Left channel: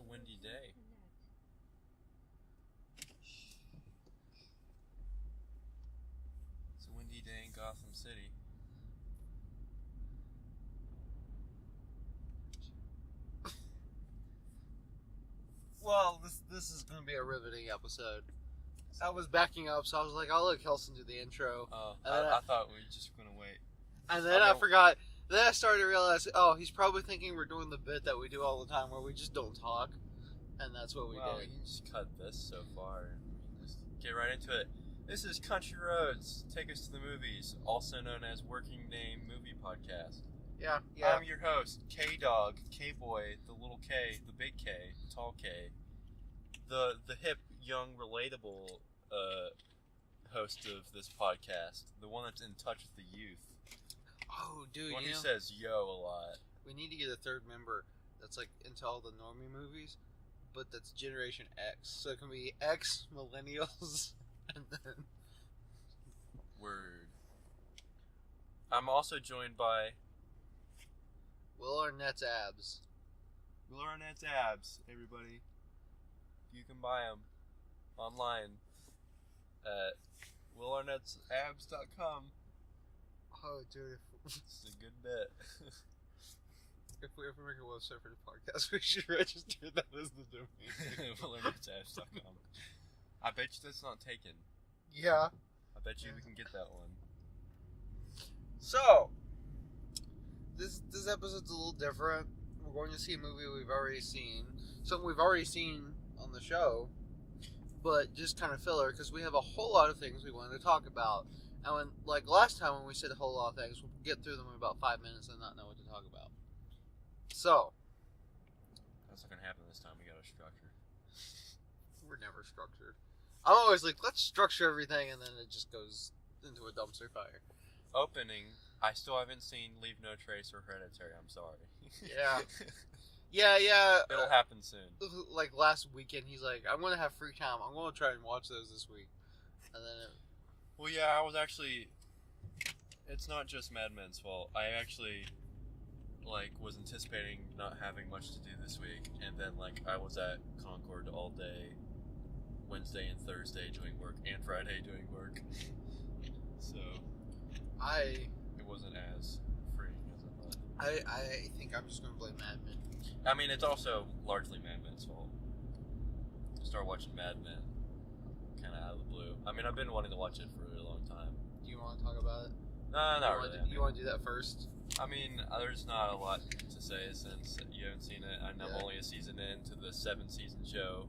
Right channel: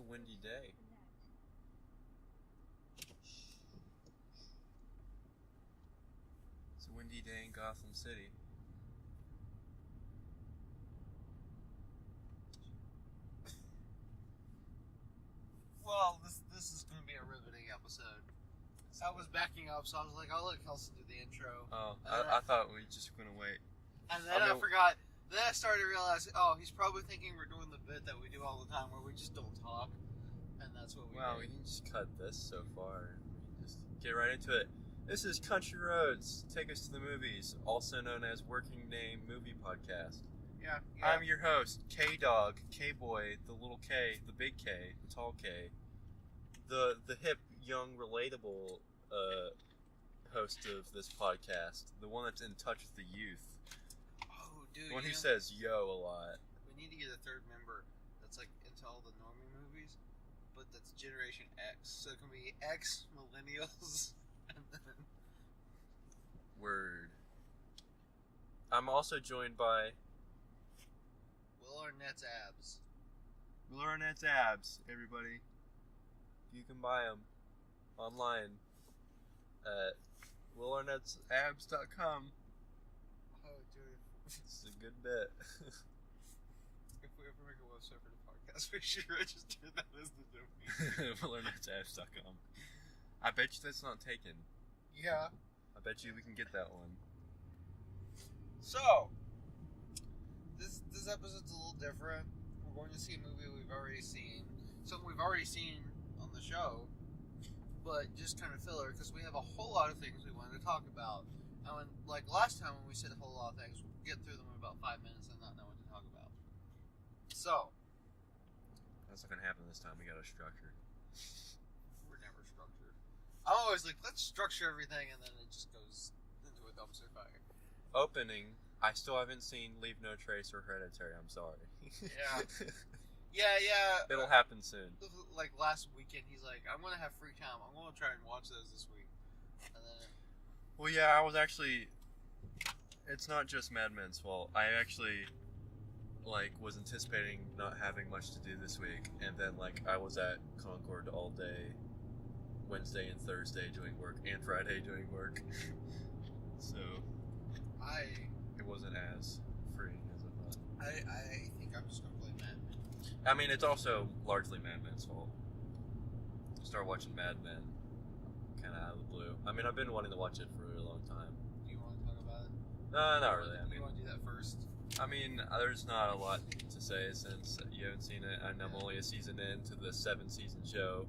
a windy day. It's a windy day in Gotham City. Well, this is going to be a riveting episode. I was backing up, so I was like, I'll let Kelson do the intro. Oh, I thought we were just going to wait. And then I forgot. Then I started to realize, oh, he's probably thinking we're doing the bit that we do all the time where we just don't talk. And that's what we do. Well, we can just cut this so far and we can just get right into it. This is Country Roads, Take Us to the Movies, also known as Working Name Movie Podcast. Yeah. I'm your host, K-Dog, K-Boy, the little K, the big K, the tall K, the hip, young, relatable host of this podcast, the one that's in touch with the youth. Oh, dude, the one who says yo a lot. We need to get a third member that's like into all the normie movies, but that's Generation X. So it can be X, millennials, and then... Word. I'm also joined by... Will Arnett's abs. Will Arnett's abs, everybody. You can buy them online at willarnettsabs.com. Oh, dude. It's a good bit. If we ever make a website for the podcast, we should register that as the domain. willarnettsabs.com. I bet you that's not taken. Yeah. I bet you we can get that one. So, this episode's a little different. We're going to see a movie we've already seen. Something we've already seen on the show, but just kind of filler, because we have a whole lot of things we wanted to talk about. And when, like last time when we said a whole lot of things, we'll get through them in about 5 minutes and not know what to talk about. So. That's not going to happen this time. We got to structure. We're never structured. I'm always like, let's structure everything, and then it just goes into a dumpster fire. Opening, I still haven't seen Leave No Trace or Hereditary. I'm sorry. Yeah. Yeah. It'll happen soon. Like last weekend, he's like, I'm going to have free time. I'm going to try and watch those this week. And then... Well, yeah, I was actually... It's not just Mad Men's fault. I actually, was anticipating not having much to do this week. And then, I was at Concord all day, Wednesday and Thursday doing work, and Friday doing work. So... It wasn't as freeing as I thought. I think I'm just going to blame Mad Men. I mean, it's also largely Mad Men's fault. Start watching Mad Men kind of out of the blue. I mean, I've been wanting to watch it for a long time. Do you want to talk about it? No, not really. You want to do that first? I mean, there's not a lot to say since you haven't seen it, and I'm only a season into the 7-season show,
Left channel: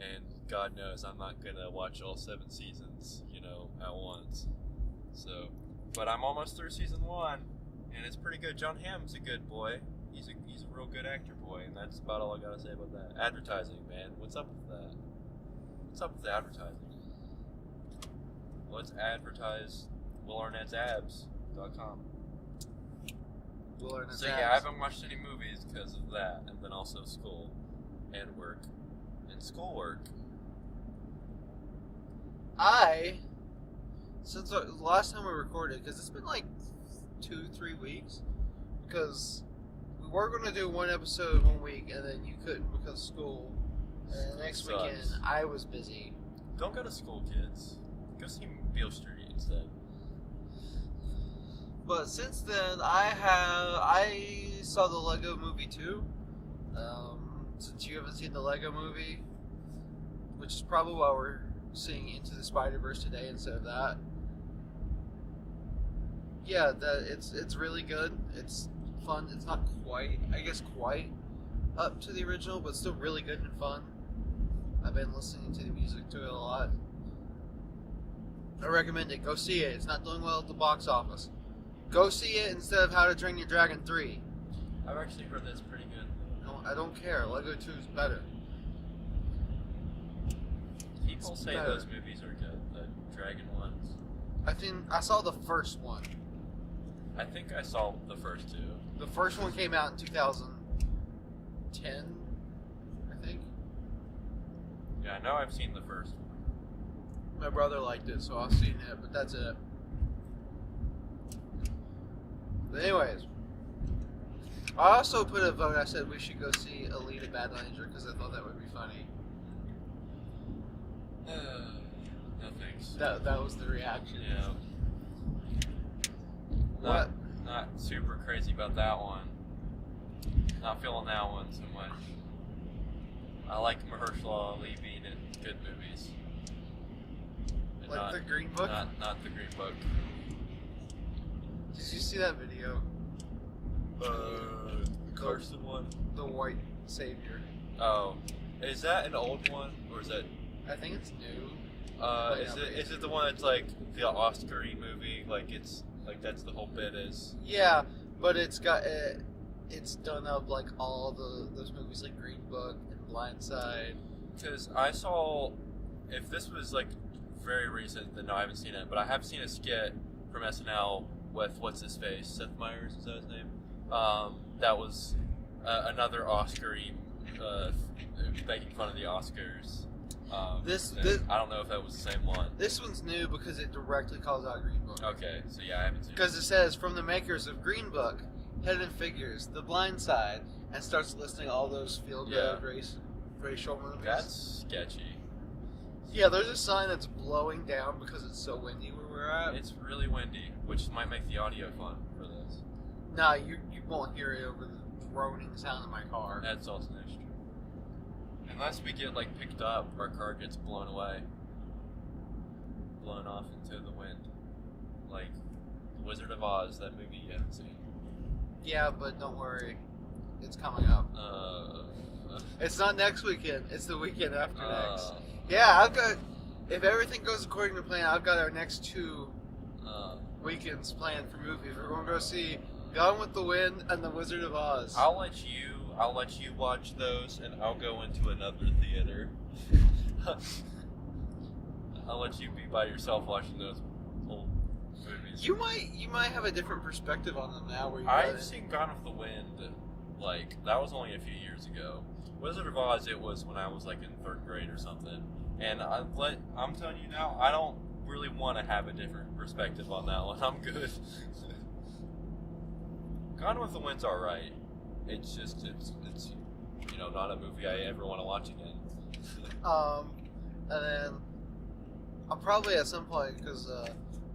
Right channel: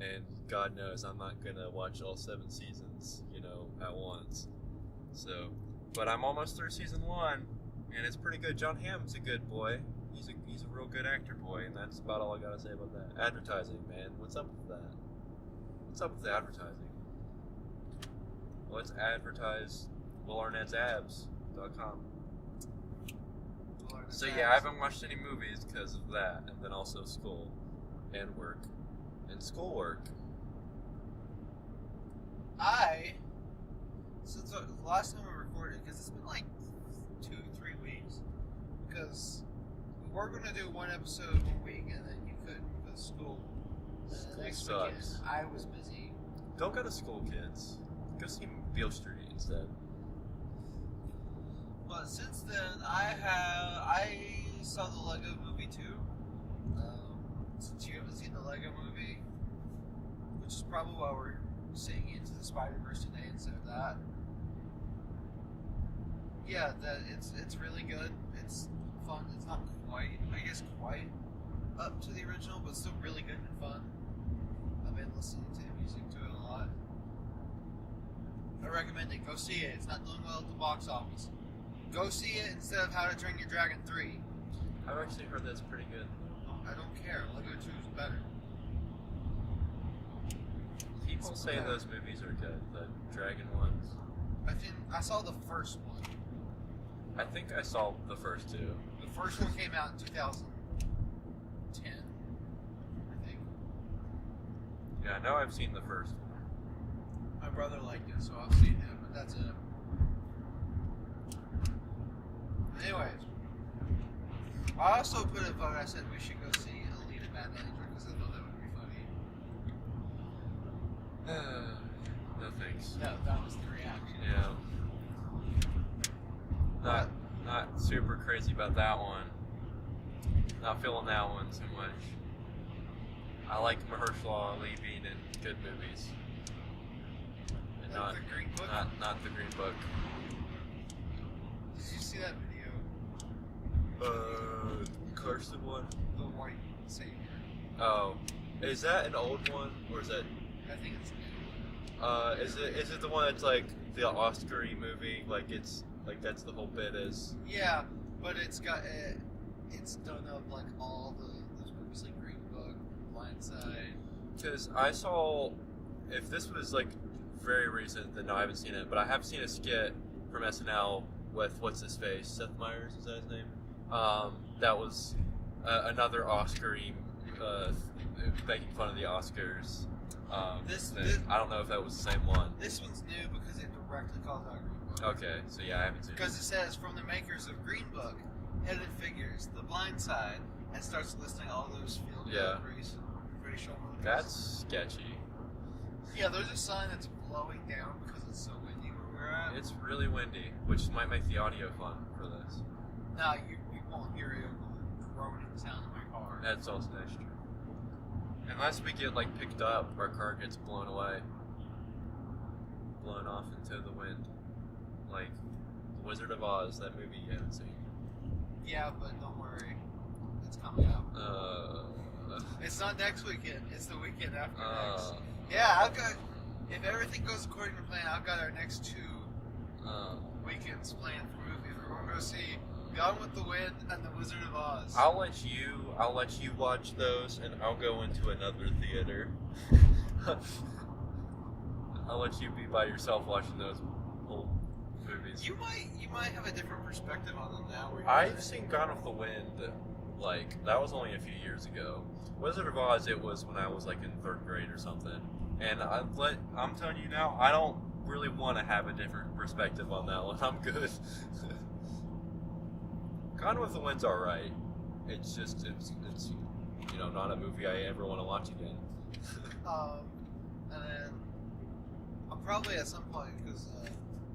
and God knows I'm not going to watch all 7 seasons, at once. So... But I'm almost through season 1, and it's pretty good. John Hamm's a good boy. He's a real good actor boy, and that's about all I gotta say about that. Advertising, man. What's up with that? What's up with the advertising? Let's advertise willarnettsabs.com. So yeah, I haven't watched any movies because of that, and then also school, and work, and schoolwork. Since the last time we recorded, because it's been 2-3 weeks, because we were going to do one episode 1 week, and then you couldn't because of school. And the next weekend, I was busy. Don't go to school, kids. Go see Beale Street instead. But since then, I saw the Lego Movie 2. Since you haven't seen the Lego Movie, which is probably why we're seeing Into the Spider-Verse today instead of that. Yeah, it's really good. It's fun. It's not quite up to the original, but still really good and fun. I've been listening to the music to it a lot. I recommend it. Go see it. It's not doing well at the box office. Go see it instead of How to Train Your Dragon 3. I've actually heard that's pretty good. No, I don't care. Lego 2 is better. People say those movies are good, the Dragon ones. I saw the first one. I think I saw the first 2. The first one came out in 2010, I think. Yeah, I know I've seen the first one. My brother liked it, so I've seen it, but that's it. But anyways, I also put a vote. I said we should go see A League eat a bad Ranger because I thought that would be funny. No thanks. That was the reaction. Yeah. Not super crazy about that one. Not feeling that one too much. I like Mahershala Ali being in good movies. And Like the Green Book? Not the Green Book. Did you see that video? Kelson one? The White Savior. Oh. Is that an old one? Or is that... I think it's new. Is it the one that's like the Oscar-y movie? Like it's... Like that's the whole bit is... Yeah, but it's got... it's done up like all those movies like Green Book and Blindside. Because I saw... If this was like very recent, then no, I haven't seen it. But I have seen a skit from SNL with what's his face, Seth Meyers, is that his name? That was another Oscar-y, making fun of the Oscars. I don't know if that was the same one. This one's new because it directly calls out Green Book. Okay, so yeah, I haven't seen it. Because it says, from the makers of Green Book, Hidden Figures, The Blind Side, and starts listing all those field-guide racial movies. That's sketchy. Yeah, there's a sign that's blowing down because it's so windy where we're at. It's really windy, which might make the audio fun for this. Nah, you won't hear it over the droning sound of my car. That's also true. Unless we get like picked up, our car gets blown away. Blown off into the wind. Like The Wizard of Oz, that movie you haven't seen. Yeah, but don't worry. It's coming up. It's not next weekend, it's the weekend after next. Yeah, I've got, if everything goes according to plan, I've got our next 2 weekends planned for movies. We're going to go see Gone with the Wind and The Wizard of Oz. I'll let you watch those, and I'll go into another theater. I'll let you be by yourself watching those old movies. You might have a different perspective on them now. I've seen Gone with the Wind, like, that was only a few years ago. Wizard of Oz, it was when I was like in 3rd grade or something. And I'm telling you now, I don't really want to have a different perspective on that one. I'm good. Gone with the Wind's alright. It's just, it's not a movie I ever want to watch again. And then I'll probably at some point, because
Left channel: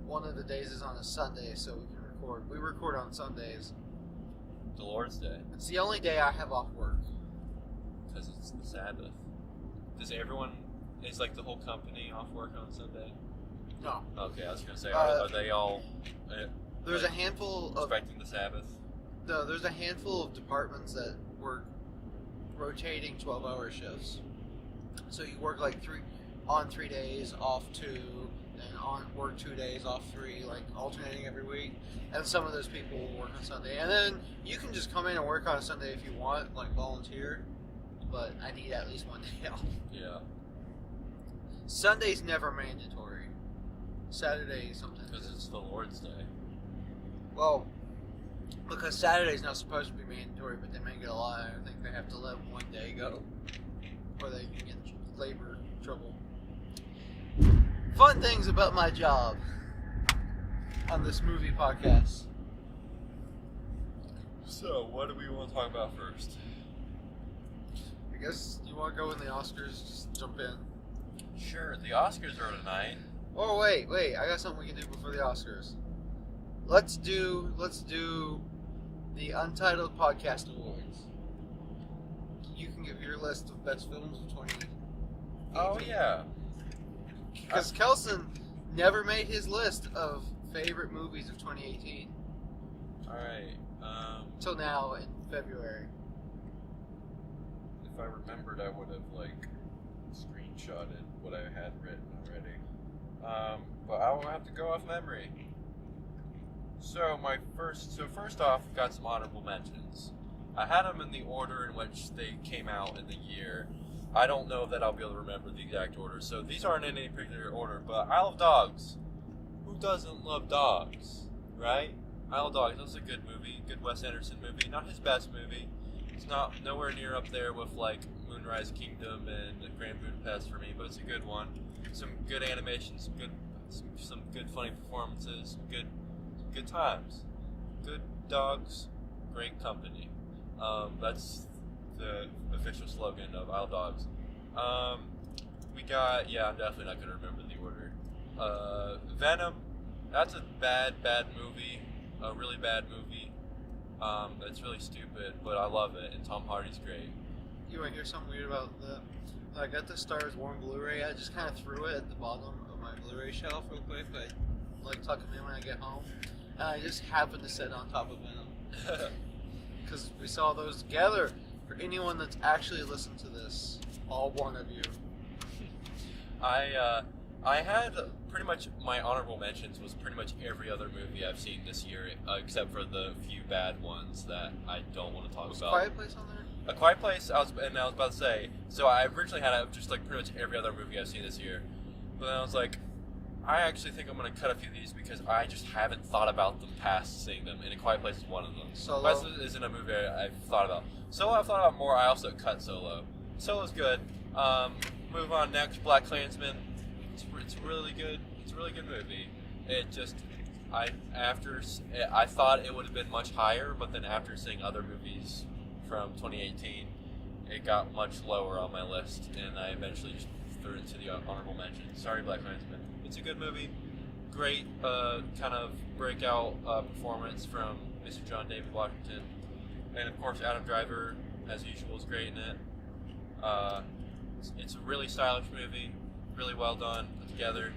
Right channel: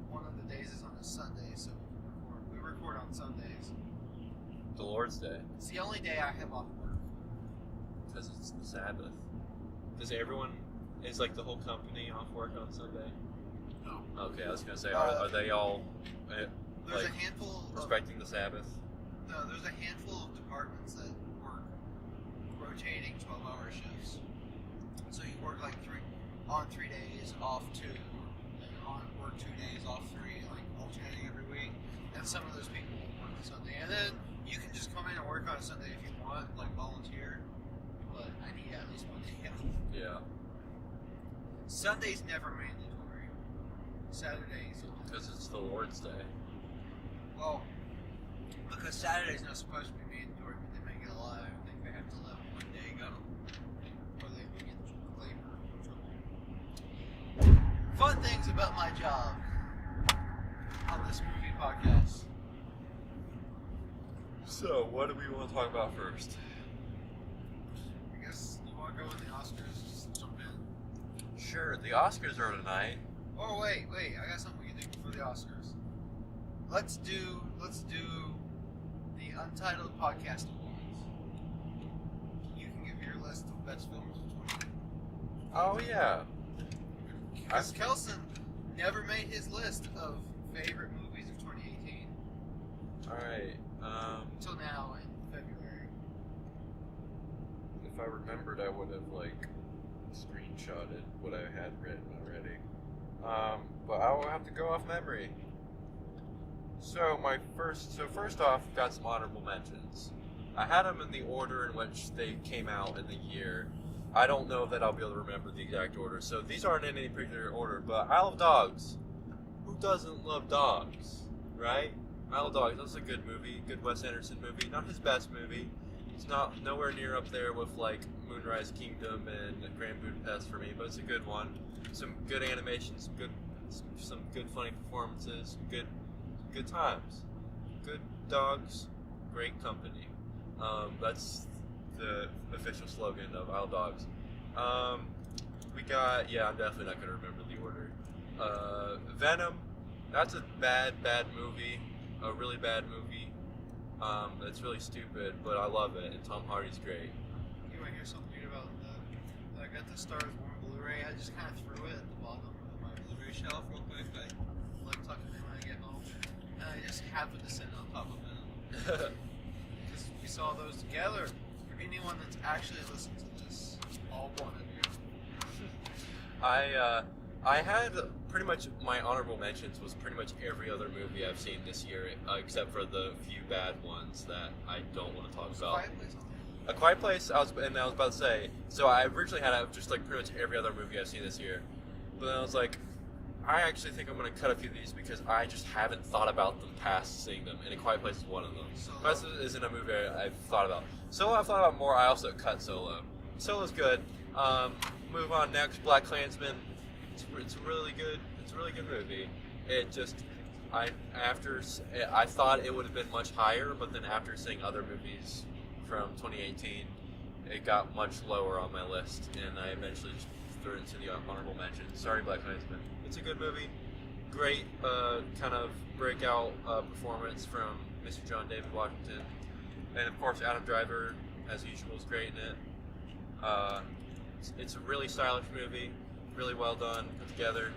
one of the days is on a Sunday, so we can record. We record on Sundays. The Lord's Day. It's the only day I have off work. Because it's the Sabbath. Is like the whole company off work on Sunday? No. Okay, I was going to say, are they all there's a handful respecting the Sabbath? No, there's a handful of departments that work rotating 12-hour shifts. So you work like 3 days, off 2, and work 2 days, off 3, like alternating every week. And some of those people will work on Sunday. And then you can just come in and work on a Sunday if you want, like volunteer. But I need at least one day off. Yeah. Sunday's never mandatory. Saturday sometimes. Because it's the Lord's Day. Well, because Saturday's not supposed to be mandatory, but they make it a lot. I think they have to let one day go, or they can get labor trouble. Fun things about my job on this movie podcast. So, what do we want to talk about first? I guess you want to go in the Oscars, just jump in. Sure, the Oscars are tonight. Oh, wait, I got something we can do before the Oscars. Let's do the Untitled Podcast Awards. You can give your list of best films of 2018. Oh, yeah. Because Kelson never made his list of favorite movies of 2018. Alright, Till now in February. If I remembered, I would have, like, screenshotted what I had written already. But I will have to go off memory. So first off, got some honorable mentions. I had them in the order in which they came out in the year. I don't know that I'll be able to remember the exact order, so these aren't in any particular order, but Isle of Dogs. Who doesn't love dogs, right? Isle of Dogs, that's a good movie, good Wes Anderson movie. Not his best movie. It's not nowhere near up there with like Moonrise Kingdom and Grand Budapest for me, but it's a good one. Some good animations, some good funny performances, good times, good dogs, great company. That's the official slogan of Isle Dogs. We got, I'm definitely not going to remember the order. Venom, that's a bad movie, a really bad movie. It's really stupid, but I love it, and Tom Hardy's great. You want to hear something weird about I got the Star Wars Blu-ray. I just kind of threw it at the bottom of my Blu-ray shelf real quick. I like tucking it in when I get home. And I just happened to sit on top of Venom. Because we saw those together. For anyone that's actually listened to this, all one of you. I had pretty much my honorable mentions was pretty much every other movie I've seen this year, except for the few bad ones that I don't want to talk about. Quiet Place on there? A Quiet Place, I was about to say. So I originally had just like pretty much every other movie I've seen this year, but then I was like, I actually think I'm going to cut a few of these because I just haven't thought about them past seeing them, and A Quiet Place is one of them. Solo This isn't a movie I've thought about. Solo I've thought about more. I also cut Solo. Solo's good. Move on next. Black Klansman. It's really good. It's a really good movie. It just I thought it would have been much higher, but then after seeing other movies from 2018, it got much lower on my list, and I eventually just threw it into the honorable mention. Sorry, Black Klansman. It's a good movie. Great kind of breakout performance from Mr. John David Washington. And of course, Adam Driver, as usual, is great in it. It's a really stylish movie, really well done, put together.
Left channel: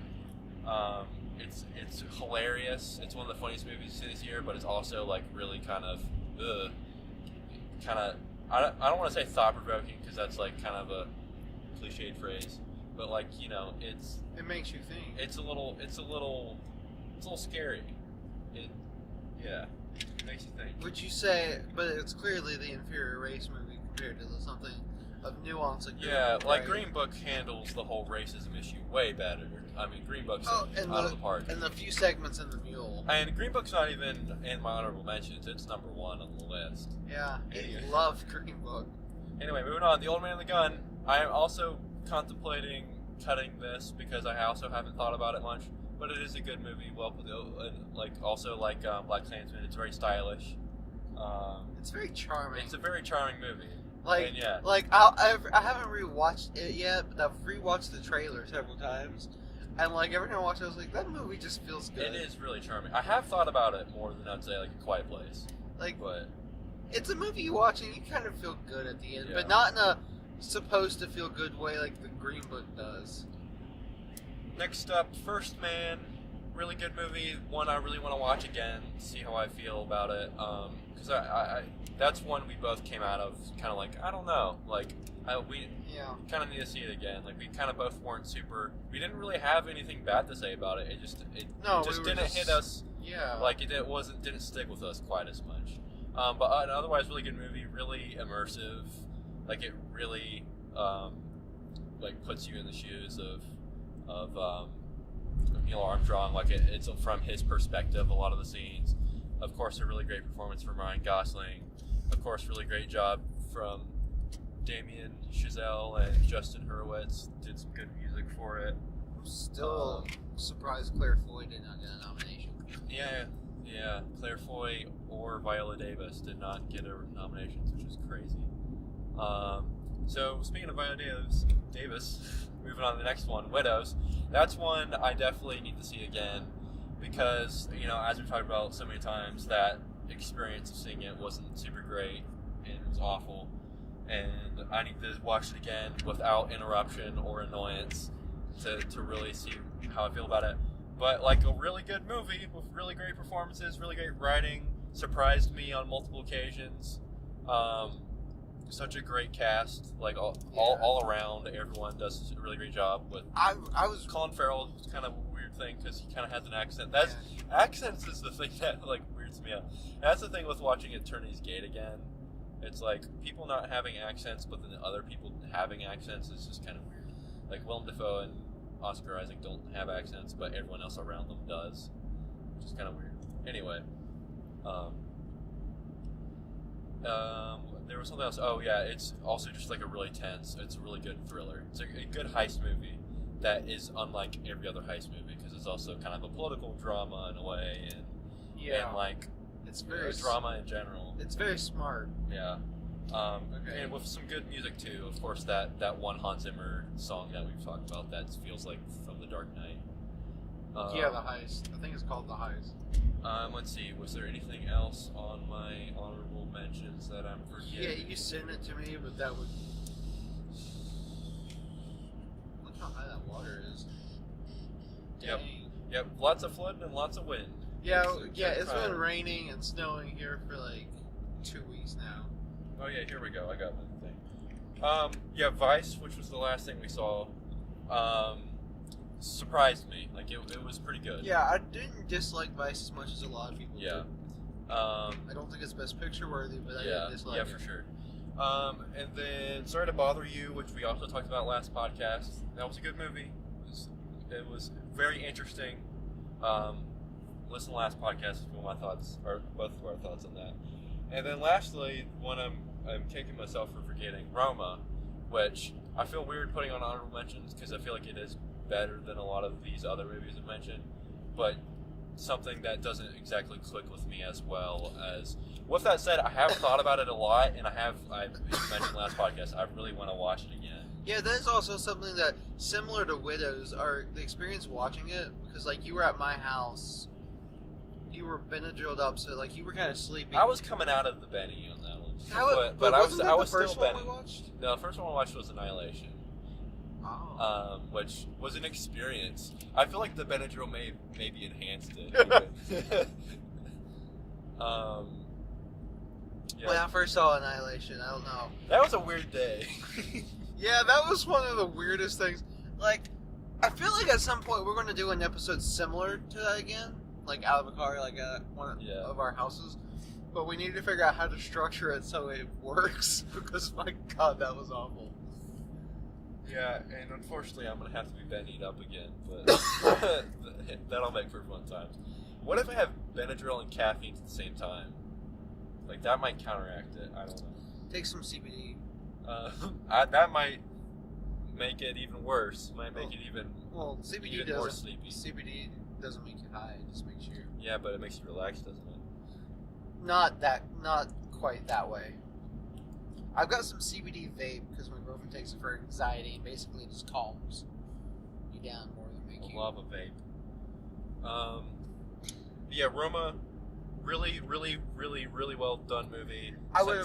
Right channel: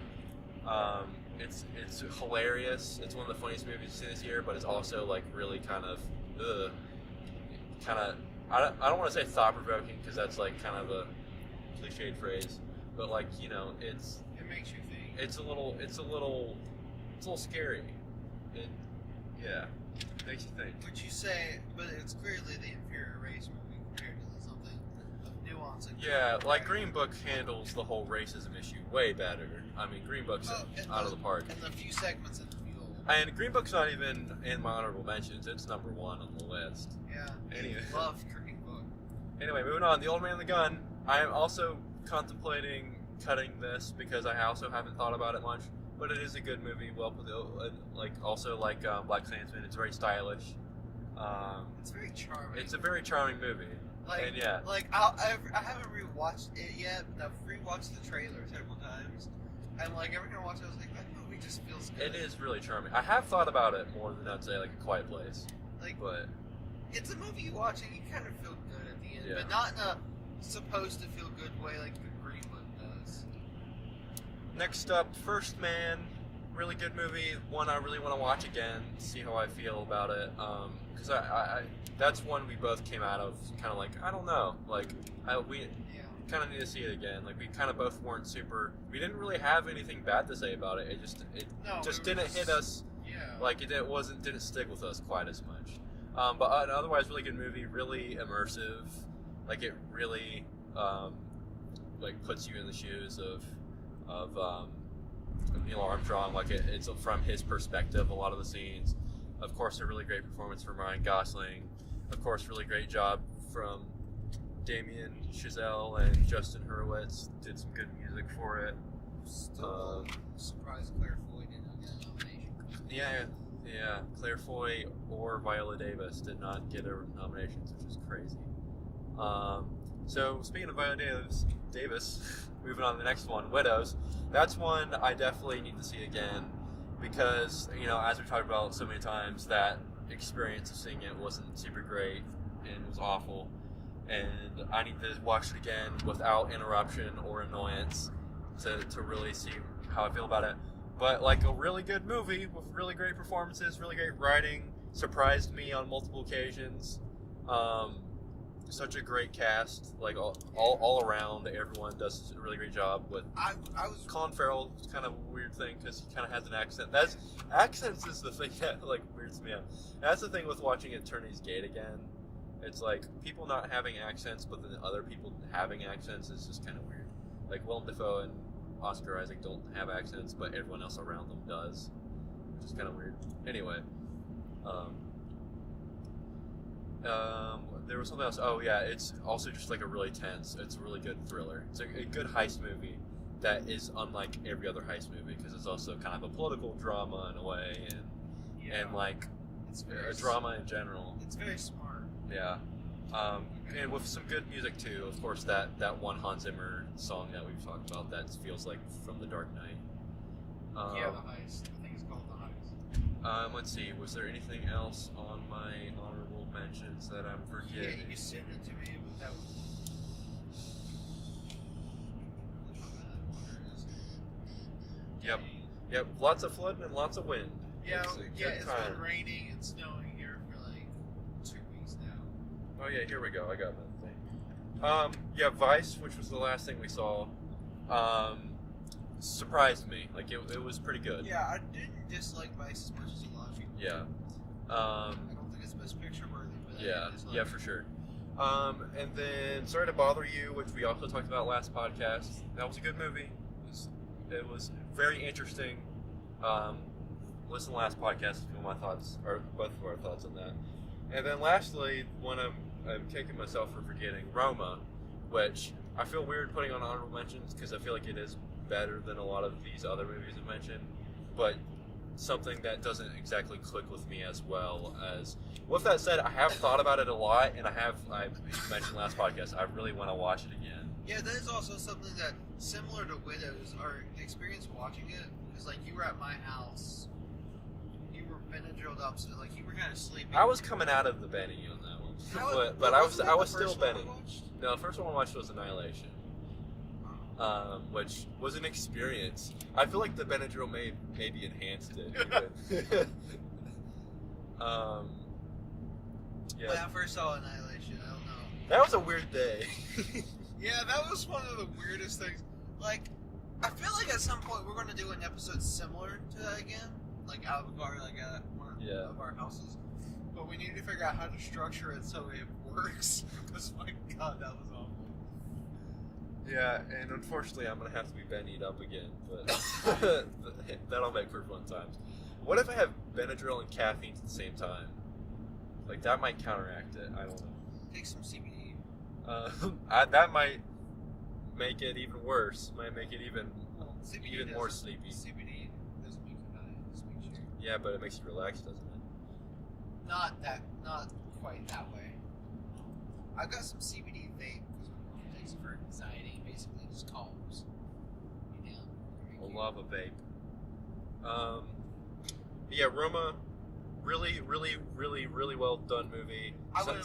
It's hilarious. It's one of the funniest movies this year, but it's also like really kind of I don't want to say thought-provoking because that's like kind of a cliched phrase, but like, you know, it makes you think. It's a little scary. It makes you think. Would you say, but it's clearly the inferior race movie compared to something of nuance and like Green Book handles the whole racism issue way better. I mean, Green Book's out of the park. And the few segments in The Mule. And Green Book's not even in my honorable mentions. It's number 1 on the list. Yeah, anyway. I love Green Book. Anyway, moving on. The Old Man and the Gun. I am also contemplating cutting this because I also haven't thought about it much. But it is a good movie. Well put, also like Black Klansman. It's very stylish. It's very charming. It's a very charming movie. Like, and yeah. Like I haven't rewatched it yet, but I've rewatched the trailer several times. And like every time I watch it, I was like, that movie just feels good. It is really charming. I have thought about it more than I'd say like A Quiet Place. But it's a movie you watch and you kind of feel good at the end, Yeah. but not in a supposed to feel good way like the Green Book does. Next up, First Man. Really good movie. One I really want to watch again, see how I feel about it. Because I that's one we both came out of kind of like, I don't know. Like, we kind of need to see it again. Like, we kind of both weren't super. We didn't really have anything bad to say about it. It just didn't hit us. Yeah. Like didn't stick with us quite as much. But otherwise, really good movie. Really immersive. Like, it really like puts you in the shoes of Neil Armstrong. Like, it's from his perspective. A lot of the scenes. Of course, a really great performance from Ryan Gosling. Of course, really great job from Damien Chazelle and Justin Hurwitz. Did some good music for it. Still surprised Claire Foy did not get a nomination. Yeah. Claire Foy or Viola Davis did not get nominations, which is crazy. So speaking of Viola Davis, moving on to the next one, Widows. That's one I definitely need to see again because, you know, as we've talked about so many times, that experience of seeing it wasn't super great and it was awful. And I need to watch it again without interruption or annoyance to really see how I feel about it. But like a really good movie with really great performances, really great writing, surprised me on multiple occasions. Such a great cast, like all around, everyone does a really great job. With I was Colin Farrell, it's kind of a weird thing because he kind of has an accent. Accents is the thing that like weirds me out. And that's the thing with watching Attorney's Gate again. It's like people not having accents, but then other people having accents is just kind of weird. Like Willem Dafoe and Oscar Isaac don't have accents, but everyone else around them does, which is kind of weird. Anyway, there was something else. Oh yeah, it's also just like a really tense. It's a really good thriller. It's a good heist movie that is unlike every other heist movie because it's also kind of a political drama in a way, and like it's very drama in general. It's very smart. Yeah, Okay. And with some good music too. Of course, that one Hans Zimmer song that we've talked about that feels like from The Dark Knight. Yeah, The Heist. I think it's called The Heist. Let's see. Was there anything else on my honorable mentions that I'm forgetting? Yeah, you sent it to me, but that was. Look how high that water is. Yep. Dang. Yep. Lots of flooding and lots of wind. Yeah, It's a good been time. raining and snowing here for like 2 weeks now. Oh yeah, here we go. I got my thing. Yeah, Vice, which was the last thing we saw, surprised me. Like it was pretty good. Yeah, I didn't dislike Vice as much as a lot of people. Yeah. did. I don't think it's Best Picture worthy, but I Yeah. didn't dislike Yeah, it. for sure. And then Sorry to Bother You, which we also talked about last podcast. That was a good movie. It was very interesting. Listen to the last podcast if you want my thoughts, or both of our thoughts on that. And then lastly, one I'm kicking myself for forgetting, Roma, which I feel weird putting on honorable mentions because I feel like it is better than a lot of these other movies I've mentioned, but something that doesn't exactly click with me as well as. With that said, I have thought about it a lot, and I mentioned last podcast, I really want to watch it again. Yeah, that is also something that, similar to Widows, are the experience watching it, because like you were at my house, you were Benadrylled up, so like you were kind of sleepy. I was coming out of the Benny on that one, but wasn't that I was the first still one Benny. we watched? No, the first one I watched was Annihilation. Oh. Which was an experience. I feel like the Benadryl maybe enhanced it. Even. Yeah. When I first saw Annihilation, I don't know. That was a weird day. Yeah, that was one of the weirdest things. Like, I feel like at some point we're going to do an episode similar to that again, like out of a car, like at one of our houses. But we need to figure out how to structure it so it works, because my God, that was awful. Yeah, and unfortunately I'm going to have to be Bennied up again, but that'll make for fun times. What if I have Benadryl and caffeine at the same time? Like, that might counteract it. I don't know. Take some CBD. That might make it even worse. Might make it even CBD even more sleepy. CBD doesn't make you high. It just makes you. Yeah, but it makes you relax, doesn't it? Not quite that way. I've got some CBD vape because my girlfriend takes it for anxiety. Basically, it just calms you down more than make you. I love a vape. Yeah, Roma, really, really, really, really well done movie.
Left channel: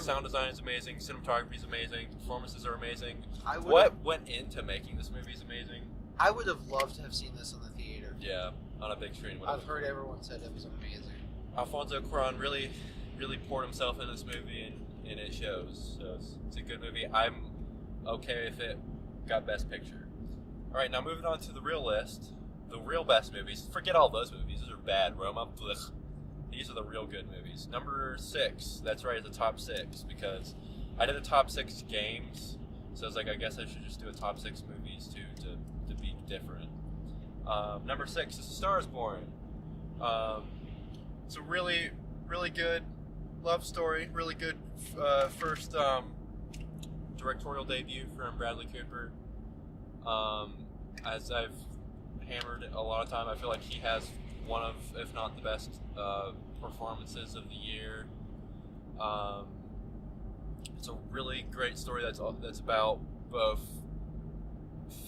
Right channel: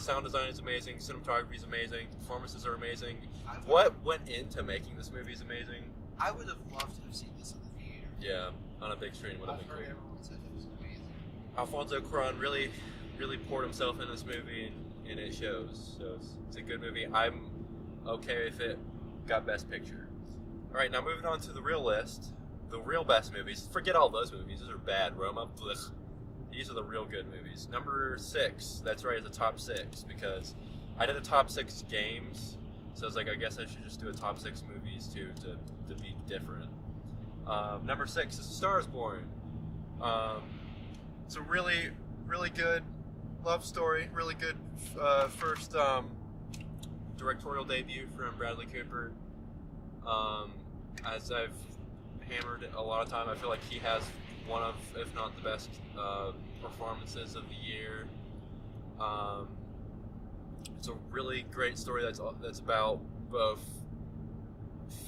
Sound design is amazing. Cinematography is amazing. Performances are amazing. What went into making this movie is amazing. I would have loved to have seen this in the theater. Yeah, on a big screen. I've heard everyone said it was amazing. Alfonso Cuarón really, really poured himself into this movie, and it shows. So it's a good movie. I'm okay if it got Best Picture. All right, now moving on to the real list. The real best movies. Forget all those movies. Those are bad. Roma. Blech. These are the real good movies. Number 6. That's right, it's a top 6 because I did a top 6 games. So I was like, I guess I should just do a top 6 movies too to be different. Number 6 is A Star Is Born. It's a really, really good love story. Really good first directorial debut from Bradley Cooper. As I've hammered a lot of time, I feel like he has one of, if not the best, performances of the year. It's a really great story that's about both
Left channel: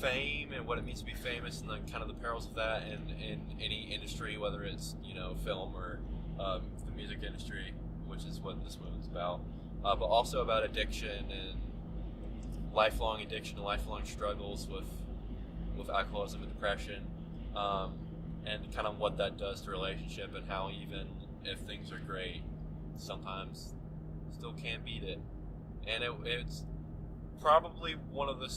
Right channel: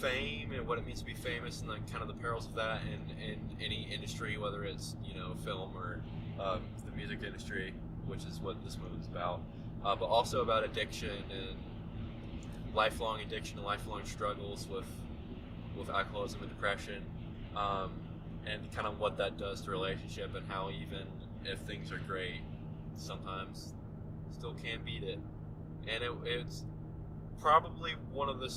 fame and what it means to be famous, and kind of the perils of that in any industry, whether it's film or the music industry, which is what this movie is about. But also about addiction and lifelong addiction and lifelong struggles with alcoholism and depression. And kind of what that does to relationship, and how even if things are great, sometimes still can't beat it. And it's probably one of the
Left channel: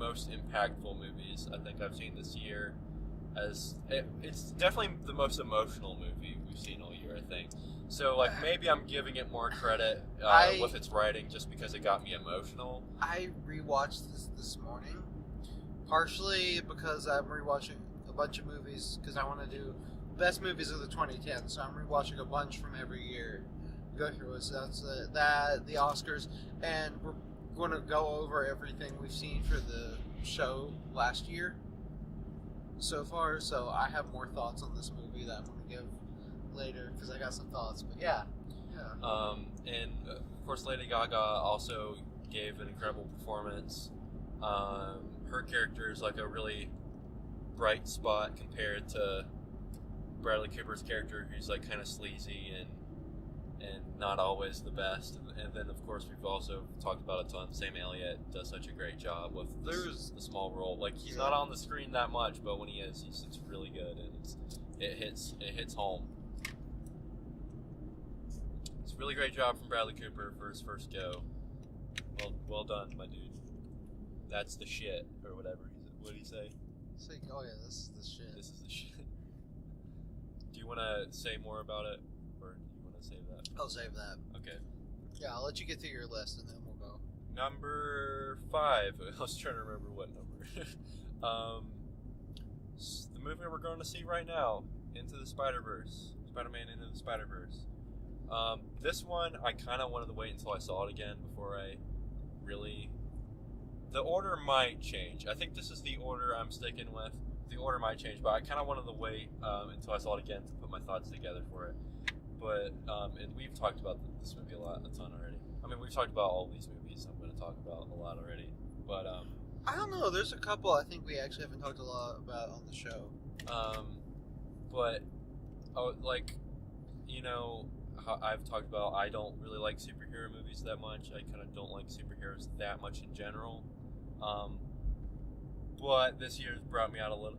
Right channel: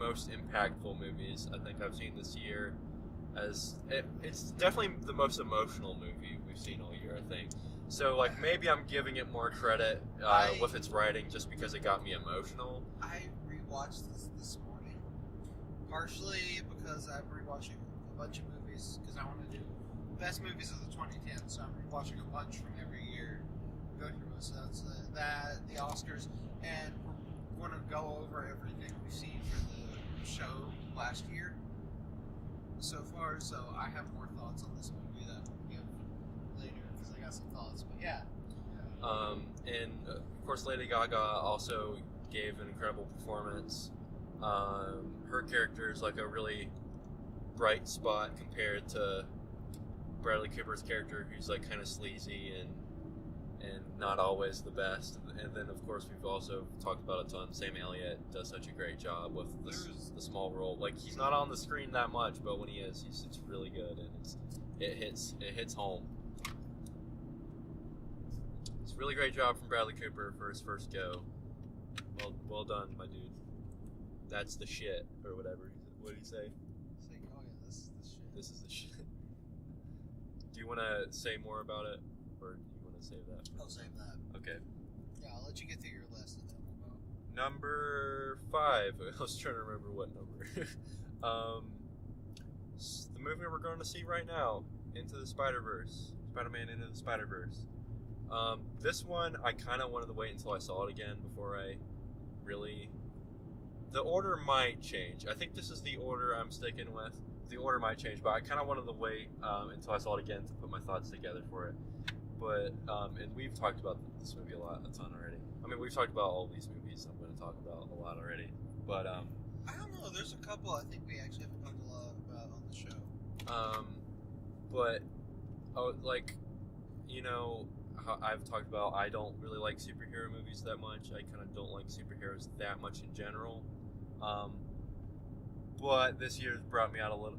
most impactful movies I think I've seen this year. It's definitely the most emotional movie we've seen all year, I think. So like maybe I'm giving it more credit with its writing just because it got me emotional. I rewatched this morning. Partially because I'm rewatching a bunch of movies because I want to do best movies of the 2010s. So I'm rewatching a bunch from every year. Go through it. So that's the Oscars, and we're going to go over everything we've seen for the show last year so far. So I have more thoughts on this movie that I'm going to give later because I got some thoughts. But yeah, And of course, Lady Gaga also gave an incredible performance. Her character is like a really bright spot compared to Bradley Cooper's character, who's like kind of sleazy and not always the best. And then of course we've also talked about a ton. Sam Elliott does such a great job with the small role. Like he's not on the screen that much, but when he is, it's really good, and it hits home. It's a really great job from Bradley Cooper for his first go. Well done, my dude. That's the shit, or whatever. What did he say? It's like, oh yeah, this is the shit. This is the shit. Do you want to say more about it, or do you want to save that? I'll save that. Okay. Yeah, I'll let you get through your list and then we'll go. Number 5. I was trying to remember what number. The movie we're going to see right now, Into the Spider-Verse. Spider-Man Into the Spider-Verse. This one, I kind of wanted to wait until I saw it again before I really... The order might change. I think this is the order I'm sticking with. The order might change, but I kind of wanted to wait until I saw it again to put my thoughts together for it. But, and we've talked about this movie a ton already. I mean, we've talked about all these movies I'm going to talk about a lot already. But, I don't know, there's a couple I think we actually haven't talked a lot about on the show. But, like, you know, how I've talked about, I don't really like superhero movies that much. I kind of don't like superheroes that much in general. But this year's brought me out of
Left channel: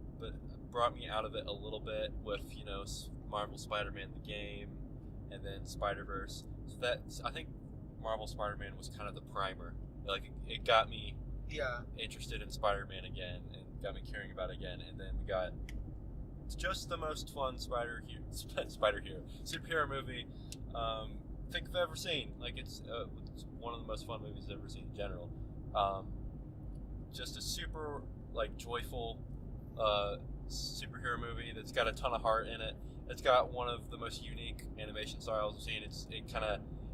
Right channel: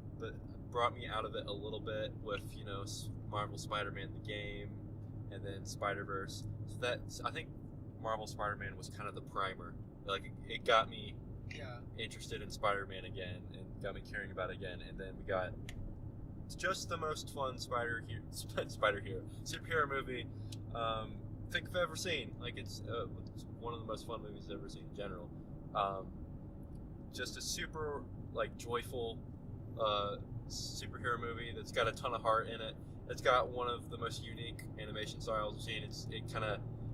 it a little bit with, you know, Marvel Spider-Man the game, and then Spider-Verse. So I think Marvel Spider-Man was kind of the primer. Like it got me interested in Spider-Man again, and got me caring about it again. And then we got just the most fun superhero movie I think I've ever seen. Like it's one of the most fun movies I've ever seen in general. Just a super like joyful superhero movie that's got a ton of heart in it. It's got one of the most unique animation styles I've seen.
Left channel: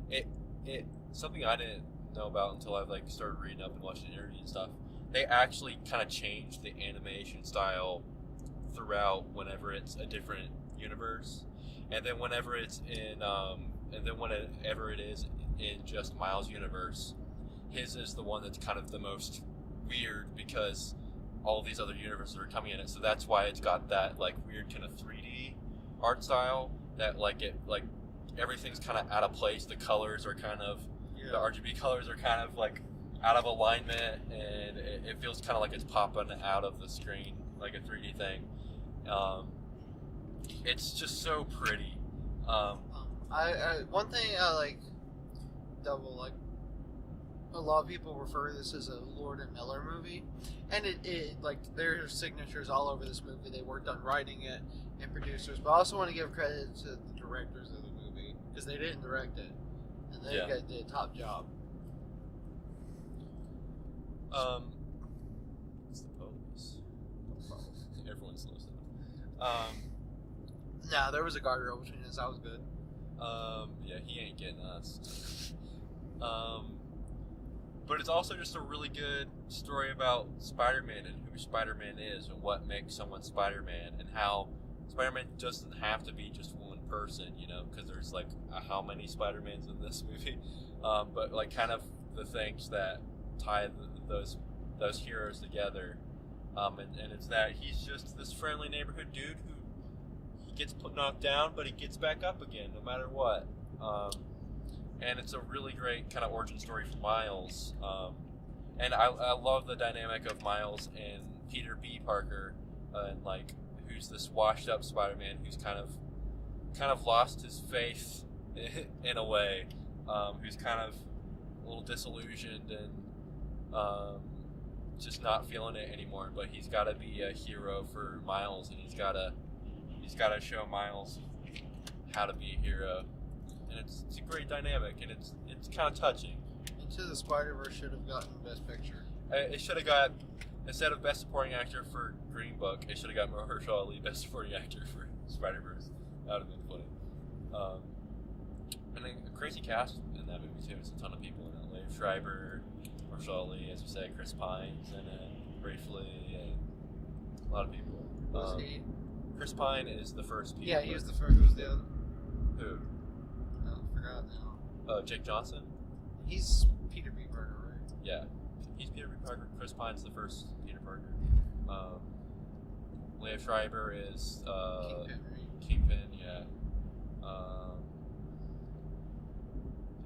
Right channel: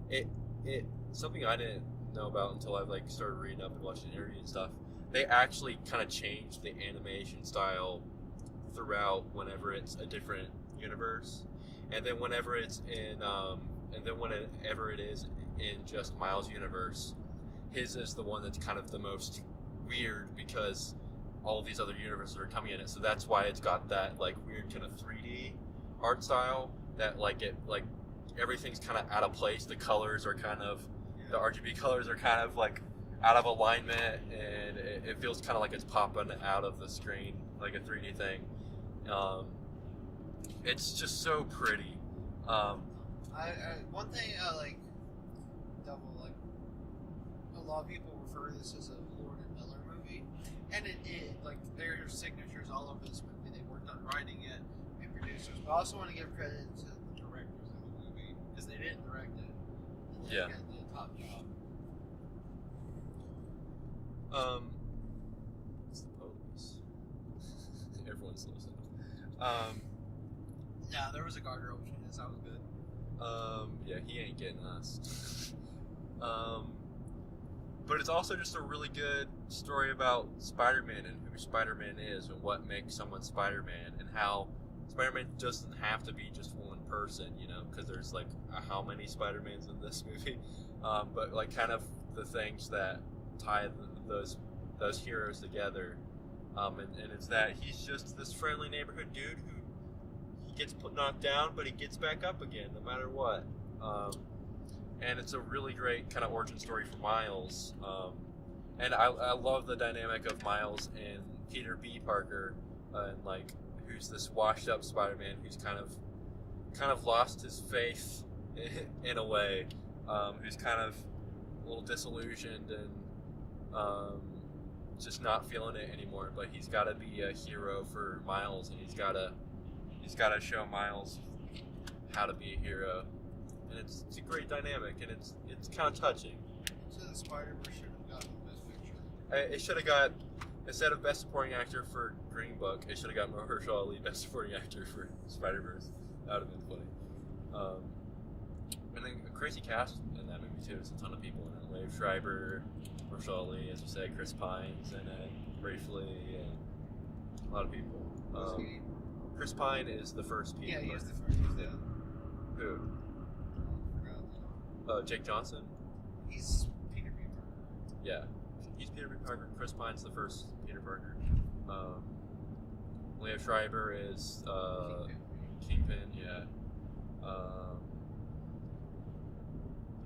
It something I didn't know about until I've like started reading up and watching interviews and stuff. They actually kind of changed the animation style throughout whenever it's a different universe, and then whenever it's in whenever it is in just Miles' universe, his is the one that's kind of the most weird because all of these other universes are coming in it. So that's why it's got that like weird kind of 3D art style that like everything's kind of out of place. The colors are kind of the RGB colors are kind of like out of alignment, and it feels kind of like it's popping out of the screen like a 3D thing. It's just so pretty. One thing I like a lot of people refer to this as a Lord and Miller movie, and it like there are signatures all over this movie. They worked on writing it and producers, but I also want to give credit to the directors of the movie because they didn't direct it, and they did a top job. It's the police. Everyone's listening. Nah, there was a guardrail between us. That was good. Yeah, he ain't getting us. But it's also just a really good story about Spider-Man and who Spider-Man is and what makes someone Spider-Man, and how Spider-Man doesn't have to be just one person, you know, because there's like how many Spider-Mans in this movie, but like kind of the things that tie those heroes together, and it's that he's just this friendly neighborhood dude who he gets knocked down, but he gets back up again no matter what. And it's a really great kind of origin story for Miles. And I love the dynamic of Miles and Peter B. Parker, and like who's this washed up Spider-Man who's kind of lost his faith in a way, who's kind of a little disillusioned and just not feeling it anymore. But he's got to be a hero for Miles, and he's got to show Miles how to be a hero. And it's a great dynamic, and it's kind of touching. Into the Spider-Verse should have gotten Best Picture. It should have got, instead of Best Supporting Actor for Green Book, it should have got Mahershala Ali Best Supporting Actor for Spider-Verse. That would have been funny. And then a crazy cast in that movie too. It's a ton of people in it. Liev Schreiber, Mahershala Ali, as you said, Chris Pine's in it, briefly, and a lot of people. Was he? Chris Pine is the first Peter. Yeah, he was the first. Who was the other? Who? I forgot. Jake Johnson. He's Peter B. Parker, right? Yeah, he's Peter B. Parker. Chris Pine's the first Peter Parker. Leah Schreiber is Kingpin. Yeah.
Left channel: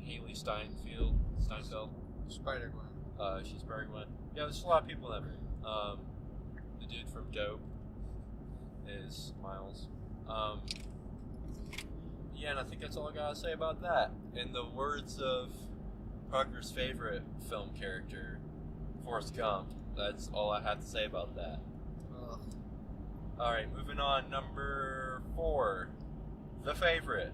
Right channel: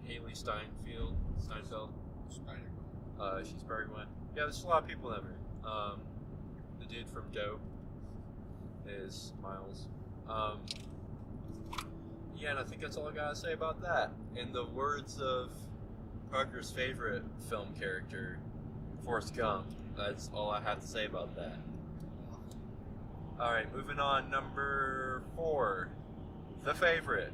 Haley Steinfeld. Spider-Gwen. She's Spider-Gwen. Yeah, there's a lot of people in that movie. The dude from Dope is Miles. Yeah, and I think that's all I gotta say about that. In the words of Parker's favorite film character, Forrest Gump, that's all I have to say about that. Alright, moving on. Number 4. The Favorite.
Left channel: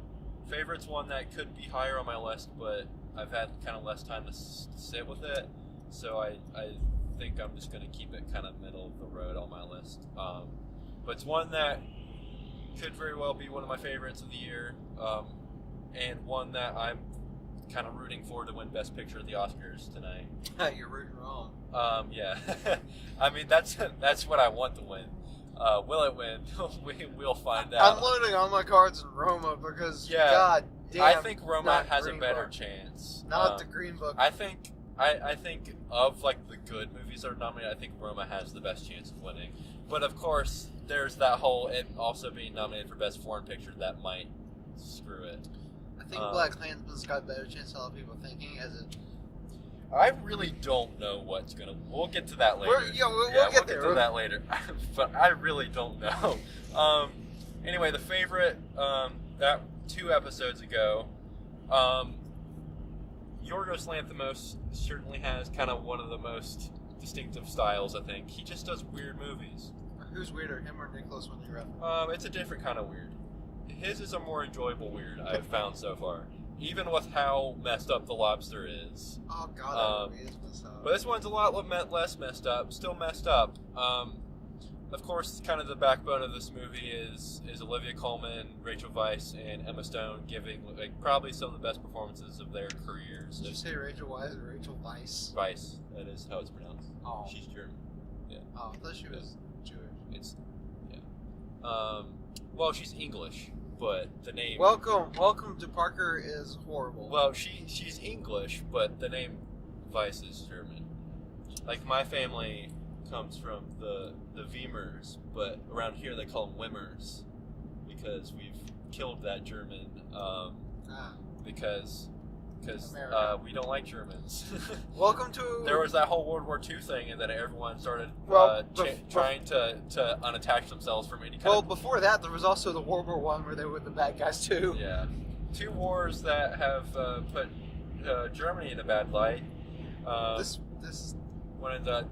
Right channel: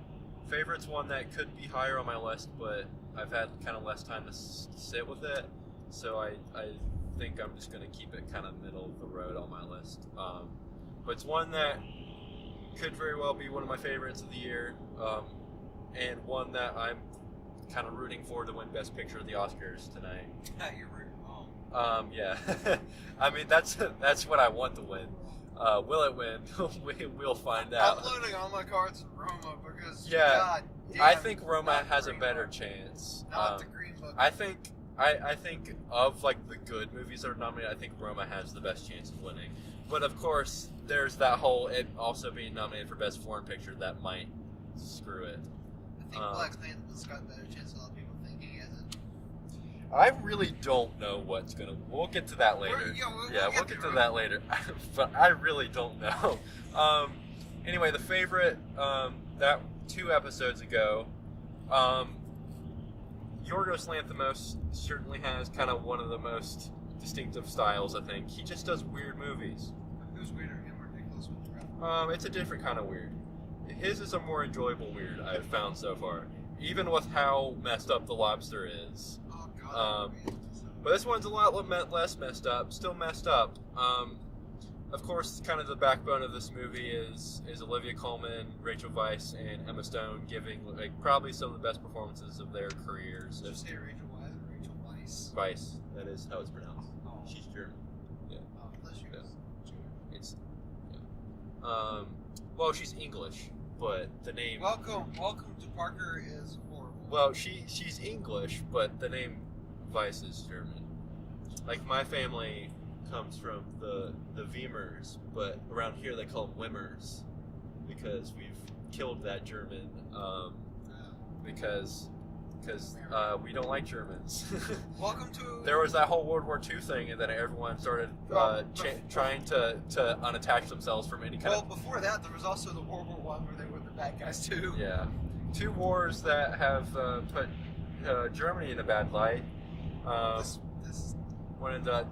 Favorite's one that could be higher on my list, but I've had kind of less time to sit with it, so I think I'm just going to keep it kind of middle of the road on my list. But it's one that could very well be one of my favorites of the year, and one that I'm kind of rooting for to win Best Picture of the Oscars tonight. You're rooting wrong. Yeah. I mean, that's what I want to win. Will it win? We'll find out. I'm loading all my cards in Roma because, yeah, God damn, I think Roma has a Green better Book. chance. Not the Green Book. I think of like the good movies that are nominated, I think Roma has the best chance of winning. But of course, there's that whole it also being nominated for Best Foreign Picture that might screw it. I think Black Klansman's got a better chance than a lot of people thinking, as it. I really don't know what's gonna. We'll get to that later. We'll get to that later. But I really don't know. Anyway, The Favorite. That 2 episodes ago. Yorgos Lanthimos certainly has kind of one of the most distinctive styles. I think he just does weird movies. Who's weirder, him or Nicholas Winding Refn? It's a different kind of weird. His is a more enjoyable weird I've found so far. Even with how messed up The Lobster is. Oh God, that movie is messed up. But this one's a lot less messed up. Still messed up. Of course, kind of the backbone of this movie is Olivia Colman, Rachel Weisz, and Emma Stone giving like probably some of the best performances of their careers. Did you say Rachel Weisz or Rachel Weisz? Weisz, that is how it's pronounced. Oh. She's German. Yeah. Oh, I thought she was Jewish. It's well, she's English, but the name. Welcome to Parker is horrible. Well, she's English, but the name Weisz is German. Like my family comes from the Weimers, but around here they call them Wimmers because we've killed that German because we don't like Germans. Welcome to. There was that whole World War II thing, and then everyone started trying to unattach themselves from any kind Well, of... before that, there was also the World War One where they were the bad guys too. Yeah. 2 wars that have put Germany in a bad light. This Wanted to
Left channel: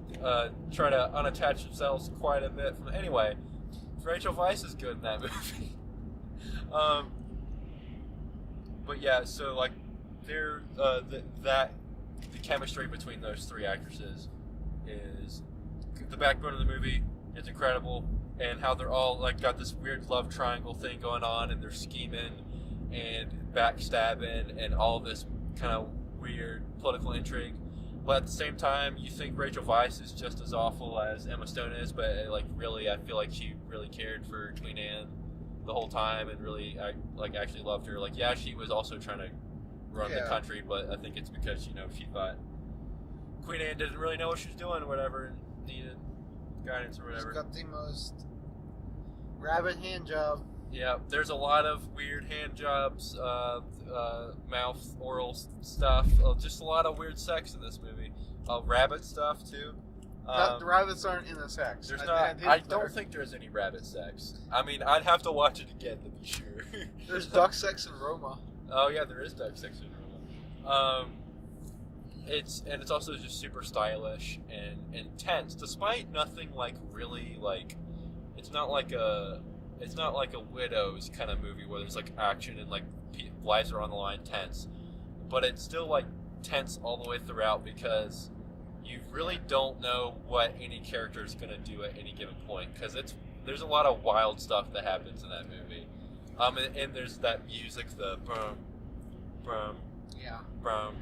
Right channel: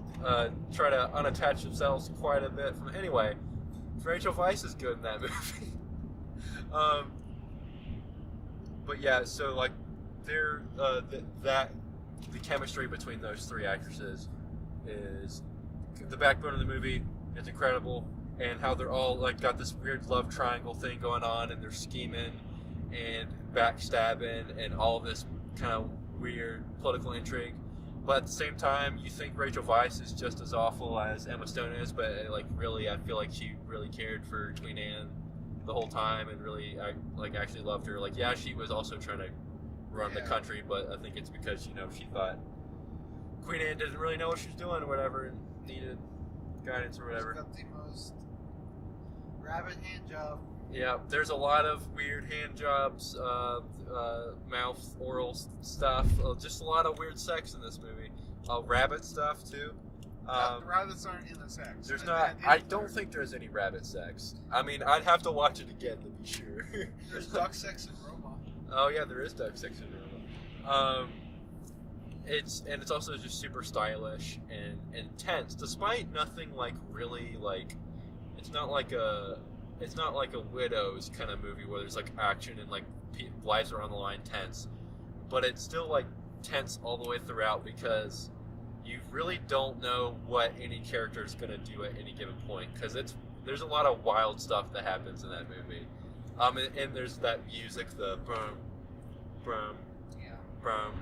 try to unattach themselves quite a bit from... Anyway, Rachel Weisz is good in that movie. But yeah, so like they're the chemistry between those 3 actresses is the backbone of the movie. It's incredible, and how they're all like got this weird love triangle thing going on, and they're scheming and backstabbing and all this kind of weird political intrigue. But at the same time, you think Rachel Weisz is just as awful as Emma Stone is, but like really, I feel like she really cared for Queen Anne the whole time and really actually loved her. Like, yeah, she was also trying to run the country, but I think it's because she thought Queen Anne didn't really know what she was doing or whatever and needed guidance or whatever. She's got the most rabbit hand job. Yeah, there's a lot of weird hand jobs, mouth, oral stuff, just a lot of weird sex in this movie. Rabbit stuff, too. The rabbits aren't in the sex. There's I don't think there's any rabbit sex. I mean, I'd have to watch it again to be sure. There's duck sex in Roma. Oh, yeah, there is duck sex in Roma. It's also just super stylish and intense, despite nothing like really like... It's not like a Widows kind of movie where there's like action and like lives are on the line, tense, but it's still like tense all the way throughout because you really don't know what any character is going to do at any given point because there's a lot of wild stuff that happens in that movie. And there's that music, the brum, brum, brum,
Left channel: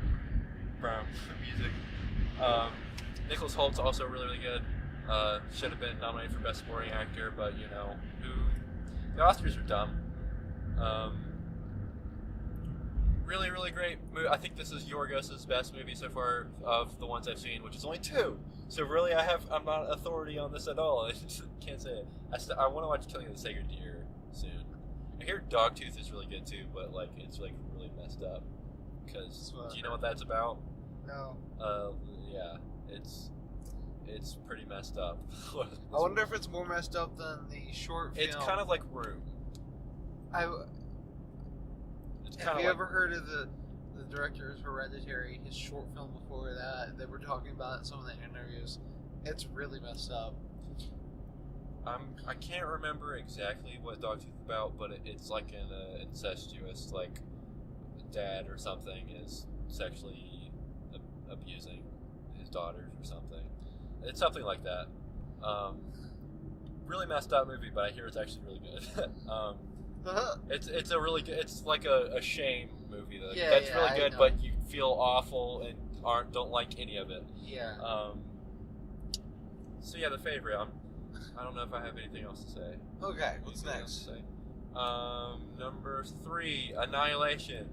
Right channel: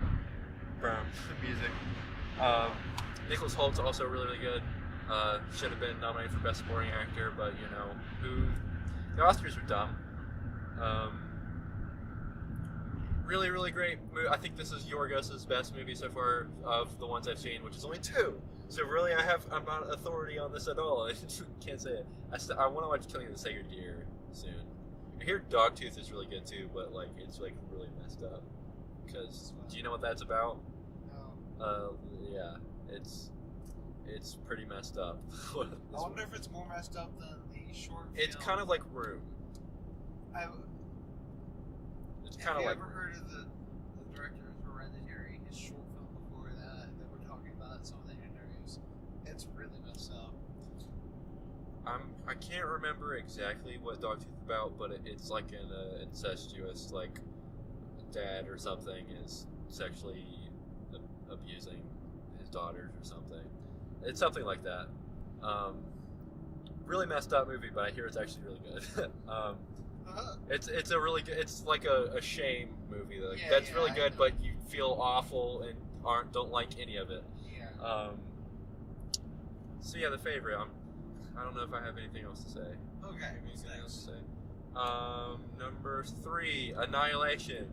brum music. Nicholas Holt's also really, really good. Should have been nominated for Best Supporting Actor, but the Oscars are dumb. really, really great movie. I think this is Yorgos's best movie so far of the ones I've seen, which is only 2. So really, I'm not authority on this at all. I can't say it. I want to watch Killing of the Sacred Deer soon. I hear Dogtooth is really good too, but like it's like really messed up. Because do you know what that's about? No. Yeah, it's pretty messed up. I wonder if it's more messed up than the short film. It's kind of like Room. It's kind Have of you like ever heard of the director of Hereditary? His short film before that, they were talking about it in some of the interviews. It's really messed up. I can't remember exactly what Dogtooth is about, but it's like an incestuous, like dad or something is sexually abusing his daughters or something. It's something like that. Really messed up movie, but I hear it's actually really good. It's a really good. It's like a shame movie. Like, Yeah, that's yeah, really I good, know. but you feel awful and don't like any of it. Yeah. So yeah, The Favorite. I don't know if I have anything else to say. Okay, what's Anything else next? to say? Number 3, Annihilation,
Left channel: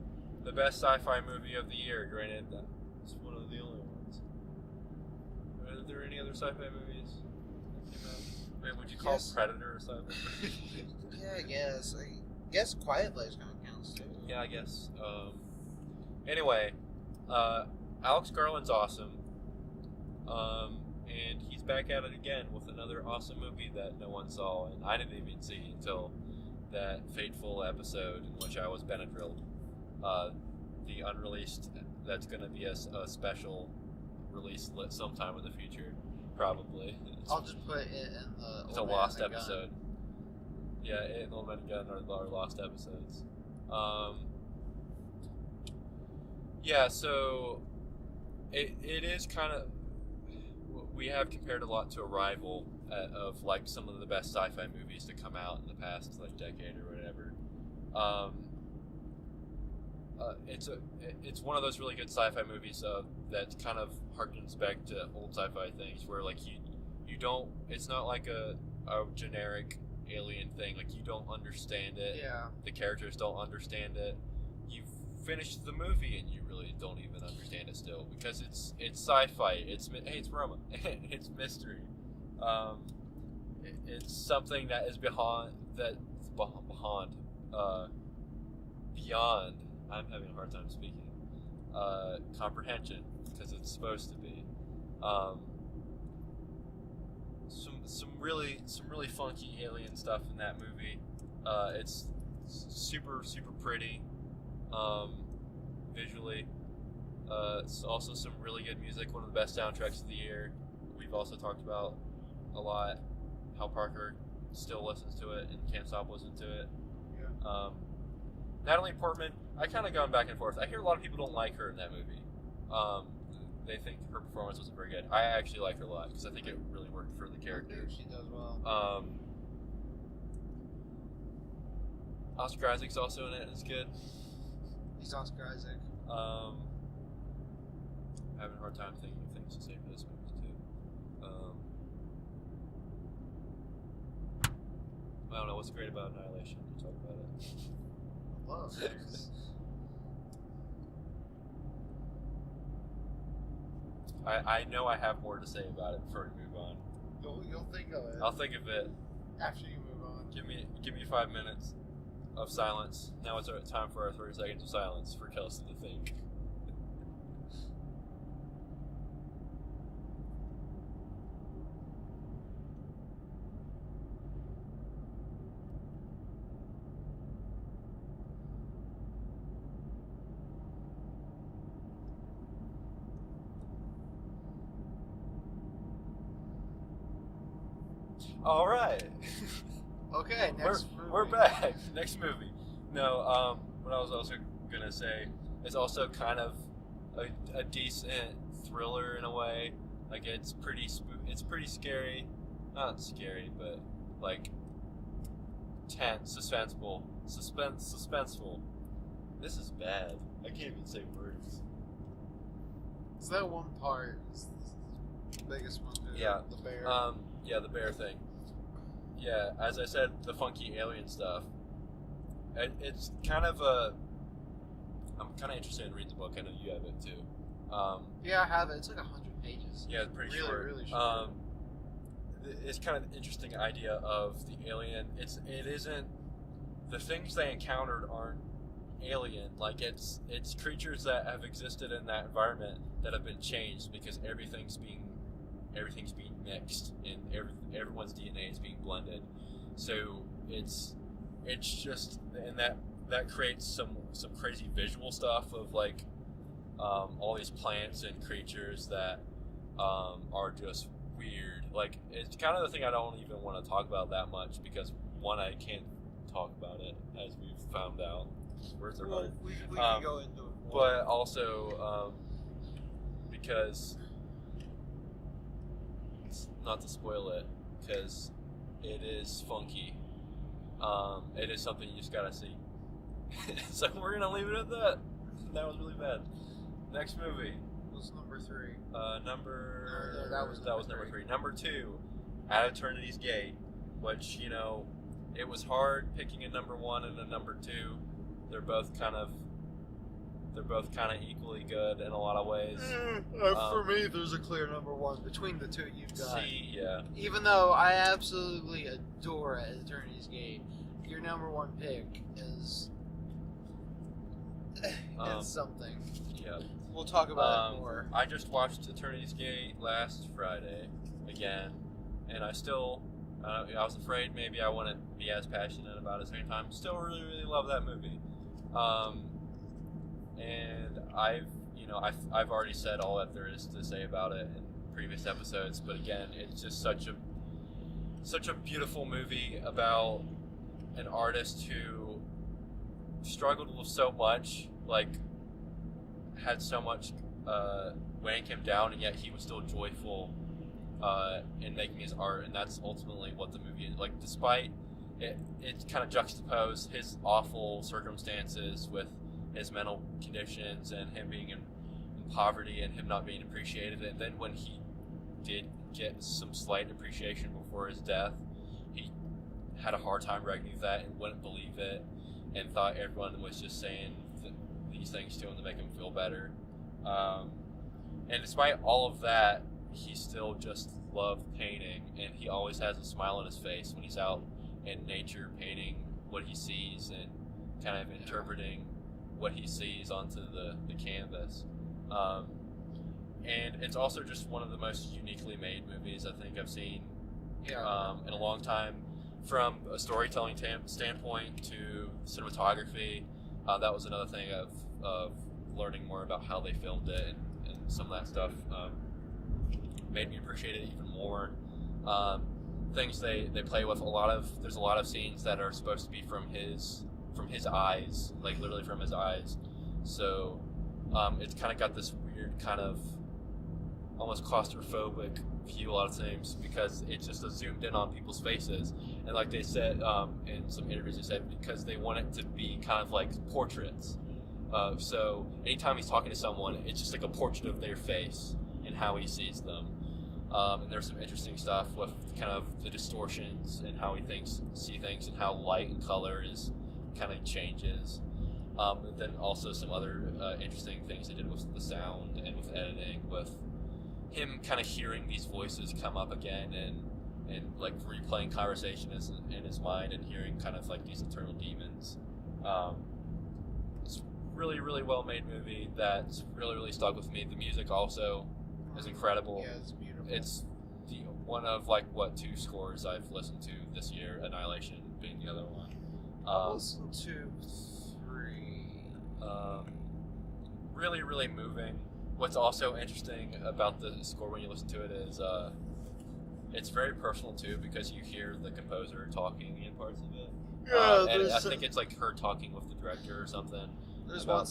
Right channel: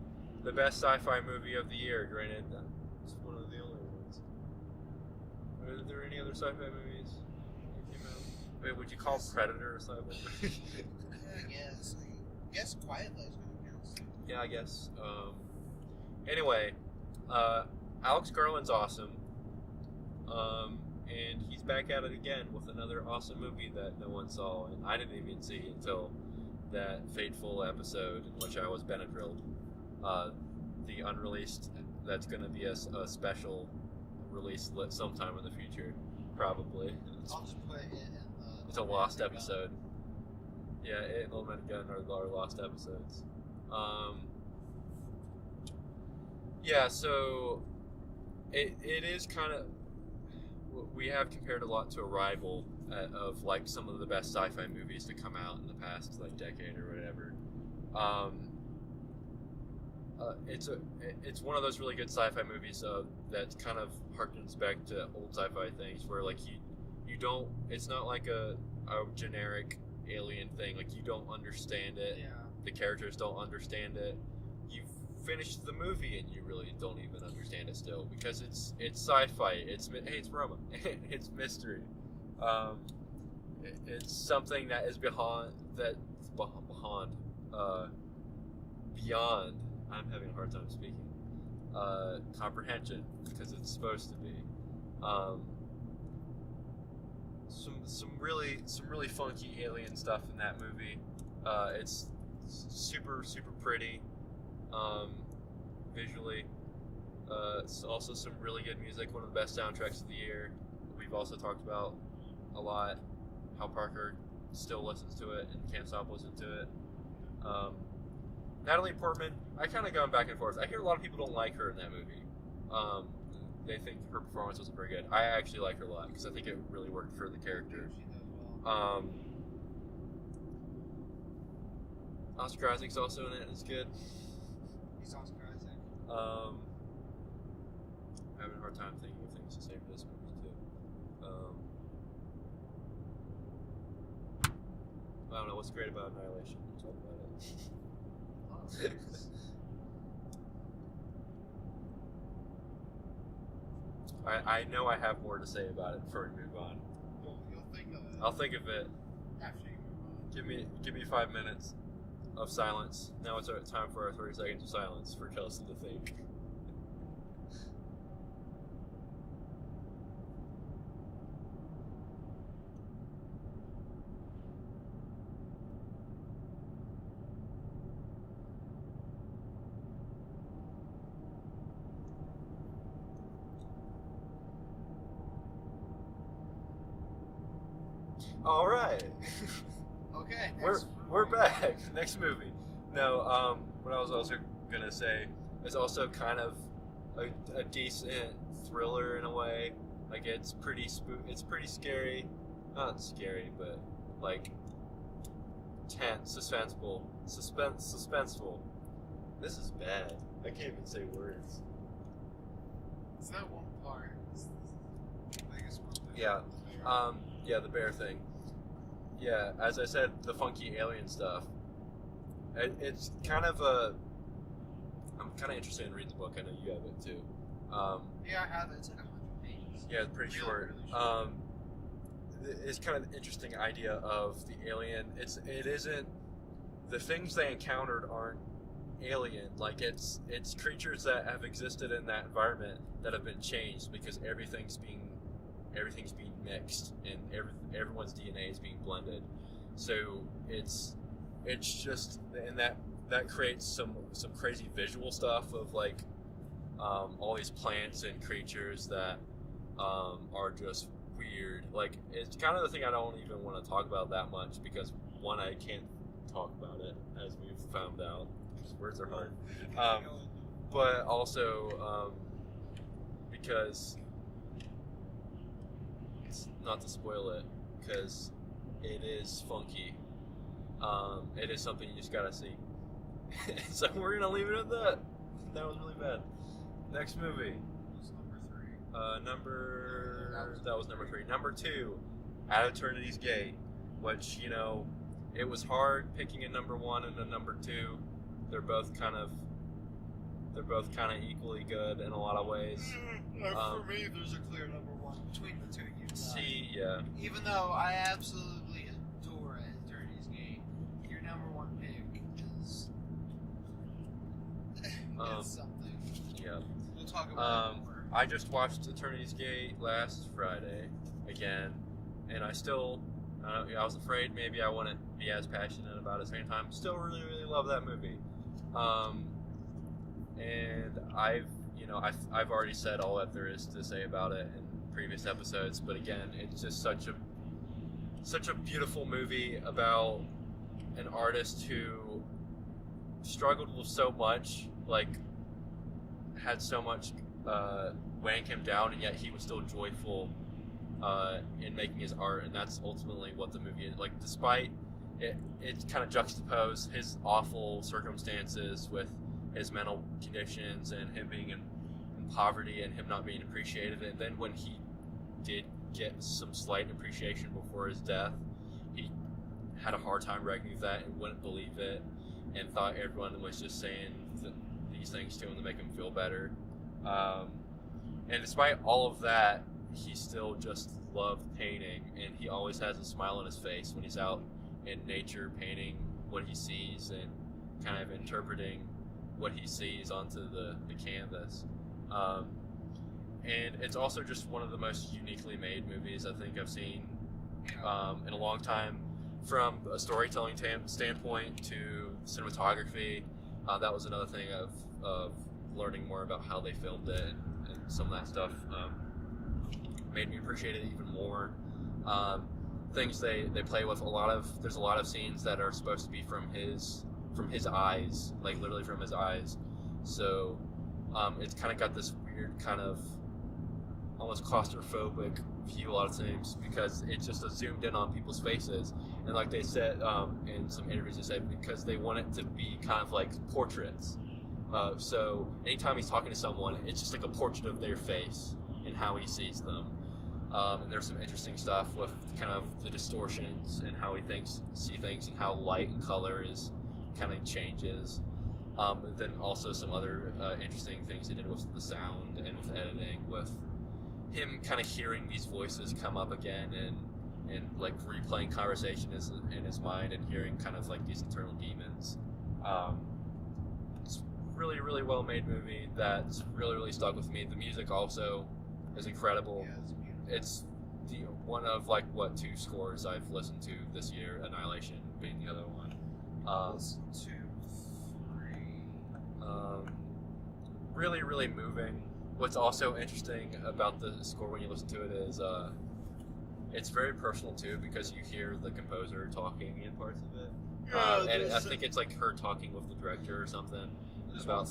the best sci-fi movie of the year. Granted, it's one of the only ones. Are there any other sci-fi movies that came out? Wait, would you call Yes. Predator a sci-fi movie? Yeah, I guess Quiet Place kind of counts too. Yeah, I guess. Anyway, Alex Garland's awesome. And he's back at it again with another awesome movie that no one saw, and I didn't even see until that fateful episode in which I was Benadrylled. The unreleased, that's going to be a special release sometime in the future, probably. I'll just put it in the. It's a Old Man lost and the episode. Yeah, it and Old Man and Gun are our lost episodes. Yeah, so it is kind of, we have compared a lot to Arrival of like some of the best sci-fi movies to come out in the past like decade or whatever. It's one of those really good sci-fi movies that kind of harkens back to old sci-fi things where like you don't, it's not like a generic alien thing, like you don't understand it. Yeah. The characters don't understand it. You've finished the movie and you really don't even understand it still because it's sci-fi. Hey, it's Roma. It's mystery. It's something that is beyond. I'm having a hard time speaking. Comprehension because it's supposed to be. Some really funky alien stuff in that movie. It's super pretty, visually. It's also some really good music. One of the best soundtracks of the year. We've also talked about a lot how Parker still listens to it and can't stop listening to it. Yeah. Natalie Portman, I kind of gone back and forth. I hear a lot of people don't like her in that movie. They think her performance wasn't very good. I actually like her a lot because I think it really worked for the character. She does well. Oscar Isaac's also in it. It's good. He's Oscar Isaac. Having a hard time thinking of things to say for this movie too. I don't know what's great about Annihilation. We'll talk about it. Love. I know I have more to say about it before we move on. You'll think of it I'll think of it. after you move on. Give me 5 minutes of silence. Now it's time for our 30 seconds of silence for Kelson to think. All right. Okay, next We're movie. back. Next movie. No, what I was also gonna say is also kind of a decent thriller in a way. Like it's pretty it's pretty scary, not scary, but like tense, suspenseful. This is bad. I can't even say words. Is that one part? Is the biggest one? Yeah. The bear. Yeah, the bear thing. Yeah, as I said, the funky alien stuff. It's kind of I'm kind of interested in reading the book. I know you have it too. Yeah, I have it. It's like 100 pages. Yeah, it's pretty Really, short. really short. It's kind of an interesting idea of the alien. It isn't the things they encountered aren't alien. Like it's creatures that have existed in that environment that have been changed because everything's being mixed and everyone's DNA is being blended. So it's just, and that creates some crazy visual stuff of like all these plants and creatures that are just weird. Like it's kind of the thing I don't even want to talk about that much because one, I can't talk about it as we've found out. Words are hard. We can go into it. But also because it's not to spoil it because it is funky. It is something you just gotta see. So we're gonna leave it at that. That was really bad. Next movie. What's number 3? That was number 3. Number 2, At Eternity's Gate, which, you know, it was hard picking a number 1 and a number 2. They're both kind of equally good in a lot of ways. For me, there's a clear number 1 between the two you've got. See, yeah. Even though I absolutely adore At Eternity's Gate, your number 1 pick is it's something. Yeah. We'll talk about it more. I just watched Eternity's Gate last Friday again, and I still, I was afraid maybe I wouldn't be as passionate about it at the same time. Still really, really love that movie. And I've already said all that there is to say about it in previous episodes, but again, it's just such a beautiful movie about an artist who struggled with so much, like had so much weighing him down, and yet he was still joyful in making his art, and that's ultimately what the movie is. Like, despite it kind of juxtaposed his awful circumstances with his mental conditions and him being in poverty and him not being appreciated, and then when he did get some slight appreciation before his death, he had a hard time reckoning that and wouldn't believe it and thought everyone was just saying these things to him to make him feel better. And despite all of that, he still just loved painting, and he always has a smile on his face when he's out in nature painting what he sees and kind of interpreting what he sees onto the canvas. And it's also just one of the most uniquely made movies I think I've seen in a long time. From a storytelling standpoint to cinematography, that was another thing of learning more about how they filmed it and some of that stuff made me appreciate it even more. Things they play with there's a lot of scenes that are supposed to be from his eyes, like literally from his eyes. So it's kind of got this weird kind of almost claustrophobic view a lot of times because it's just zoomed in on people's faces, and like they said in some interviews, they said because they want it to be kind of like portraits. So anytime he's talking to someone, it's just like a portrait of their face and how he sees them. And there's some interesting stuff with kind of the distortions and how he see things and how light and color is kind of changes. But then also some other interesting things they did with the sound and with editing, with him kind of hearing these voices come up again and like replaying conversation in his mind and hearing kind of like these internal demons. It's really, really well made movie that's really, really stuck with me. The music also is incredible. Yeah, it's beautiful. It's one of 2 scores I've listened to this year, Annihilation being the other one. Listen to 3. Really, really moving. What's also interesting about the score when you listen to it is it's very personal too, because you hear the composer talking in parts of it. And I think it's like her talking with the director or something. There's one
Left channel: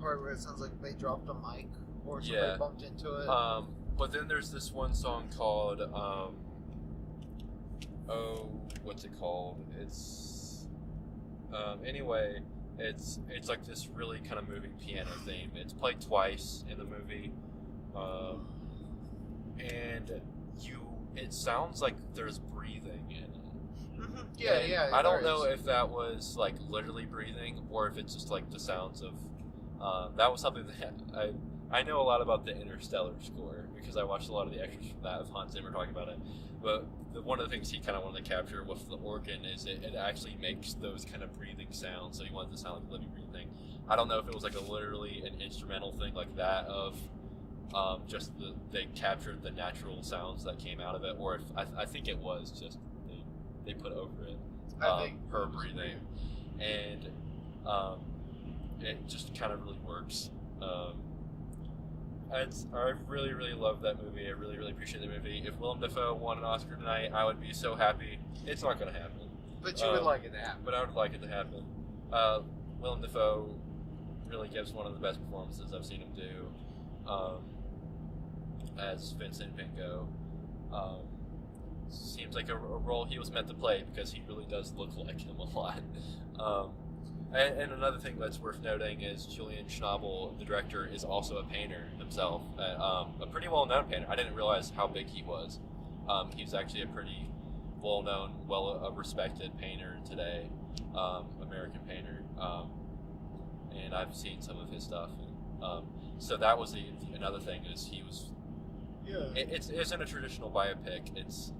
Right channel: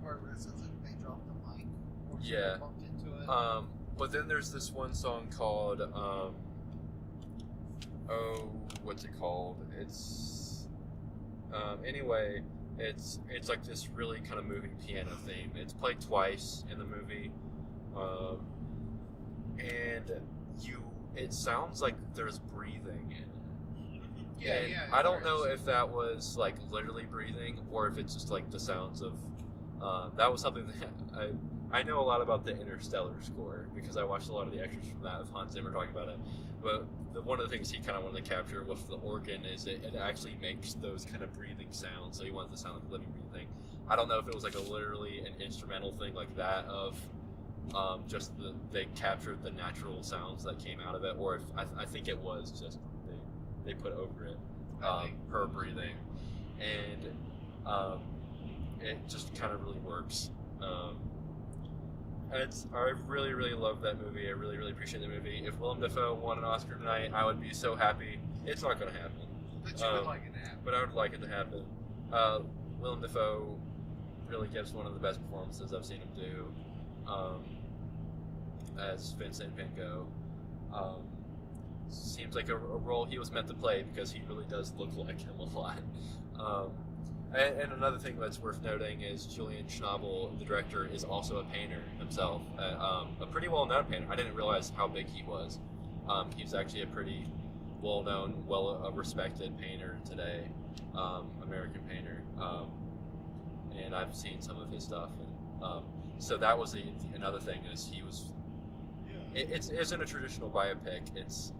part where it sounds like they dropped a mic or somebody bumped into it. But then there's this one song called what's it called? It's anyway, it's like this really kind of moving piano theme. It's played twice in the movie, and it sounds like there's breathing in it. Yeah. I don't know if that was like literally breathing or if it's just like the sounds of That was something that I know a lot about the Interstellar score because I watched a lot of the extras from that of Hans Zimmer talking about it. But one of the things he kind of wanted to capture with the organ is it actually makes those kind of breathing sounds. So he wanted to sound like a living breathing. I don't know if it was like literally an instrumental thing like that of just they captured the natural sounds that came out of it, or if I think it was just they put over it her breathing, and it just kind of really works. I really, really love that movie. I really, really appreciate the movie. If Willem Dafoe won an Oscar tonight, I would be so happy. It's not going to happen. But you would like it to happen. But I would like it to happen. Willem Dafoe really gives one of the best performances I've seen him do as Vincent Van Gogh. Seems like a role he was meant to play because he really does look like him a lot. And another thing that's worth noting is Julian Schnabel, the director, is also a painter himself. A pretty well-known painter. I didn't realize how big he was. He's actually a pretty well-known, well-respected painter today, American painter. And I've seen some of his stuff. And, so that was another thing is he was. Yeah. It isn't a traditional biopic. It's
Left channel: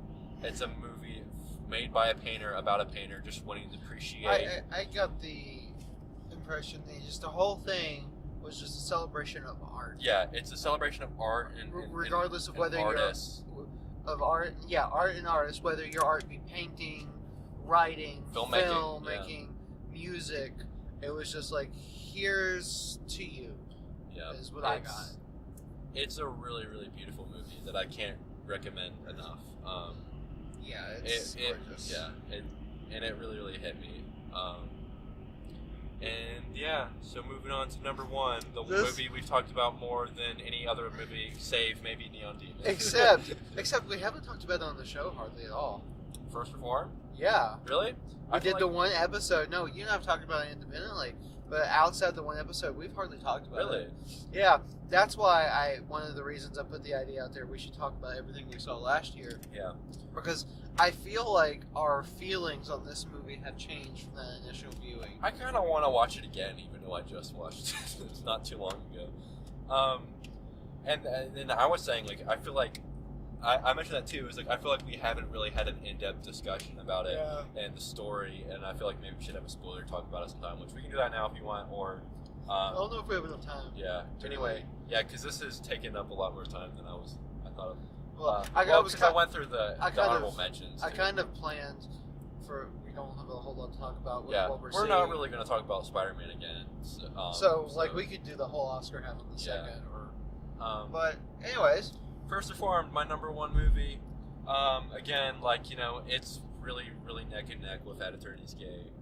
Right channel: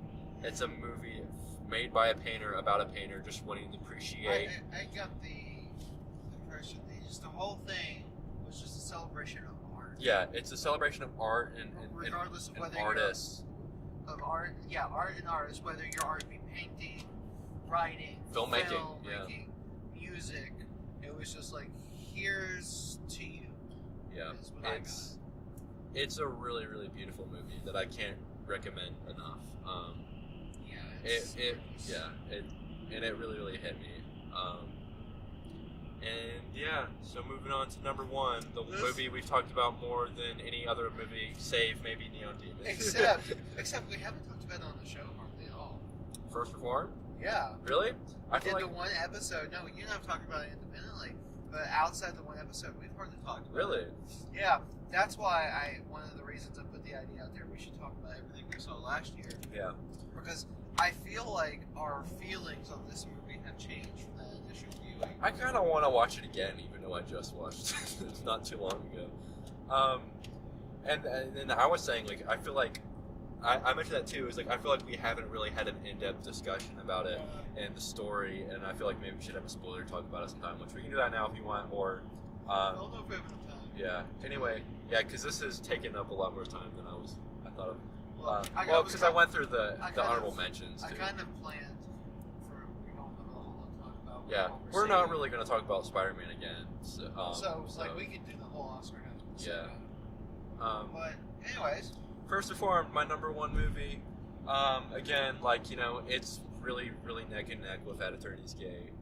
a movie made by a painter about a painter just wanting to appreciate. I got the impression that just the whole thing was just a celebration of art. Yeah, it's a celebration of art and regardless of whether artists. Of art, yeah, art and artists, whether your art be painting, writing, filmmaking, music. It was just like, here's to you. Yeah, is what I got. It's a really, really beautiful movie that I can't recommend enough. Yeah, it's gorgeous. And it really, really hit me. And yeah, so moving on to number one, the movie we've talked about more than any other movie, save maybe Neon Demon. Except we haven't talked about it on the show hardly at all. First Reform? Yeah. Really? I did the one episode. No, you and I have talked about it independently, but outside the one episode, we've hardly talked about it. Really? Yeah. That's why one of the reasons I put the idea out there, we should talk about everything we saw last year. Yeah. Because I feel like our feelings on this movie have changed from that initial viewing. I kind of want to watch it again, even though I just watched it. It's not too long ago. And then I was saying, like, I feel like, I mentioned that too, is like, I feel like we haven't really had an in-depth discussion about it and the story, and I feel like maybe we should have a spoiler talk about it sometime, which we can do that now if you want, or... I don't know if we have enough time. Yeah. Anyway, yeah, because this has taken up a lot more time than I thought of. Well, because I went through the honorable mentions. I kind of planned for we don't have a whole lot to talk about. With what we're not really going to talk about Spider-Man again. So like we could do the whole Oscar half of the second. Or, but anyways, First Reformed, my number one movie. Again, like it's really, really neck and neck with At Eternity's Gate.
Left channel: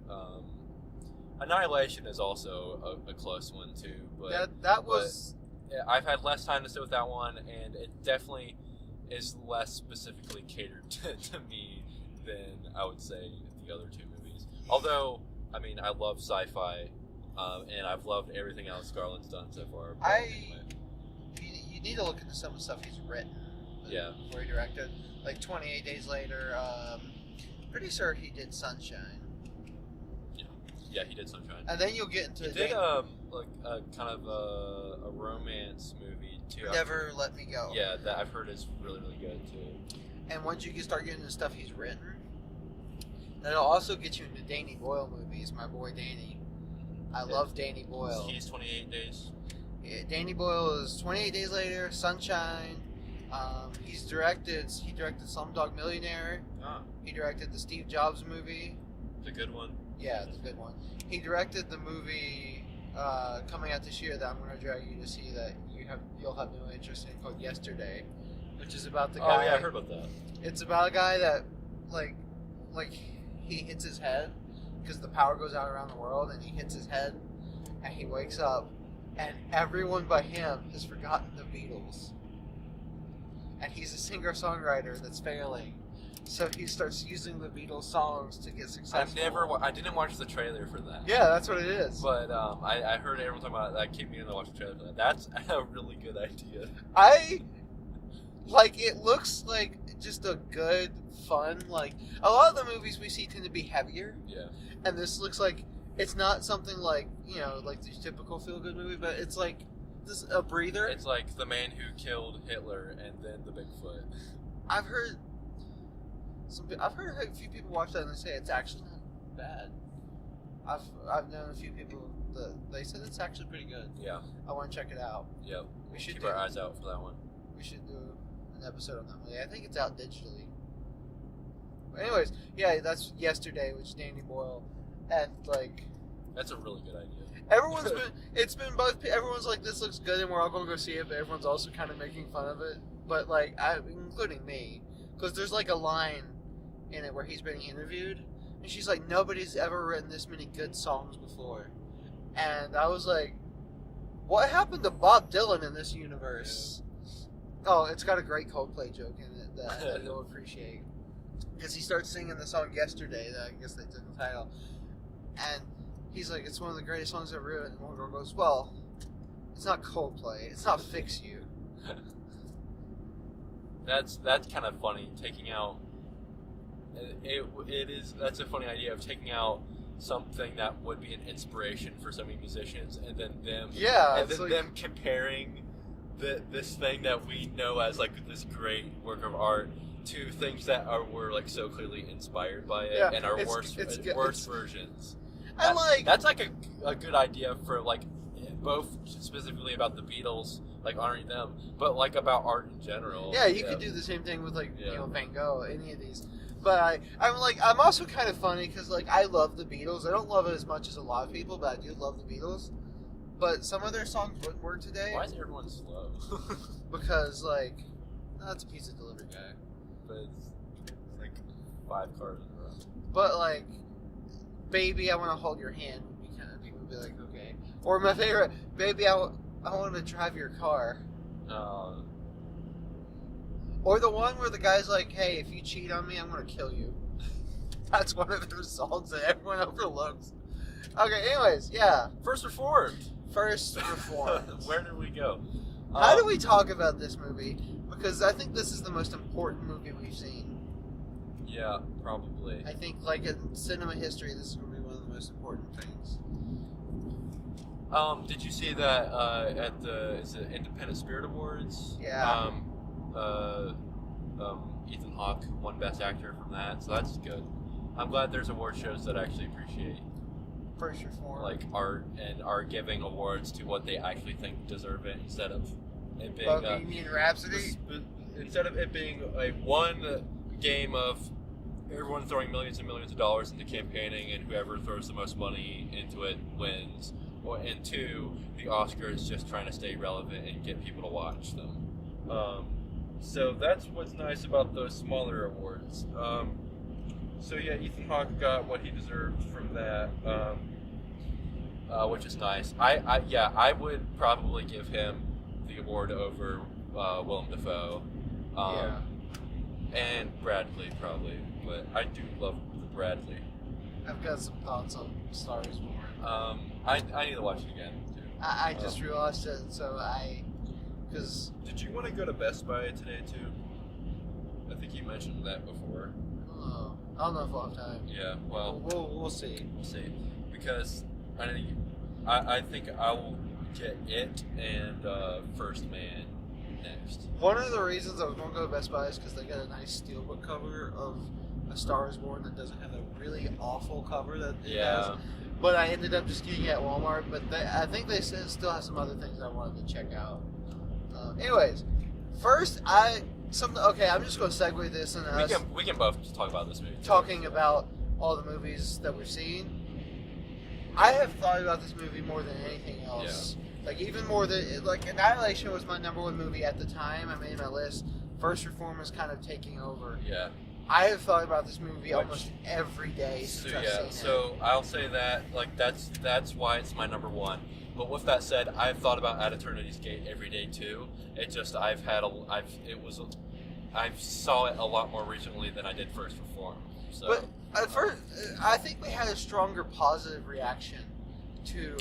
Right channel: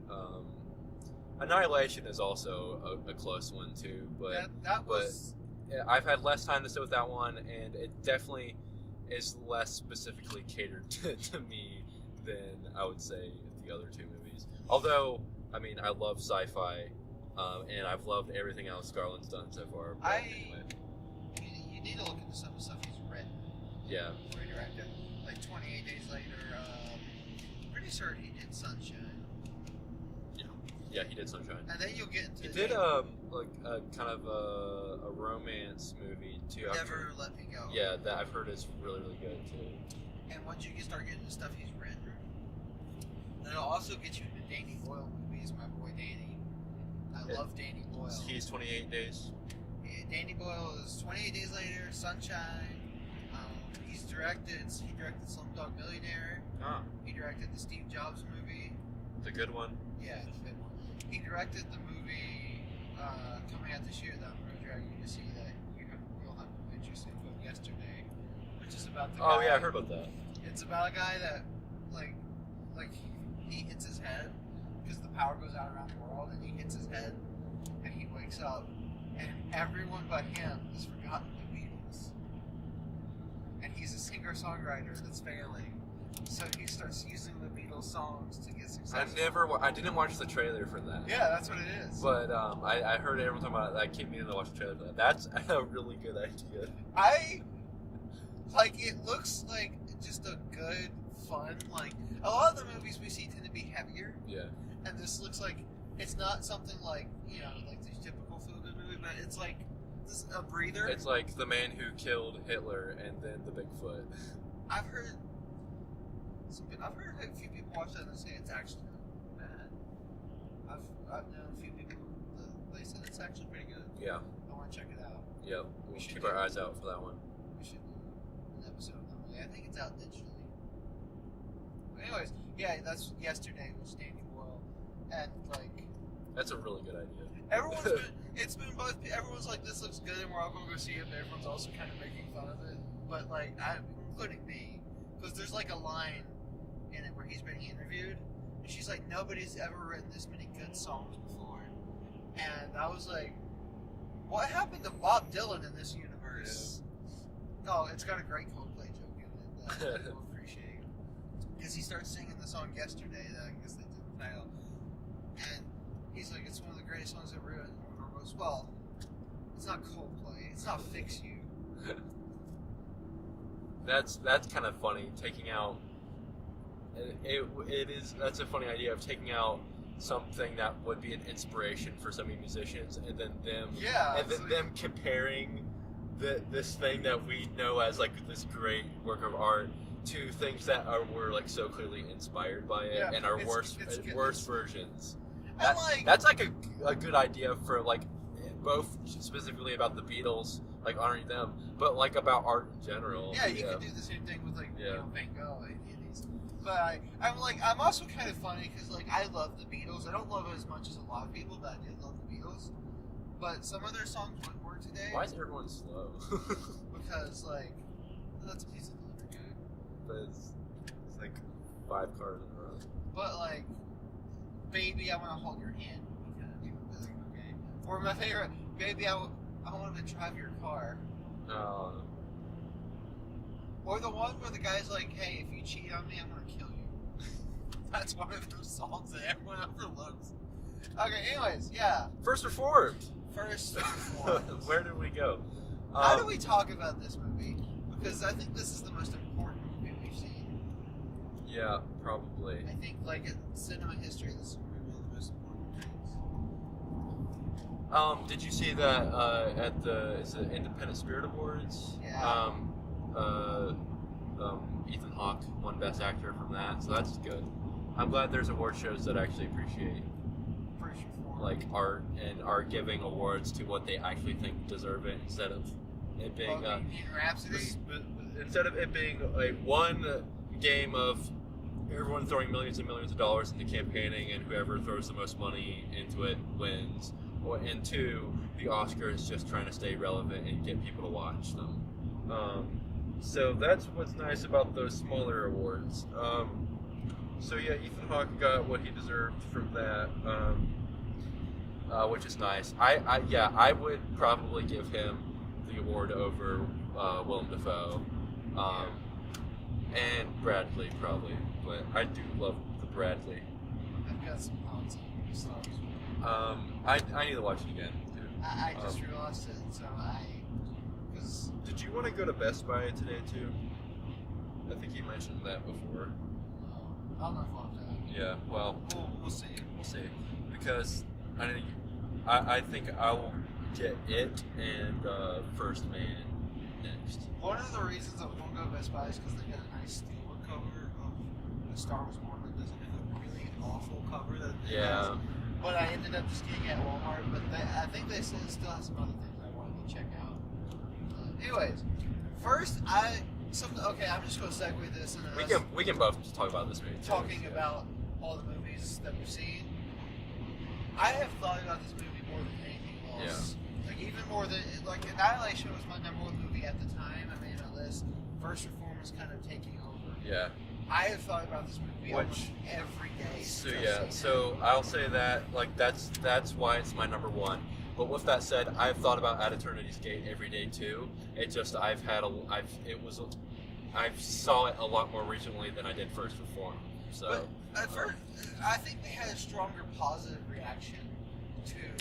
Annihilation is also a close one too, but that was. I've had less time to sit with that one, and it definitely is less specifically catered to me than I would say the other two movies. Although, I mean, I love sci-fi, and I've loved everything Alex Garland's done so far. Anyway. You need to look into some of the stuff he's written. Yeah. Before he directed, like 28 Days Later. Pretty sure he did Sunshine. Yeah, he did Sunshine. And then you'll get into. He did like a kind of a romance movie too. Never Let Me Go. Yeah, that I've heard is really, really good too. And once you start getting the stuff he's written, that'll also get you into Danny Boyle movies. My boy Danny. I love Danny Boyle. He's 28 Days. Yeah, Danny Boyle is 28 Days Later, Sunshine. He directed Slumdog Millionaire. Oh. He directed the Steve Jobs movie. The good one. Yeah, the good one. He directed the movie coming out this year that I'm going to drag you to see that you'll have no interest in, called Yesterday, which is about the guy. Oh yeah, I heard about that. It's about a guy that like he hits his head because the power goes out around the world, and he hits his head, and he wakes up, and everyone but him has forgotten the Beatles, and he's a singer-songwriter that's failing. So he starts using the Beatles songs to get successful. I didn't watch the trailer for that. Yeah, that's what it is. But I heard everyone talking about it. I keep meaning to watch the trailer for that. That's a really good idea. It looks like just a good, fun, like, a lot of the movies we see tend to be heavier. Yeah. And this looks like It's not something like, you know, like the typical feel-good movie, but it's like this a breather. It's like the man who killed Hitler and then the Bigfoot. I've heard a few people watch that and they say it's actually not bad. I've known a few people that they said it's actually pretty good. Yeah. I want to check it out. Yep. We'll should keep our eyes out for that one. We should do an episode on that movie. I think it's out digitally. But anyways, yeah, that's Yesterday with Danny Boyle, and like that's a really good idea. Everyone's like, this looks good, and we're all gonna go see it, but everyone's also kind of making fun of it. But like, including me, because there's like a line in it where he's being interviewed, and she's like, nobody's ever written this many good songs before, and I was like, what happened to Bob Dylan in this universe? Yeah. Oh, it's got a great Coldplay joke in it that you'll appreciate. Because he starts singing the song Yesterday, that I guess they did the title. And he's like, it's one of the greatest songs ever written. And one girl goes, well, it's not Coldplay. It's not Fix You. That's kind of funny, taking out... That's a funny idea of taking out something that would be an inspiration for so many musicians, and then them... Yeah. And then like, them comparing this thing that we know as like this great work of art to things that were like so clearly inspired by it, and are worse versions. That's like a good idea for like both specifically about the Beatles, like honoring them, but like about art in general. Yeah, you could do the same thing with like you know, Van Gogh, any of these. But I'm also kind of funny because like I love the Beatles. I don't love it as much as a lot of people, but I do love the Beatles. But some of their songs wouldn't work today. Why is everyone slow? Because like that's a pizza delivery guy. But it's like 5 cars in a row. But like, Baby, I Want to Hold Your Hand would be kind of, people would be like, okay. Or my favorite, Baby, I Want to Drive Your Car. Or the one where the guy's like, hey, if you cheat on me, I'm going to kill you. That's one of those songs that everyone overlooks. Okay, anyways, yeah. First Reformed. Where did we go? How do we talk about this movie? Because I think this is the most important movie we've seen. Yeah, probably. I think, like, in cinema history, this is going to be one of the most important things. Did you see that at the Independent Spirit Awards? Yeah. Ethan Hawke won Best Actor from that, so that's good. I'm glad there's award shows that actually appreciate First Reformed, like art, and are giving awards to what they actually think deserve it, instead of it being Bohemian Rhapsody. Instead of it being a one game of everyone throwing millions and millions of dollars into campaigning, and whoever throws the most money into it wins, and 2, the Oscars just trying to stay relevant and get people to watch them. So that's what's nice about those smaller awards. So yeah, Ethan Hawke got what he deserved from that, which is nice. I would probably give him the award over Willem Dafoe, and Bradley probably, but I do love the Bradley. I've got some thoughts on Star Wars. I need to watch it again too. I just realized it, because did you want to go to Best Buy today too? I think you mentioned that before. I don't know if we'll have time. Yeah, well, we'll see. We'll see, because I think I will get it and First Man next. One of the reasons I was going to go to Best Buy is because they got a nice steelbook cover of A Star Is Born that doesn't have a really awful cover that it has. But I ended up just getting it at Walmart. But I think they still have some other things I wanted to check out. Anyways, first I'm just going to segue this and we can both talk about this movie. Talking about all the movies that we've seen. I have thought about this movie more than anything else. Yeah. Like, even more than, like, Annihilation was my number 1 movie at the time. I made my list. First Reform is kind of taking over. Yeah. I have thought about this movie almost every day. So I'll say that, like, that's why it's my number 1. But with that said, I've thought about At Eternity's Gate every day too. It just I saw it a lot more recently than I did First Reform. So, but at first, I think we had a stronger positive reaction to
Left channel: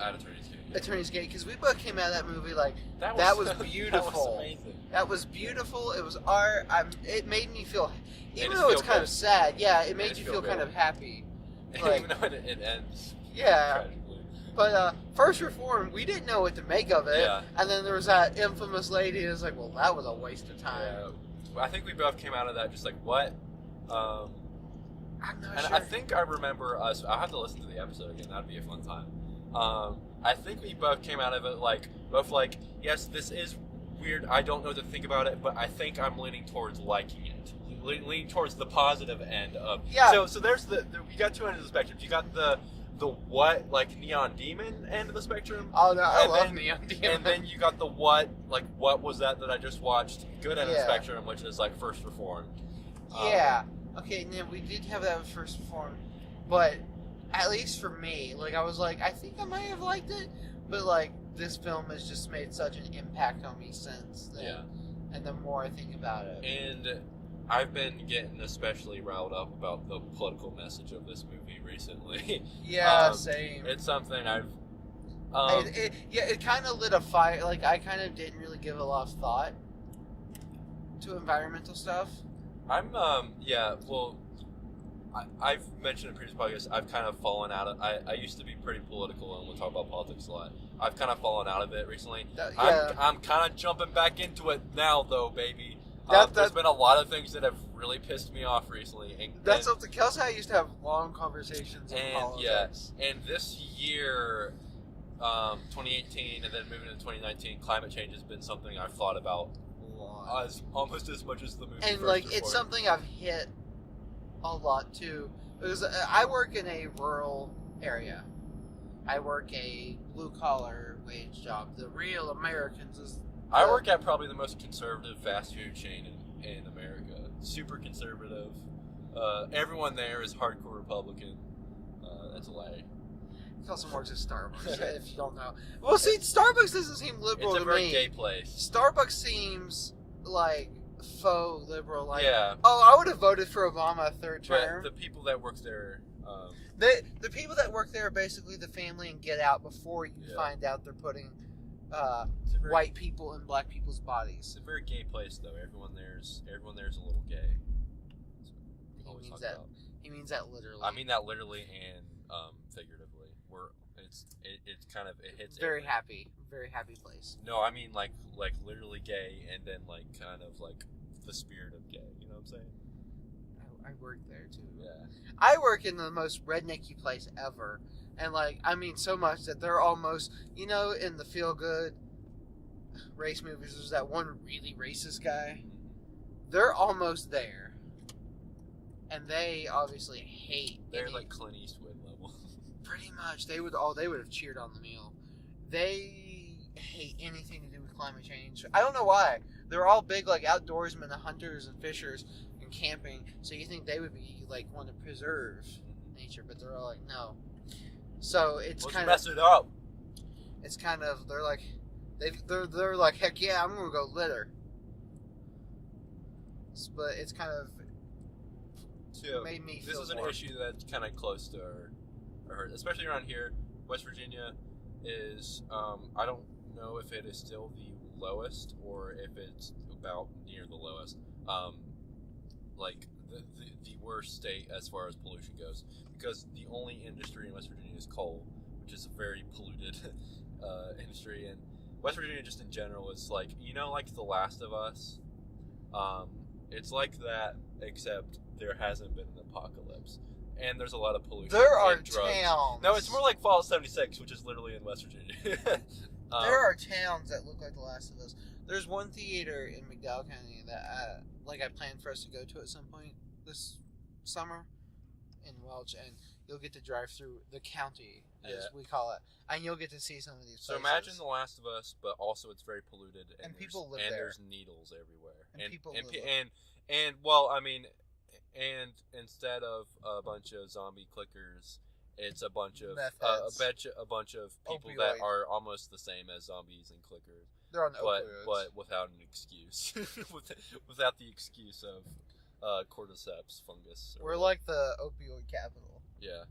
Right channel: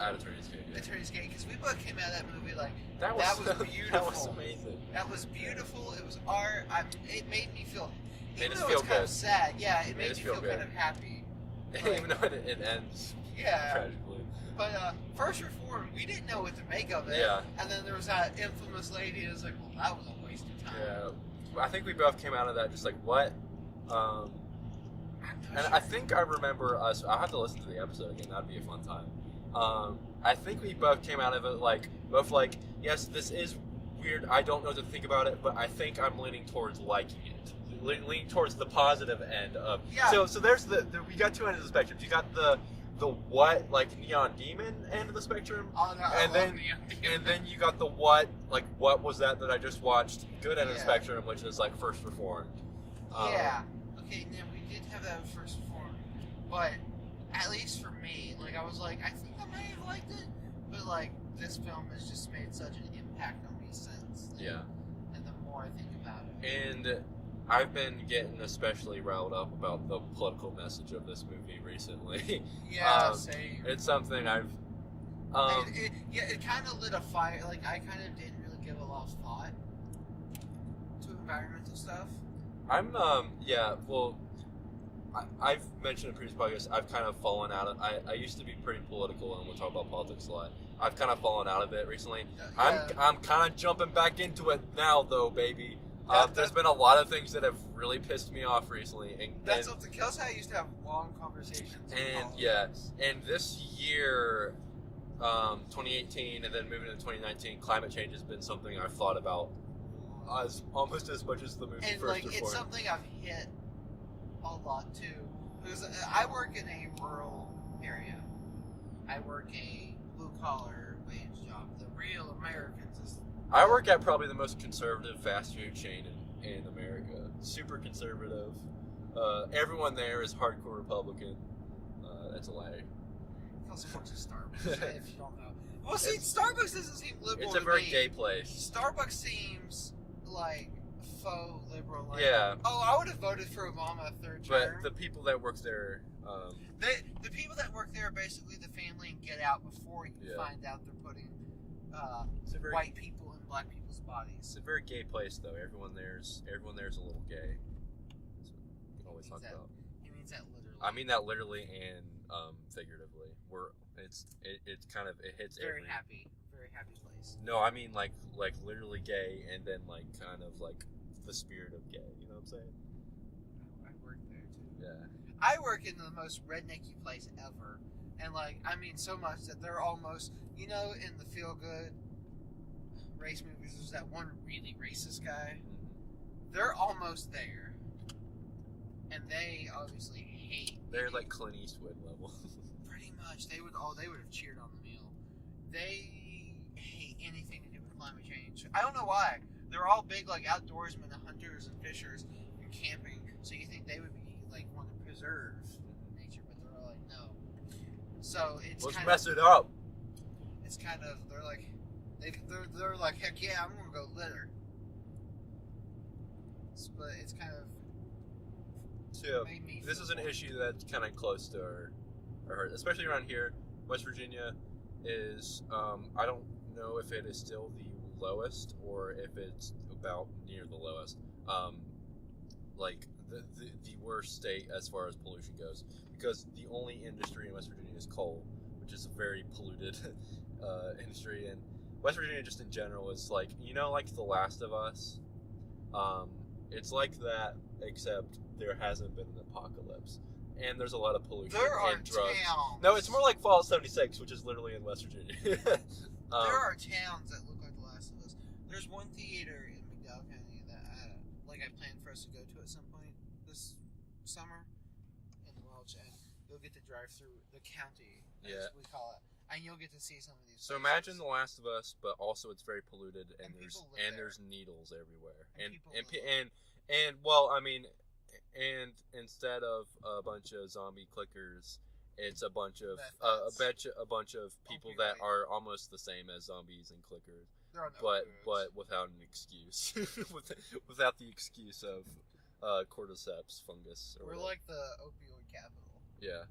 At Eternity's Gate. Eternity's Gate, because we both came out of that movie like that was beautiful. That was amazing. That was beautiful. It was art. It made me feel, even though it's kind of sad. Yeah, it made you feel kind of happy. Like, even though it ends yeah. tragically. But First Reform, we didn't know what to make of it. Yeah. And then there was that infamous lady. It was like, well, that was a waste of time. Yeah. I think we both came out of that just like, what? I'm not And sure. I think I remember us. I'll have to listen to the episode again. That'd be a fun time. I think we both came out of it both like, yes, this is weird. I don't know what to think about it, but I think I'm leaning towards liking it. Leaning towards the positive end of. Yeah. So there's we got two ends of the spectrum. You got the what, like, Neon Demon end of the spectrum. Oh no, I and love then, Neon Demon. And then you got the what was that I just watched, good end of the Yeah. spectrum, which is like First Reformed. Yeah. Okay, now we did have that with First Reform, but at least for me, like, I was like, I think I might have liked it, but like, this film has just made such an impact on me since then. Yeah. And the more I think about it. And I've been getting especially riled up about the political message of this movie recently. Yeah, same. It's something I've. It kind of lit a fire. Like, I kind of didn't really give a lot of thought to environmental stuff. I've mentioned in previous podcasts, I've kind of fallen out of. I used to be pretty political and we'll talk about politics a lot. I've kind of fallen out of it recently. Yeah. I'm kind of jumping back into it now, though, baby. There's been a lot of things that have really pissed me off recently. That's something. Kelson and I used to have long conversations. And this year, 2018, and then moving into 2019, climate change has been something I've thought about almost as much as the movie. And like, it's something I've hit a lot too. Because I work in a rural area. I work a blue collar wage job. The real Americans. I work at probably the most conservative fast food chain in America. Super conservative. Everyone there is hardcore Republican. That's a lie. Kelson works at Starbucks, if you don't know. Well, see, Starbucks doesn't seem liberal to me. It's a very gay place. Starbucks seems like faux liberal. Like, yeah. Oh, I would have voted for Obama a third term. But the people that work there... the people that work there are basically the family and get out before you find out they're putting white people in black people's bodies. It's a very gay place, though. Everyone there's a little gay. Always talk about. He means that literally. I mean that literally and figuratively. It hits. Very happy place. No, I mean like literally gay, and then like kind of like the spirit of gay. You know what I'm saying? I work there too. Yeah. I work in the most rednecky place ever. And, like, I mean so much that they're almost, you know, in the feel-good race movies, there's that one really racist guy. They're almost there. And they obviously hate... They're like Clint Eastwood level. Pretty much. They would have cheered on the meal. They hate anything to do with climate change. I don't know why. They're all big, like, outdoorsmen and hunters and fishers and camping. So you think they would be, like, want to preserve nature, but they're all like, no. So it's Let's kind mess it up. It's kind of they're like heck yeah, I'm gonna go litter. But it's kind of made me. This feel is an more. issue that's kind of close to our heart, especially around here. West Virginia is I don't know if it is still the lowest or if it's about near the lowest. Like the worst state as far as pollution goes. Because the only industry in West Virginia is coal, which is a very polluted industry. And West Virginia, just in general, is like, you know, like The Last of Us. It's like that, except there hasn't been an apocalypse. And there's a lot of pollution and drugs. Towns. No, it's more like Fallout 76, which is literally in West Virginia. There are towns that look like The Last of Us. There's one theater in McDowell County that I planned for us to go to at some point this summer. In Welch, and you'll get to drive through the county, as we call it, and you'll get to see some of these places. So imagine The Last of Us, but also it's very polluted, and people live there. there. There's needles everywhere, and well, I mean, and instead of a bunch of zombie clickers, it's a bunch of people Opioid. that are almost the same as zombies and clickers. They're on opioids. but without an excuse, without the excuse of cordyceps fungus. We're like the opioid capital. Yeah.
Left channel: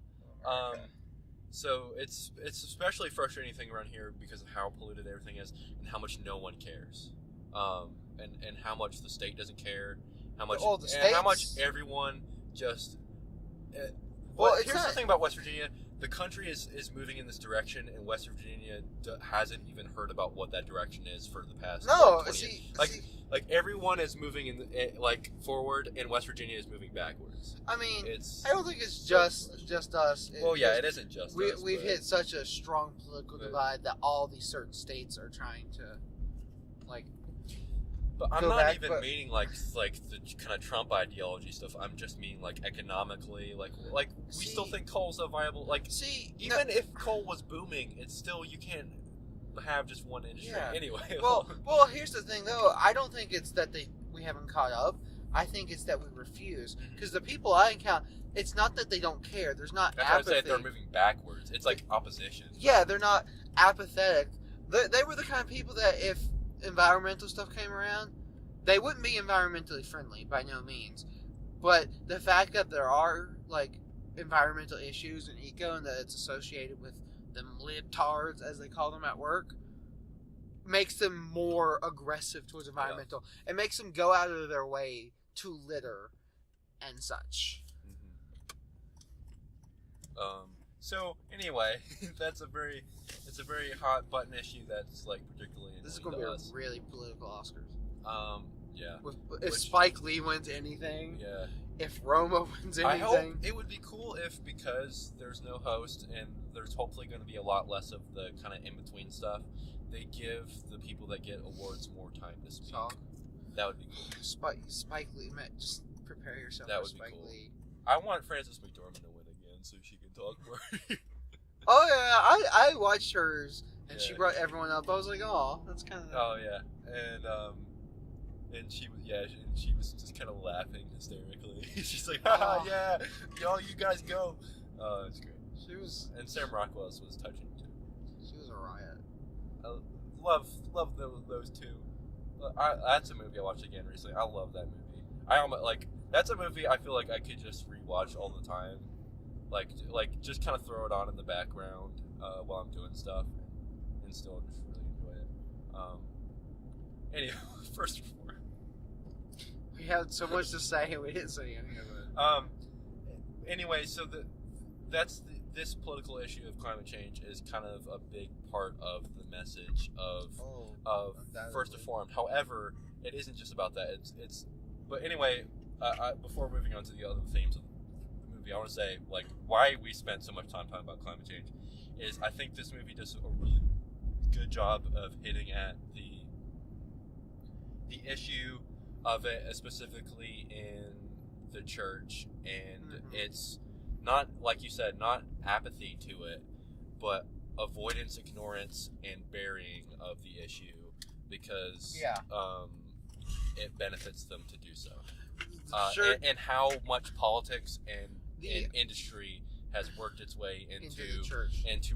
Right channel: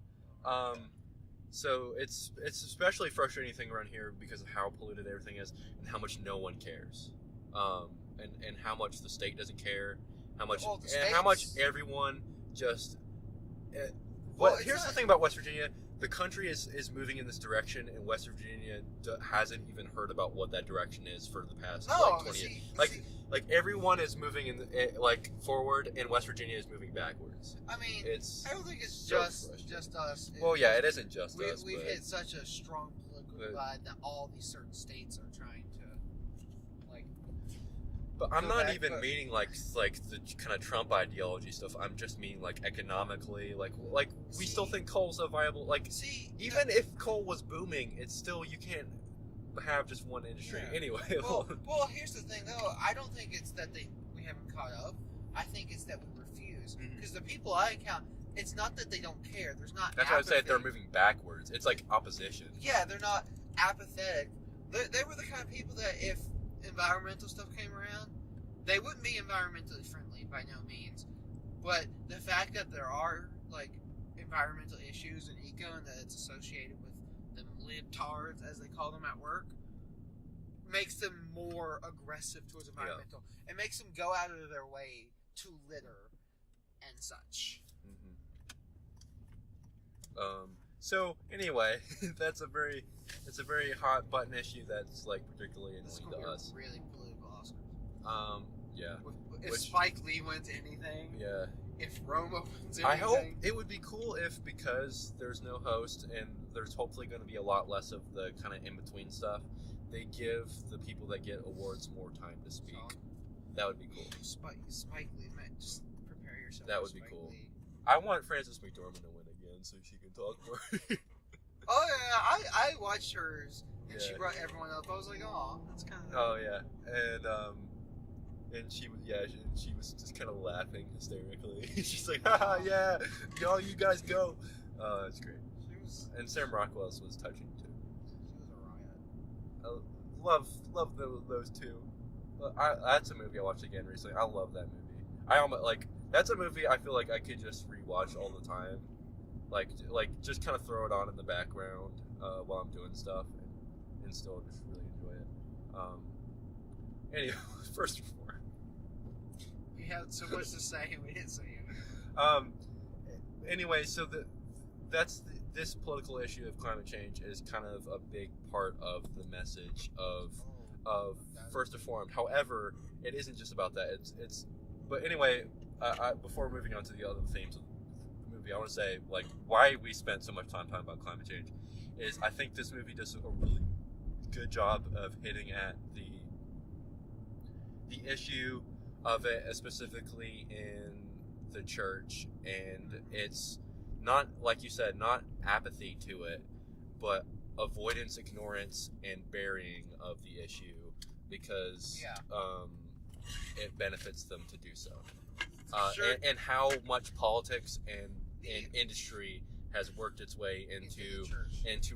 So it's especially frustrating thing around here because of how polluted everything is and how much no one cares. And how much the state doesn't care. How much everyone just Well, here's the thing about West Virginia. The country is moving in this direction, and West Virginia hasn't even heard about what that direction is for the past 20 years. Like everyone is moving forward, and West Virginia is moving backwards. I mean, I don't think it's just us. It isn't just us. We've hit such a strong political divide that all these certain states are trying to, like. But I'm not even meaning like the kind of Trump ideology stuff. I'm just meaning like economically, we still think coal's a viable. Even if coal was booming, it's still you can't have just one industry anyway. Well, here's the thing though. I don't think it's that we haven't caught up. I think it's that we refuse. Because the people I encounter, it's not that they don't care. There's not. That's why I said they're moving backwards. It's like opposition. Yeah, they're not apathetic. They were the kind of people that if environmental stuff came around, they wouldn't be environmentally friendly by no means. But the fact that there are like environmental issues and eco, and that it's associated with them libtards, as they call them at work, makes them more aggressive towards environmental. It makes them go out of their way to litter and such. So anyway, it's a very hot button issue that's like particularly annoying to us. This is going to be a really political Oscars. Yeah. If Spike Lee wins anything, yeah. If Roma wins anything, I hope it would be cool if, because there's no host and there's hopefully going to be a lot less of the kind of in between stuff, they give the people that get awards more time to speak. That would be cool. Spike Lee, man, just prepare yourself. That for would Spike be cool. Lee. I want Frances McDormand to win again so she can talk more. Oh yeah, I watched hers and she brought everyone up. I was like, oh, that's kind of. Oh yeah, and she was just kind of laughing hysterically. She's like, haha, yeah, you guys go. It's great. She was, and Sam Rockwell's was touching too. She was a riot. I love those two. That's a movie I watched again recently. I love that movie. I almost that's a movie I feel like I could just rewatch all the time. Like just kind of throw it on in the background while I'm doing stuff and still just really enjoy it. Anyway, first reform. We had so much to say and we didn't say anything. Anyway, so this political issue of climate change is kind of a big part of the message of First Reformed. However, it isn't just about that. But anyway, before moving on to the other themes of the movie, I want to say why we spent so much time talking about climate change is I think this movie does a really good job of hitting at the issue of it, specifically in the church, and it's not, like you said, not apathy to it, but avoidance, ignorance, and burying of the issue because it benefits them to do so. And how much politics and industry has worked its way into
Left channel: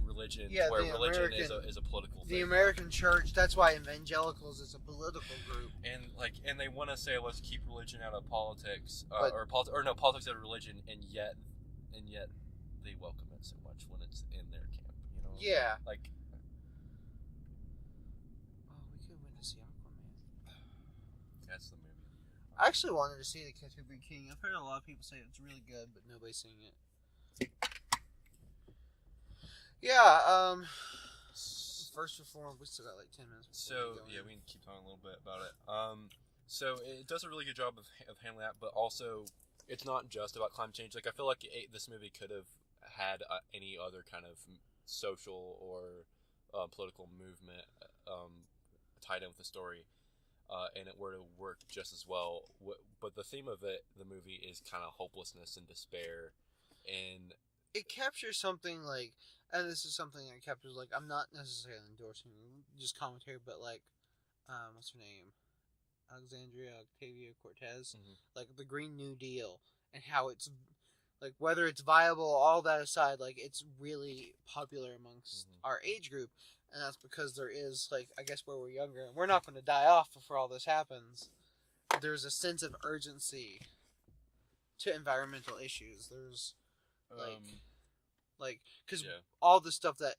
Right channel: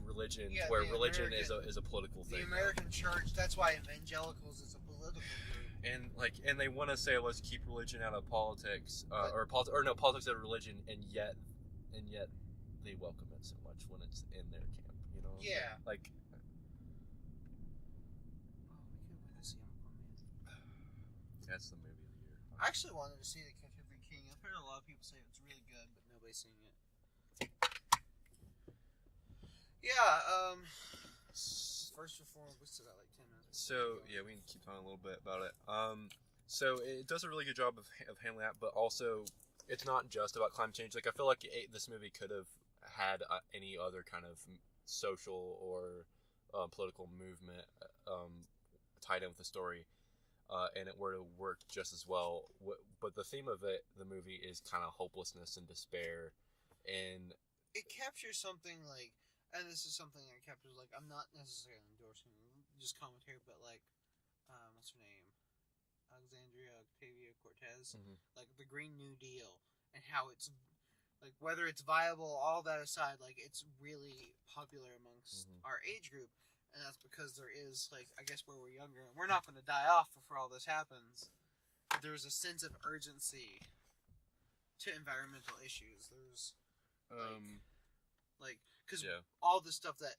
religion, where religion is a political thing. The American church, that's why evangelicals is a political group. And they want to say, let's keep religion out of politics, politics out of religion, and yet they welcome it so much when it's in their camp, you know? Yeah. We could win to see Aquaman. That's the movie of the year. I actually wanted to see The Canterbury King. I've heard a lot of people say it's really good, but nobody's seen it. Yeah, First Reformed, we still got 10 minutes. So, we can keep talking a little bit about it. So it does a really good job of handling that, but also it's not just about climate change. I feel like this movie could have had any other kind of social or political movement tied in with the story, and it were to work just as well. But the theme of the movie is kind of hopelessness and despair, and it captures something and this is something that captures I'm not necessarily endorsing just commentary, but what's her name? Alexandria Ocasio-Cortez, the Green New Deal, and how it's whether it's viable, all that aside, it's really popular amongst our age group, and that's because there is I guess where we're younger and we're not going to die off before all this happens. There's a sense of urgency to environmental issues. There's because all the stuff that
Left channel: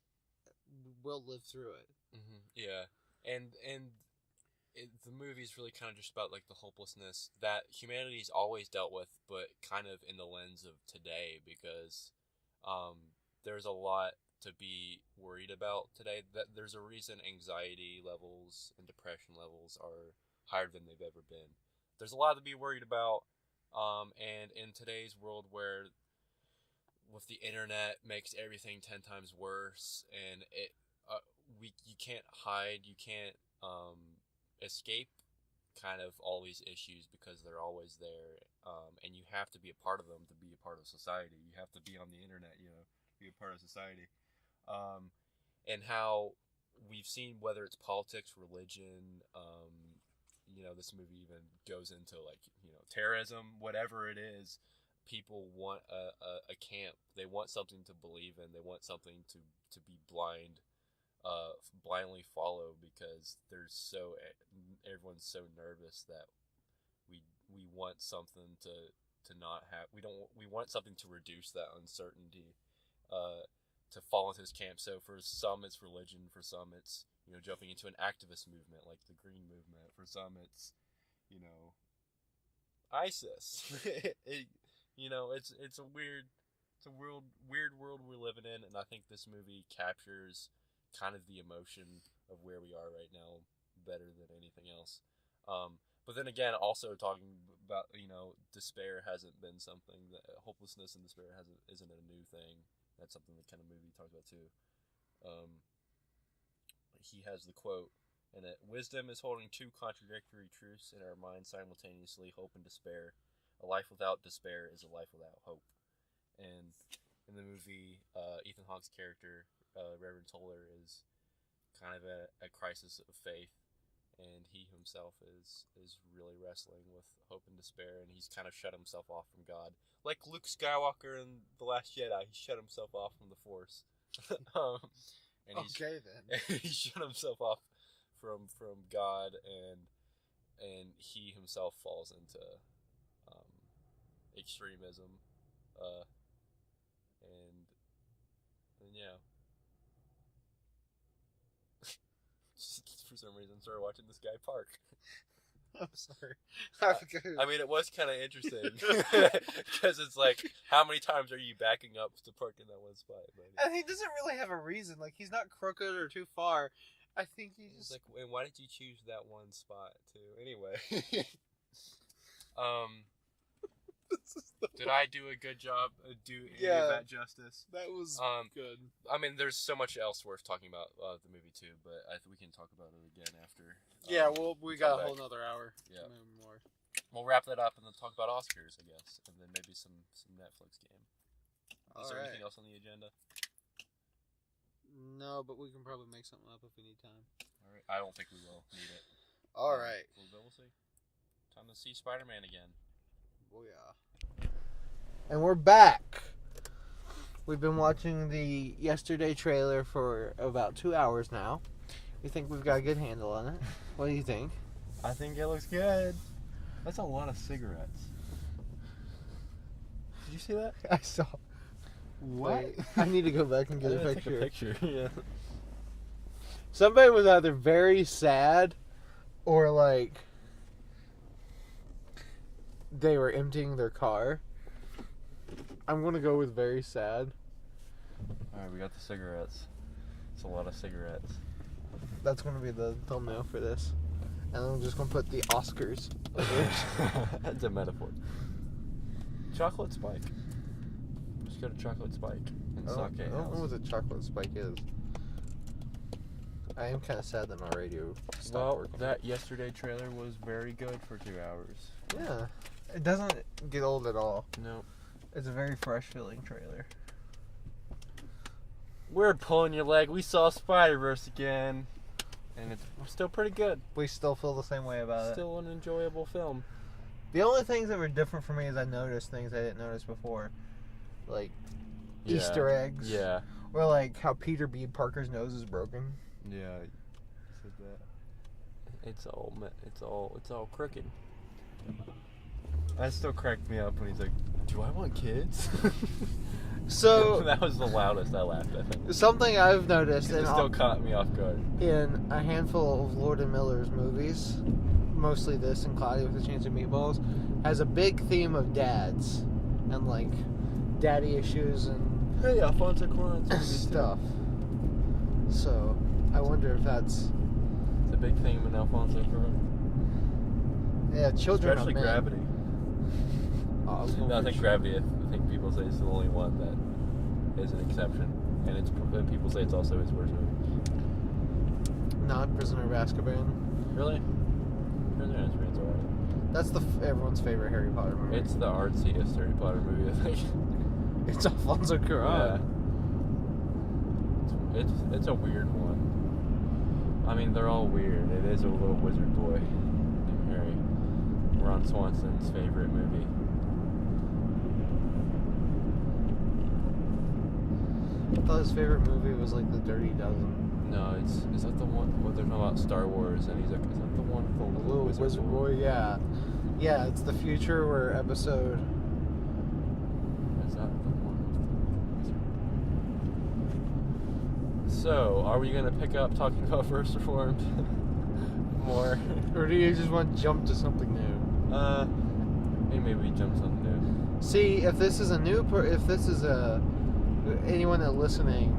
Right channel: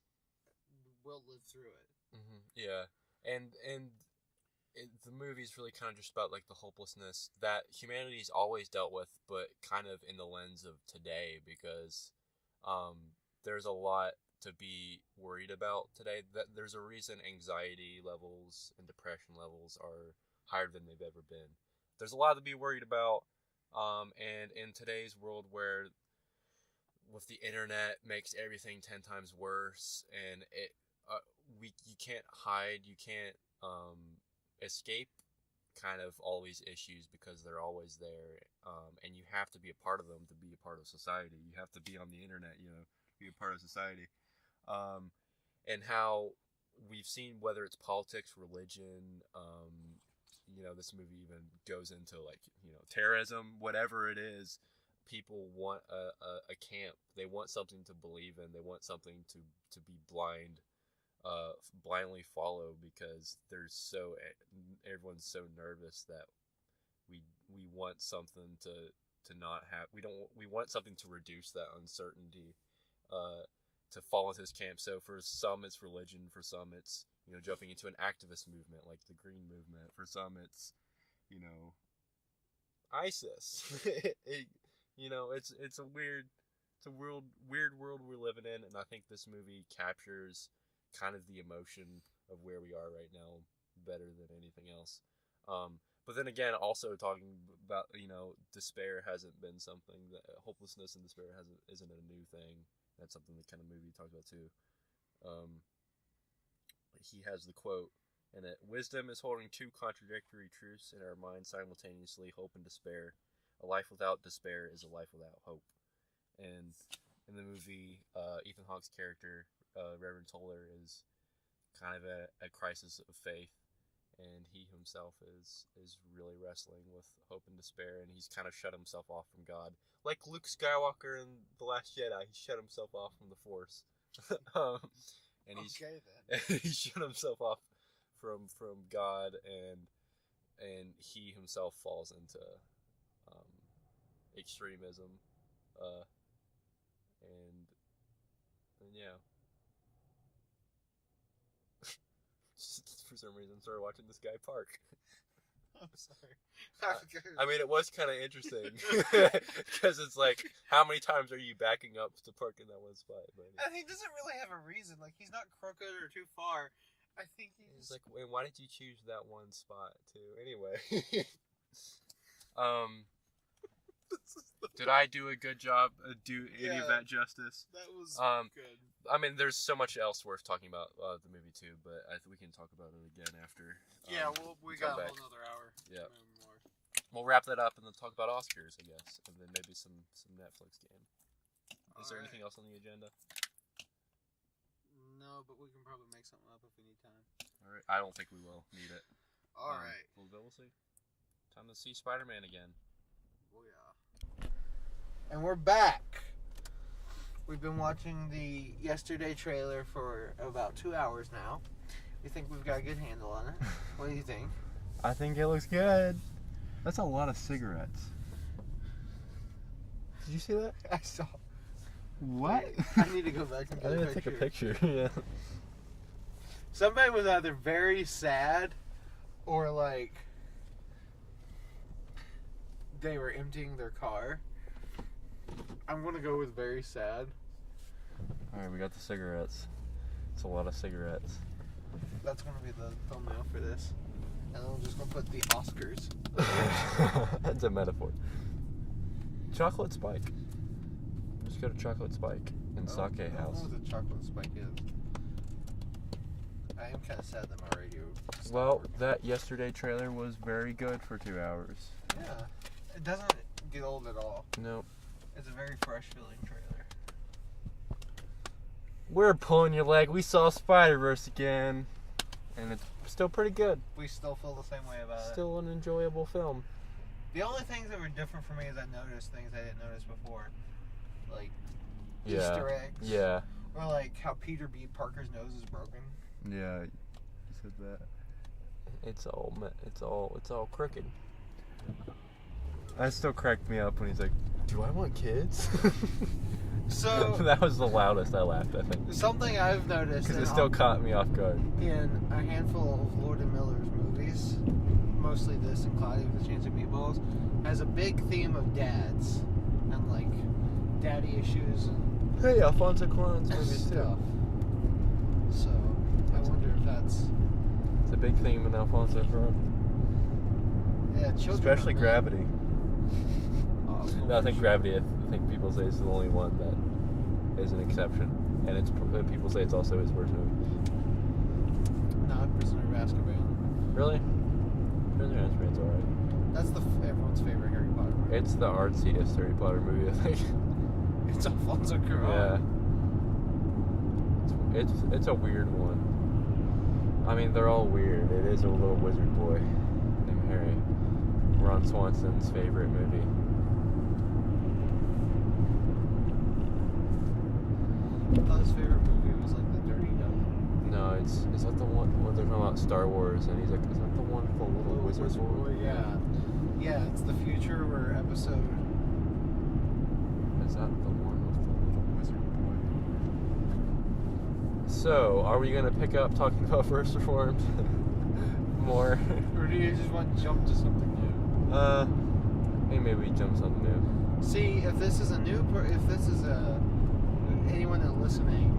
will live through it. Yeah, and the movie's really kind of just about like the hopelessness that humanity's always dealt with, but kind of in the lens of today, because there's a lot to be worried about today. That there's a reason anxiety levels and depression levels are higher than they've ever been. There's a lot to be worried about, and in today's world where with the internet makes everything 10 times worse, and you can't hide, you can't escape kind of all these issues because they're always there, and you have to be a part of them to be a part of society. You have to be on the internet, be a part of society. And how we've seen, whether it's politics, religion, this movie even goes into like, terrorism, whatever it is, people want a camp. They want something to believe in. They want something to be blindly follow, because everyone's so nervous that we want something to not have. We want something to reduce that uncertainty, to fall into this camp. So for some it's religion, for some it's jumping into an activist movement like the Green Movement, for some it's ISIS. It's a weird world we're living in, and I think this movie captures kind of the emotion of where we are right now better than anything else. But then again, also talking about, despair hasn't been something that hopelessness and despair isn't a new thing. That's something the kind of movie talks about too. He has the quote in it: "Wisdom is holding two contradictory truths in our minds simultaneously, hope and despair. A life without despair is a life without hope." And in the movie, Ethan Hawke's character, Reverend Toller, is kind of a crisis of faith, and he himself is really wrestling with hope and despair, and he's kind of shut himself off from God, like Luke Skywalker in The Last Jedi. He shut himself off from the Force. And he shut himself off from God, and he himself falls into extremism, and yeah. For some reason, started watching this guy park. I'm sorry. I mean, it was kind of interesting because it's like, how many times are you backing up to park in that one spot? But and he doesn't really have a reason. Like, he's not crooked or too far. I think he's like, and why did you choose that one spot too? Anyway, did I do a good job? Do any of that justice? That was good. I mean, there's so much else worth talking about the movie too, but I think we can talk about it again after. We got a whole nother hour. Yeah. More. We'll wrap that up and then talk about Oscars, I guess, and then maybe some Netflix game. Is there anything else on the agenda? No, but we can probably make something up if we need time. All right. I don't think we will need it. All right. We'll see. Time to see Spider-Man again. Oh yeah. And we're back. We've been watching the yesterday trailer for about 2 hours now. We think we've got a good handle on it. What do you think? I think it looks good. That's a lot of cigarettes. Did you see that? I saw. What? Wait, I need to go back and get a picture. Take a picture. Yeah. Somebody was either very sad or like they were emptying their car. I'm gonna go with very sad. Alright, we got the cigarettes. It's a lot of cigarettes. That's gonna be the thumbnail for this. And I'm just gonna put the Oscars. That's a metaphor. Chocolate Spike. Just go to Chocolate Spike and Sake House. I don't know what the Chocolate Spike is. I am kind of sad that my radio stopped working. That yesterday trailer was very good for 2 hours. Yeah. It doesn't get old at all. Nope. It's a very fresh feeling trailer. We're pulling your leg. We saw Spider-Verse again. And it's still pretty good. We still feel the same way about it. Still an enjoyable film. The only things that were different for me is I noticed things I didn't notice before. Like Easter eggs. Yeah. Or like how Peter B. Parker's nose is broken. Yeah, you said that. It's all crooked. That still cracked me up when he's like, "Do I want kids?" So that was the loudest I laughed, I think. something I've noticed, Because it still caught me off guard. in a handful of Lord and Miller's movies, mostly this and Cloudy with a Chance of Meatballs, has a big theme of dads and like daddy issues and Hey, Alfonso Cuarón's movies stuff. So I wonder if that's It's a big theme in Alfonso Cuarón. children, Especially are men. Gravity. Oh, No, I think Gravity, I think people say is the only one that is an exception. And people say it's also his worst movie. Not Prisoner of Azkaban. Really? Prisoner of Azkaban's alright. That's everyone's favorite Harry Potter movie. It's the artsiest Harry Potter movie, I think. It's Alfonso Cuarón. Yeah. It's a weird one. I mean, they're all weird. It is a little wizard boy named Harry. Ron Swanson's favorite movie. I thought his favorite movie was like The Dirty Dozen. No, is that the one where they're talking about Star Wars and he's like, is that the one with the little wizard boy? Yeah. Yeah, it's the future where episode. Is that the one with the little wizard boy? So, are we gonna pick up talking about First Reformed more? Or do you just want to jump to something new? Maybe jump something new. See, if this is if this is anyone that's listening,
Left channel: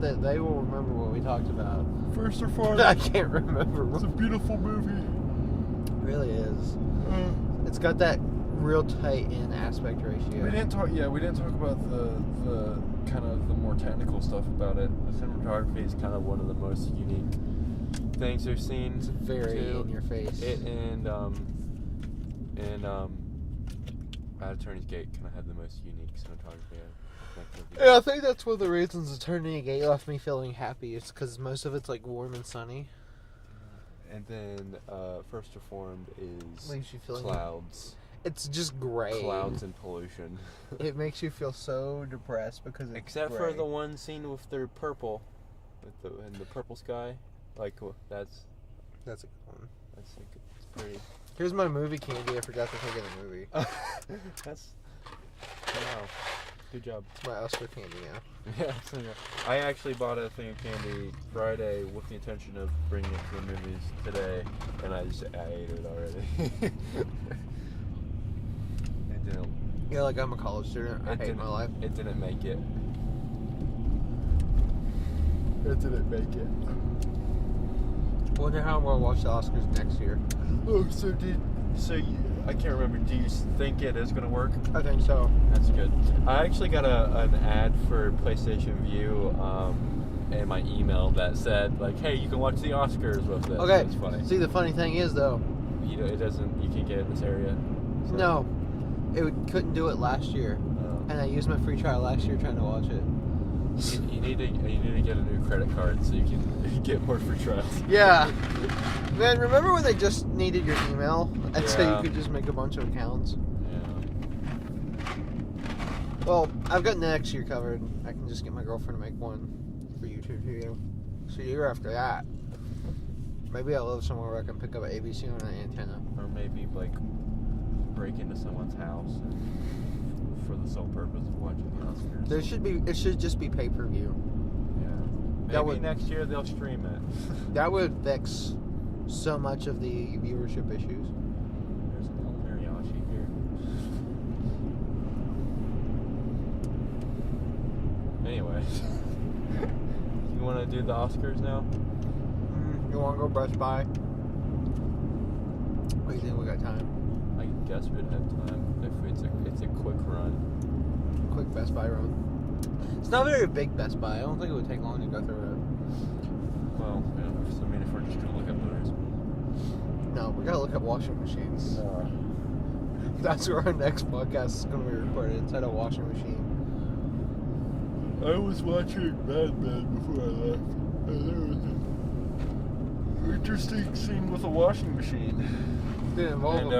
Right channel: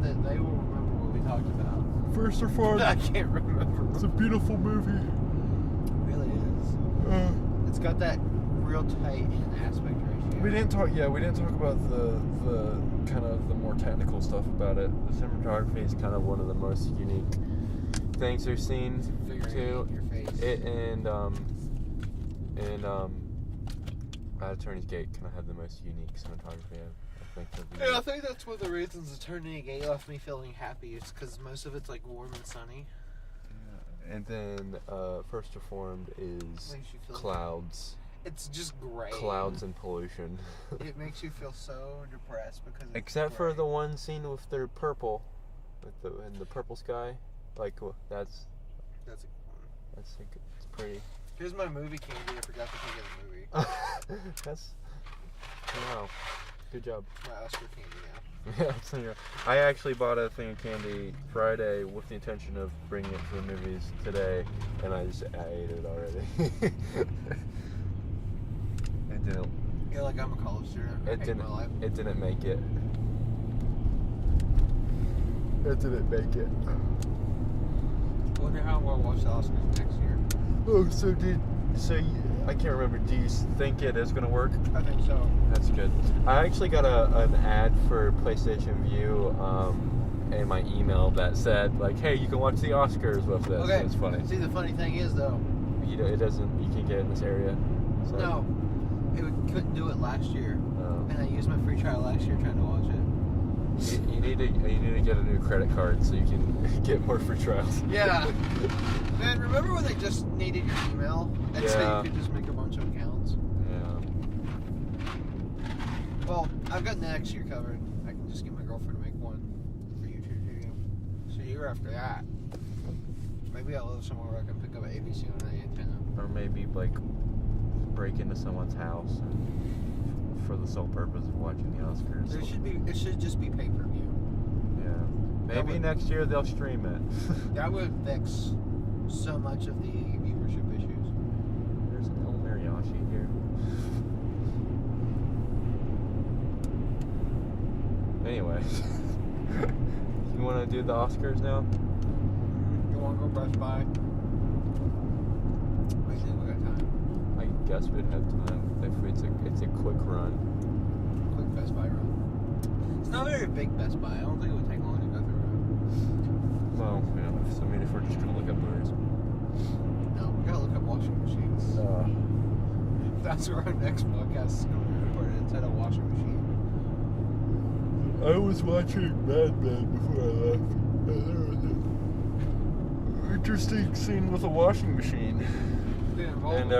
that they will remember what we talked about. First Reformed. I can't remember. It's a beautiful movie. It really is. It's got that real tight in aspect ratio. We didn't talk about the kind of the more technical stuff about it. The cinematography is kind of one of the most unique things we've seen. It's very too. in your face. It and Attorney's Gate kind of had the most unique cinematography. Yeah, I think that's one of the reasons Eternity Gate left me feeling happy. It's because most of it's like warm and sunny. Yeah. And then First Reformed is Makes you feel clouds. It's just gray. Clouds and pollution. It makes you feel so depressed because it's Except gray. for the one scene with their purple, in the purple sky. Like that's a good one. it's pretty. Here's my movie candy. I forgot to take in the movie. That's wow. Good job. It's my Oscar candy now. Yeah, so yeah. I actually bought a thing of candy Friday with the intention of bringing it to the movies today, and I ate it already. It didn't. Yeah, like I'm a college student. I hate my life. It didn't make it. It didn't make it. I wonder how I'm gonna watch the Oscars next year. Oh, I can't remember. Do you think it is going to work? I think so. That's good. I actually got an ad for PlayStation View in my email that said, like, hey, you can watch the Oscars with this. Okay. It's funny. See, the funny thing is, though. You can't get it in this area. So. No. Couldn't do it last year. Oh. And I used my free trial last year trying to watch it. You need to get a new credit card so you can get more free trials. Yeah. Man, remember when they just needed your email? And so Yeah. you could just make a bunch of accounts? Yeah. Well, I've got next year covered. I can just get my girlfriend to make one for you two too. So year after that, maybe I'll live somewhere where I can pick up an ABC on an antenna. Or maybe, like, break into someone's house and, for the sole purpose of watching the Oscars. It should just be pay-per-view. Yeah. Maybe next year they'll stream it. That would fix so much of the viewership issues. There's an El Mariachi here. Anyway. You want to do the Oscars now? You want to go Best Buy? What do you think we got time? I guess we'd have time if it's a quick run. Quick Best Buy run. It's not a very big Best Buy. I don't think it would take long to go through it. Well, you know, if we're just gonna look up those. No, we gotta look at washing machines. That's where our next podcast is gonna be recorded. Inside a washing machine. I was watching Mad Men before I left, and there was an interesting scene with a washing machine. Did it involve And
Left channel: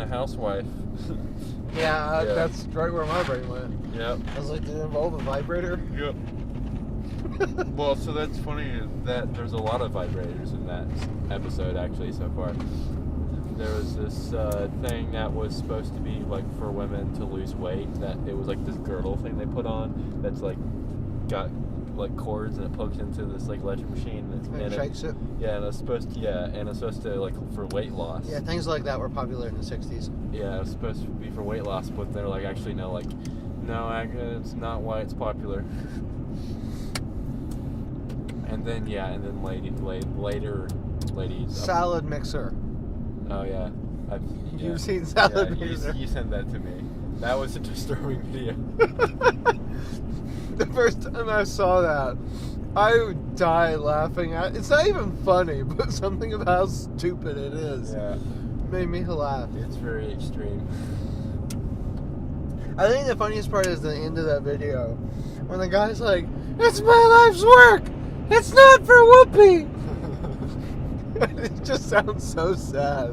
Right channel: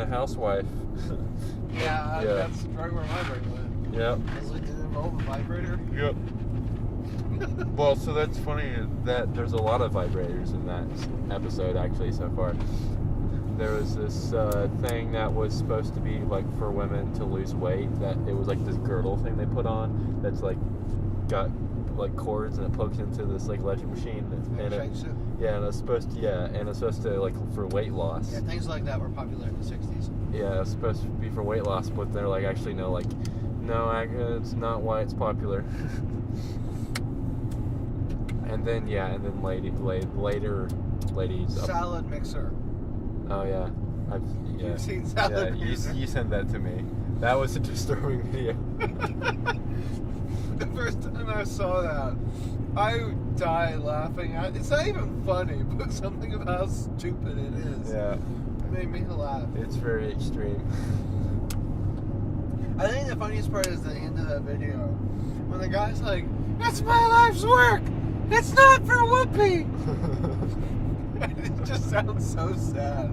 a housewife. Yeah, Yeah. that's right where my brain went. Yep. I was like, did it involve a vibrator? Yep. Well, so that's funny that there's a lot of vibrators in that episode actually so far. there was this thing that was supposed to be like for women to lose weight. That it was like this girdle thing they put on that's like got like cords and it plugs into this like electric machine And shakes it. Yeah, and it's supposed to like for weight loss. Yeah, things like that were popular in the 60s. Yeah, it's supposed to be for weight loss, but they're like actually no, it's not why it's popular. and then later ladies. Salad mixer. Oh yeah, You've seen salad mixer. You sent that to me. That was a disturbing video. The first time I saw that, I would die laughing. It's not even funny, but something about how stupid it is. Yeah. Made me laugh. It's very extreme. I think the funniest part is the end of that video. When the guy's like, "It's my life's work! It's not for Whoopi!" It just sounds so sad.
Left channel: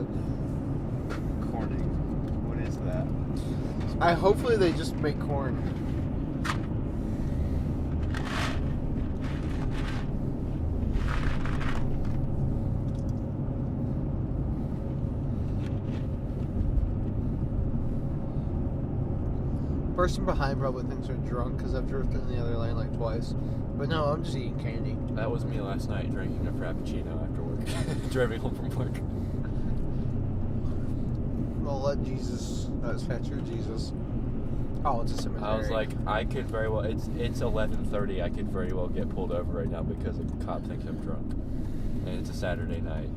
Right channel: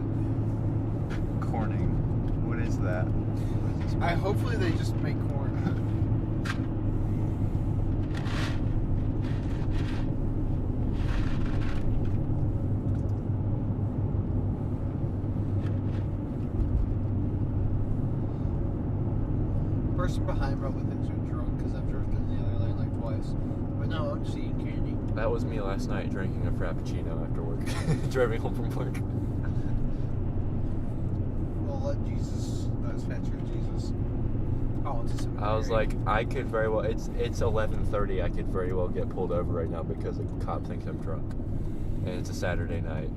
Corning. What is that? Hopefully they just make corn. Person behind probably thinks we're drunk because I've drifted in the other lane like twice. But no, I'm just eating candy. That was me last night drinking a frappuccino after work. Driving home from work. Well, let Jesus, fetcher Jesus. Oh, it's a cemetery. I was like, I could very well, it's 11:30, I could very well get pulled over right now because a cop thinks I'm drunk. And it's a Saturday night.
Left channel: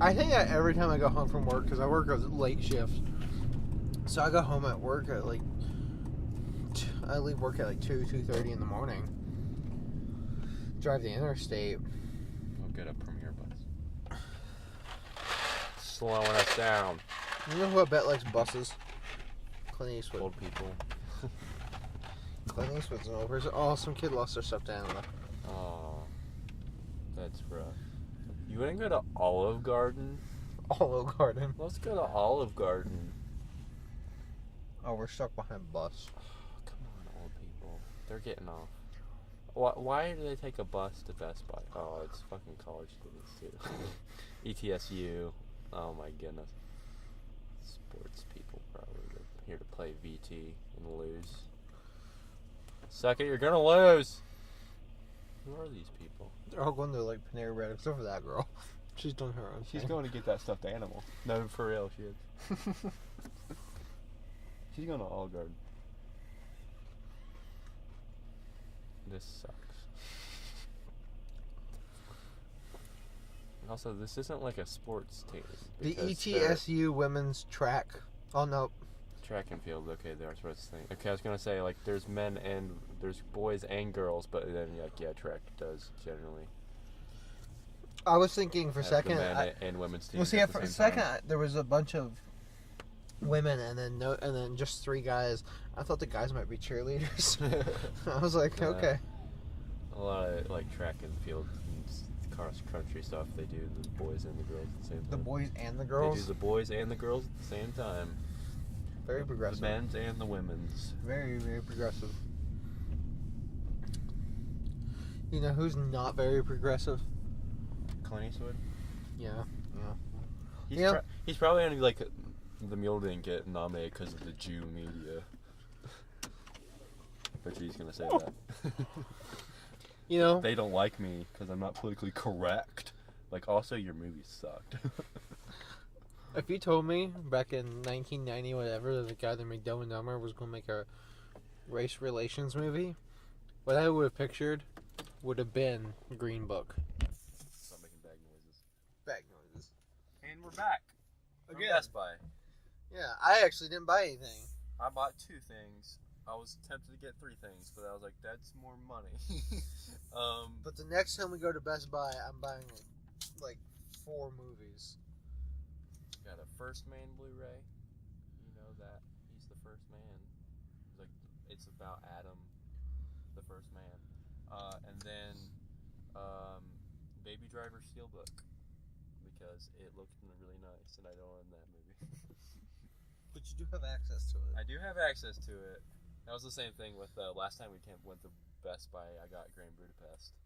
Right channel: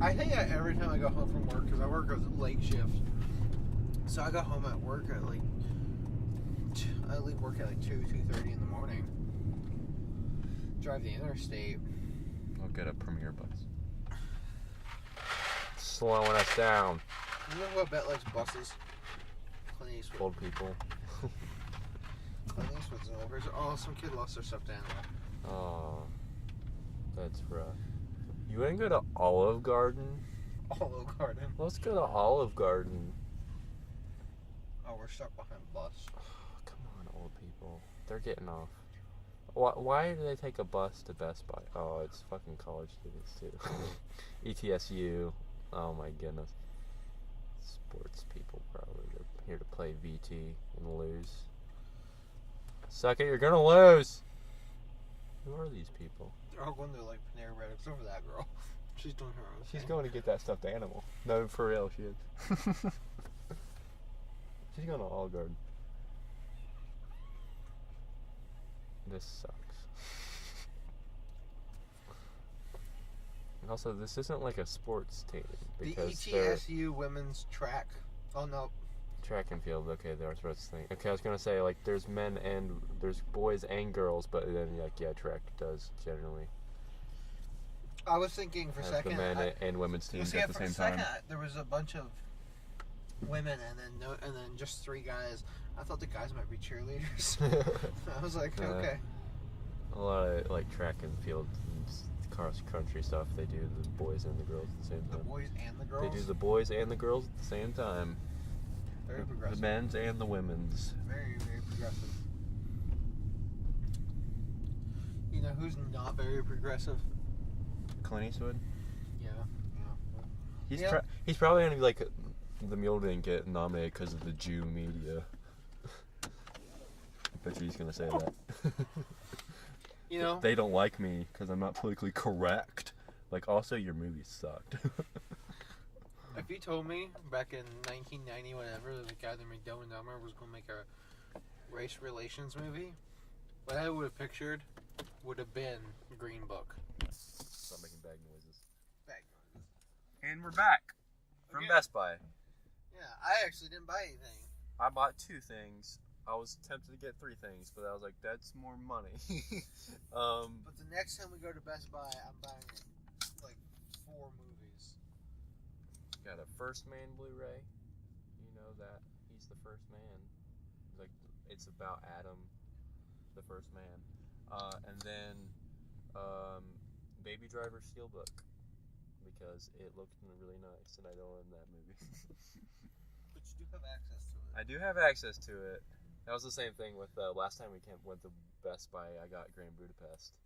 I think every time I go home from work, because I work a late shift, so I go home at work at like, I leave work at like 2:30 in the morning. Drive the interstate. I'll get a Premier bus. Slowing us down. You know who I bet likes buses? Clint Eastwood. Old people. Clint Eastwood's an old person. Oh, some kid lost their stuffed animal. Oh, that's rough. You want to go to Olive Garden? Olive Garden. Let's go to Olive Garden. Oh, we're stuck behind a bus. Oh, come on, old people. They're getting off. Why do they take a bus to Best Buy? Oh, it's fucking college students too. ETSU. Oh my goodness. Sports people probably. They're here to play VT and lose. Suck it, you're gonna lose. Who are these people? They're all going to like Panera Bread, except for that girl. She's doing her own She's thing. going to get that stuffed animal. No, for real, she is. She's going to Olive Garden. This sucks. Also, this isn't like a sports team. The ETSU women's track. Oh no. Track and field. Okay, there. That's what I was thinking. Okay, I was gonna say like there's boys and girls, but then track does generally. I was thinking for a second. The men and women's teams well, at the for same a second, time. there was a bunch of women and then just 3 guys. I thought the guys might be cheerleaders. I was like, okay. A lot of like track and field and cross country stuff. They do the boys and the girls at the same time. The boys and the girls. They do the boys and the girls at the same time. Very progressive. The men's and the women's. Very, very progressive. You know who's not very progressive? Clint Eastwood. Yeah. He's probably gonna be like the mule didn't get nominated because of the Jew media. I bet you he's gonna say that. You know, they don't like me because I'm not politically correct. Like, also your movie sucked. If you told me back in 1990, whatever, the guy that made Dumb and Dumber was going to make a race relations movie, what I would have pictured would have been Green Book. Stop making bag noises. Bag noises. And we're back from Again. Best Buy. Yeah, I actually didn't buy anything. I bought 2 things. I was tempted to get 3 things, but I was like, that's more money. But the next time we go to Best Buy, I'm buying like 4 movies. Got a First Man Blu-ray. You know that he's the first man. It's about Adam, the first man. And then Baby Driver Steelbook because it looked really nice, and I don't own that movie. But you do have access to it. I do have access to it. That was the same thing with last time we went to Best Buy. I got Grand Budapest,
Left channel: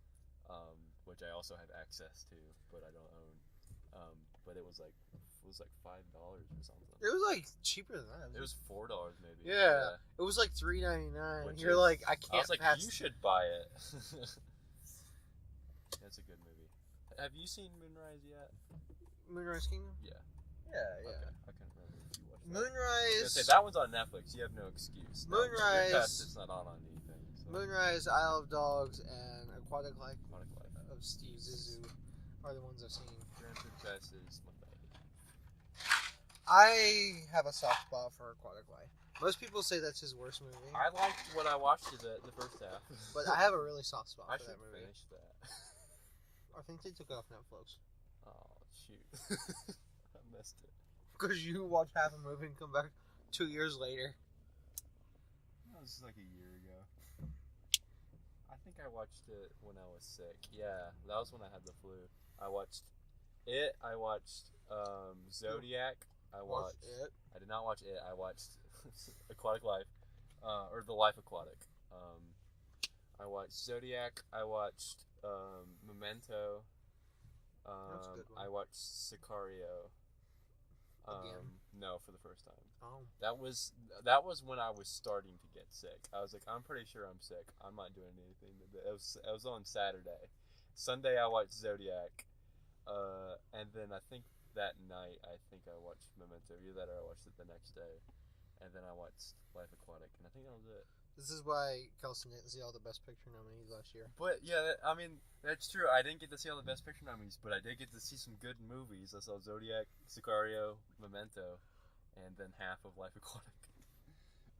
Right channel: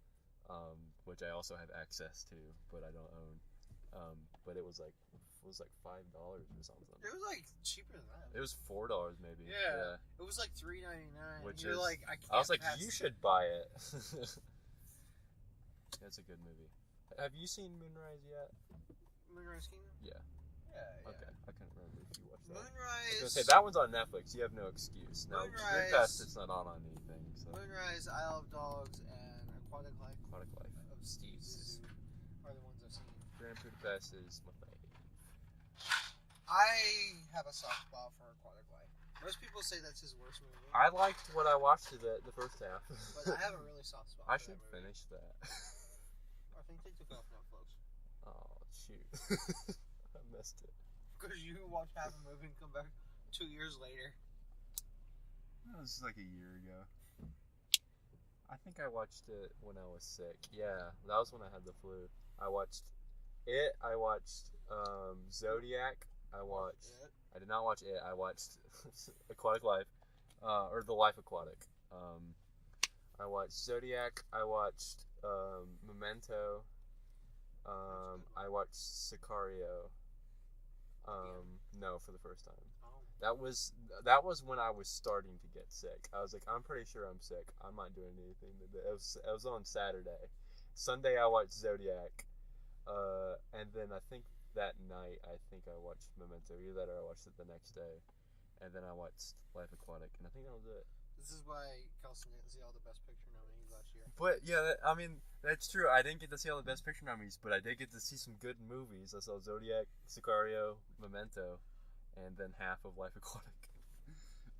which I also have access to, but I don't own. But it was like was like $5 or something. It was like cheaper than that. It was $4 maybe. Yeah. It was like $3.99. You're like, I can't. I was like, pass you should buy it. That's a good movie. Have you seen Moonrise yet? Moonrise Kingdom? Yeah. Yeah. Okay, I couldn't remember if you watched that. Moonrise. I was gonna say that one's on Netflix. You have no excuse. Moonrise. Dreamcast, it's not on anything. So. Moonrise, Isle of Dogs, and Aquatic Life of Steve Zissou are the ones I've seen. Grand Budapest is my fave. I have a soft spot for Aquatic Life. Most people say that's his worst movie. I liked what I watched of it, the first half. But I have a really soft spot I for should that movie. finish that. I think they took it off Netflix. Oh, shoot. I missed it. Because you watch half a movie and come back 2 years later. That was like a year ago. I think I watched it when I was sick. Yeah, that was when I had the flu. I watched it. I watched Zodiac. I watched It. I did not watch it. I watched Aquatic Life, or The Life Aquatic. I watched Zodiac. I watched Memento. That's a good one. I watched Sicario. Again? No, for the first time. Oh. That was when I was starting to get sick. I was like, I'm pretty sure I'm sick. I'm not doing anything today. It was on Saturday. Sunday I watched Zodiac, and then I think that night I watched Memento. Either that or I watched it the next day, and then I watched Life Aquatic, and I think that was it. This is why Kelson didn't see all the Best Picture nominees last year. But yeah, I mean that's true. I didn't get to see all the Best Picture nominees, but I did get to see some good movies. I saw Zodiac, Sicario, Memento, and then half of Life Aquatic.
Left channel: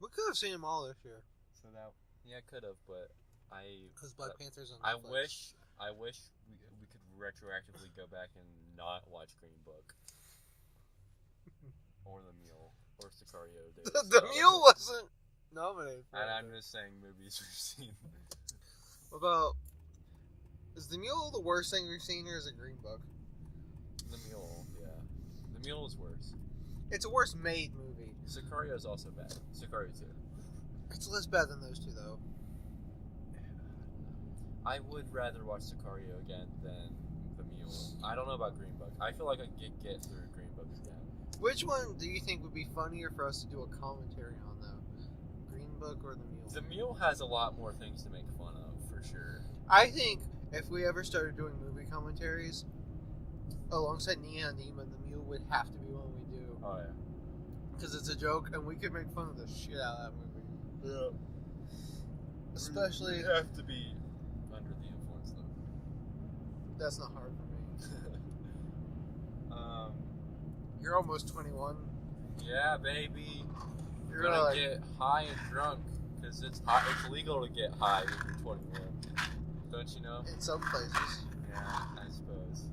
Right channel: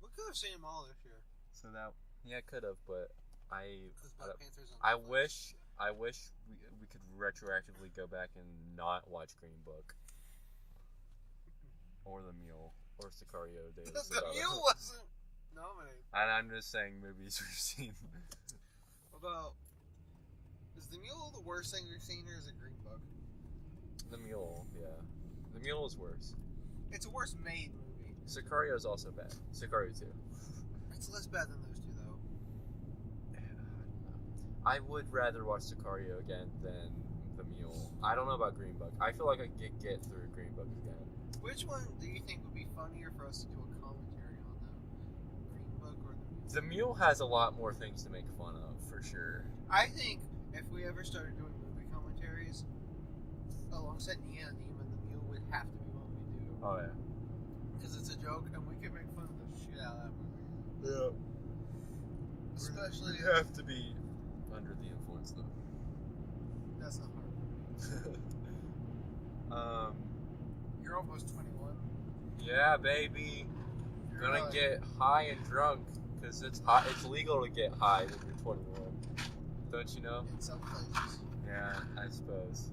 We could have seen them all this year. So that I could have, but Because Black Panther's on I Netflix. wish we could retroactively go back and not watch Green Book or The Mule or Sicario. The Mule wasn't nominated. And I'm just saying movies we've seen. What about... Is The Mule the worst thing we've seen, or is it Green Book? The Mule, yeah. The Mule is worse. It's a worse made movie. Sicario is also bad. Sicario 2. It's less bad than those two, though. I would rather watch Sicario again than The Mule. I don't know about Green Book. I feel like I could get through Green Book again. Which one do you think would be funnier for us to do a commentary on, though? Green Book or The Mule? The Mule has a lot more things to make fun of, for sure. I think if we ever started doing movie commentaries, alongside Nia and Nima, The Mule would have to be one we do. Oh, yeah. Because it's a joke, and we could make fun of the shit out of that movie. Yeah. Especially... You have to be under the influence, though. That's not hard for me. You're almost 21. Yeah, baby. You're Gonna like, get high and drunk, because it's legal to get high when you're 21. Don't you know? in some places. Yeah, I suppose.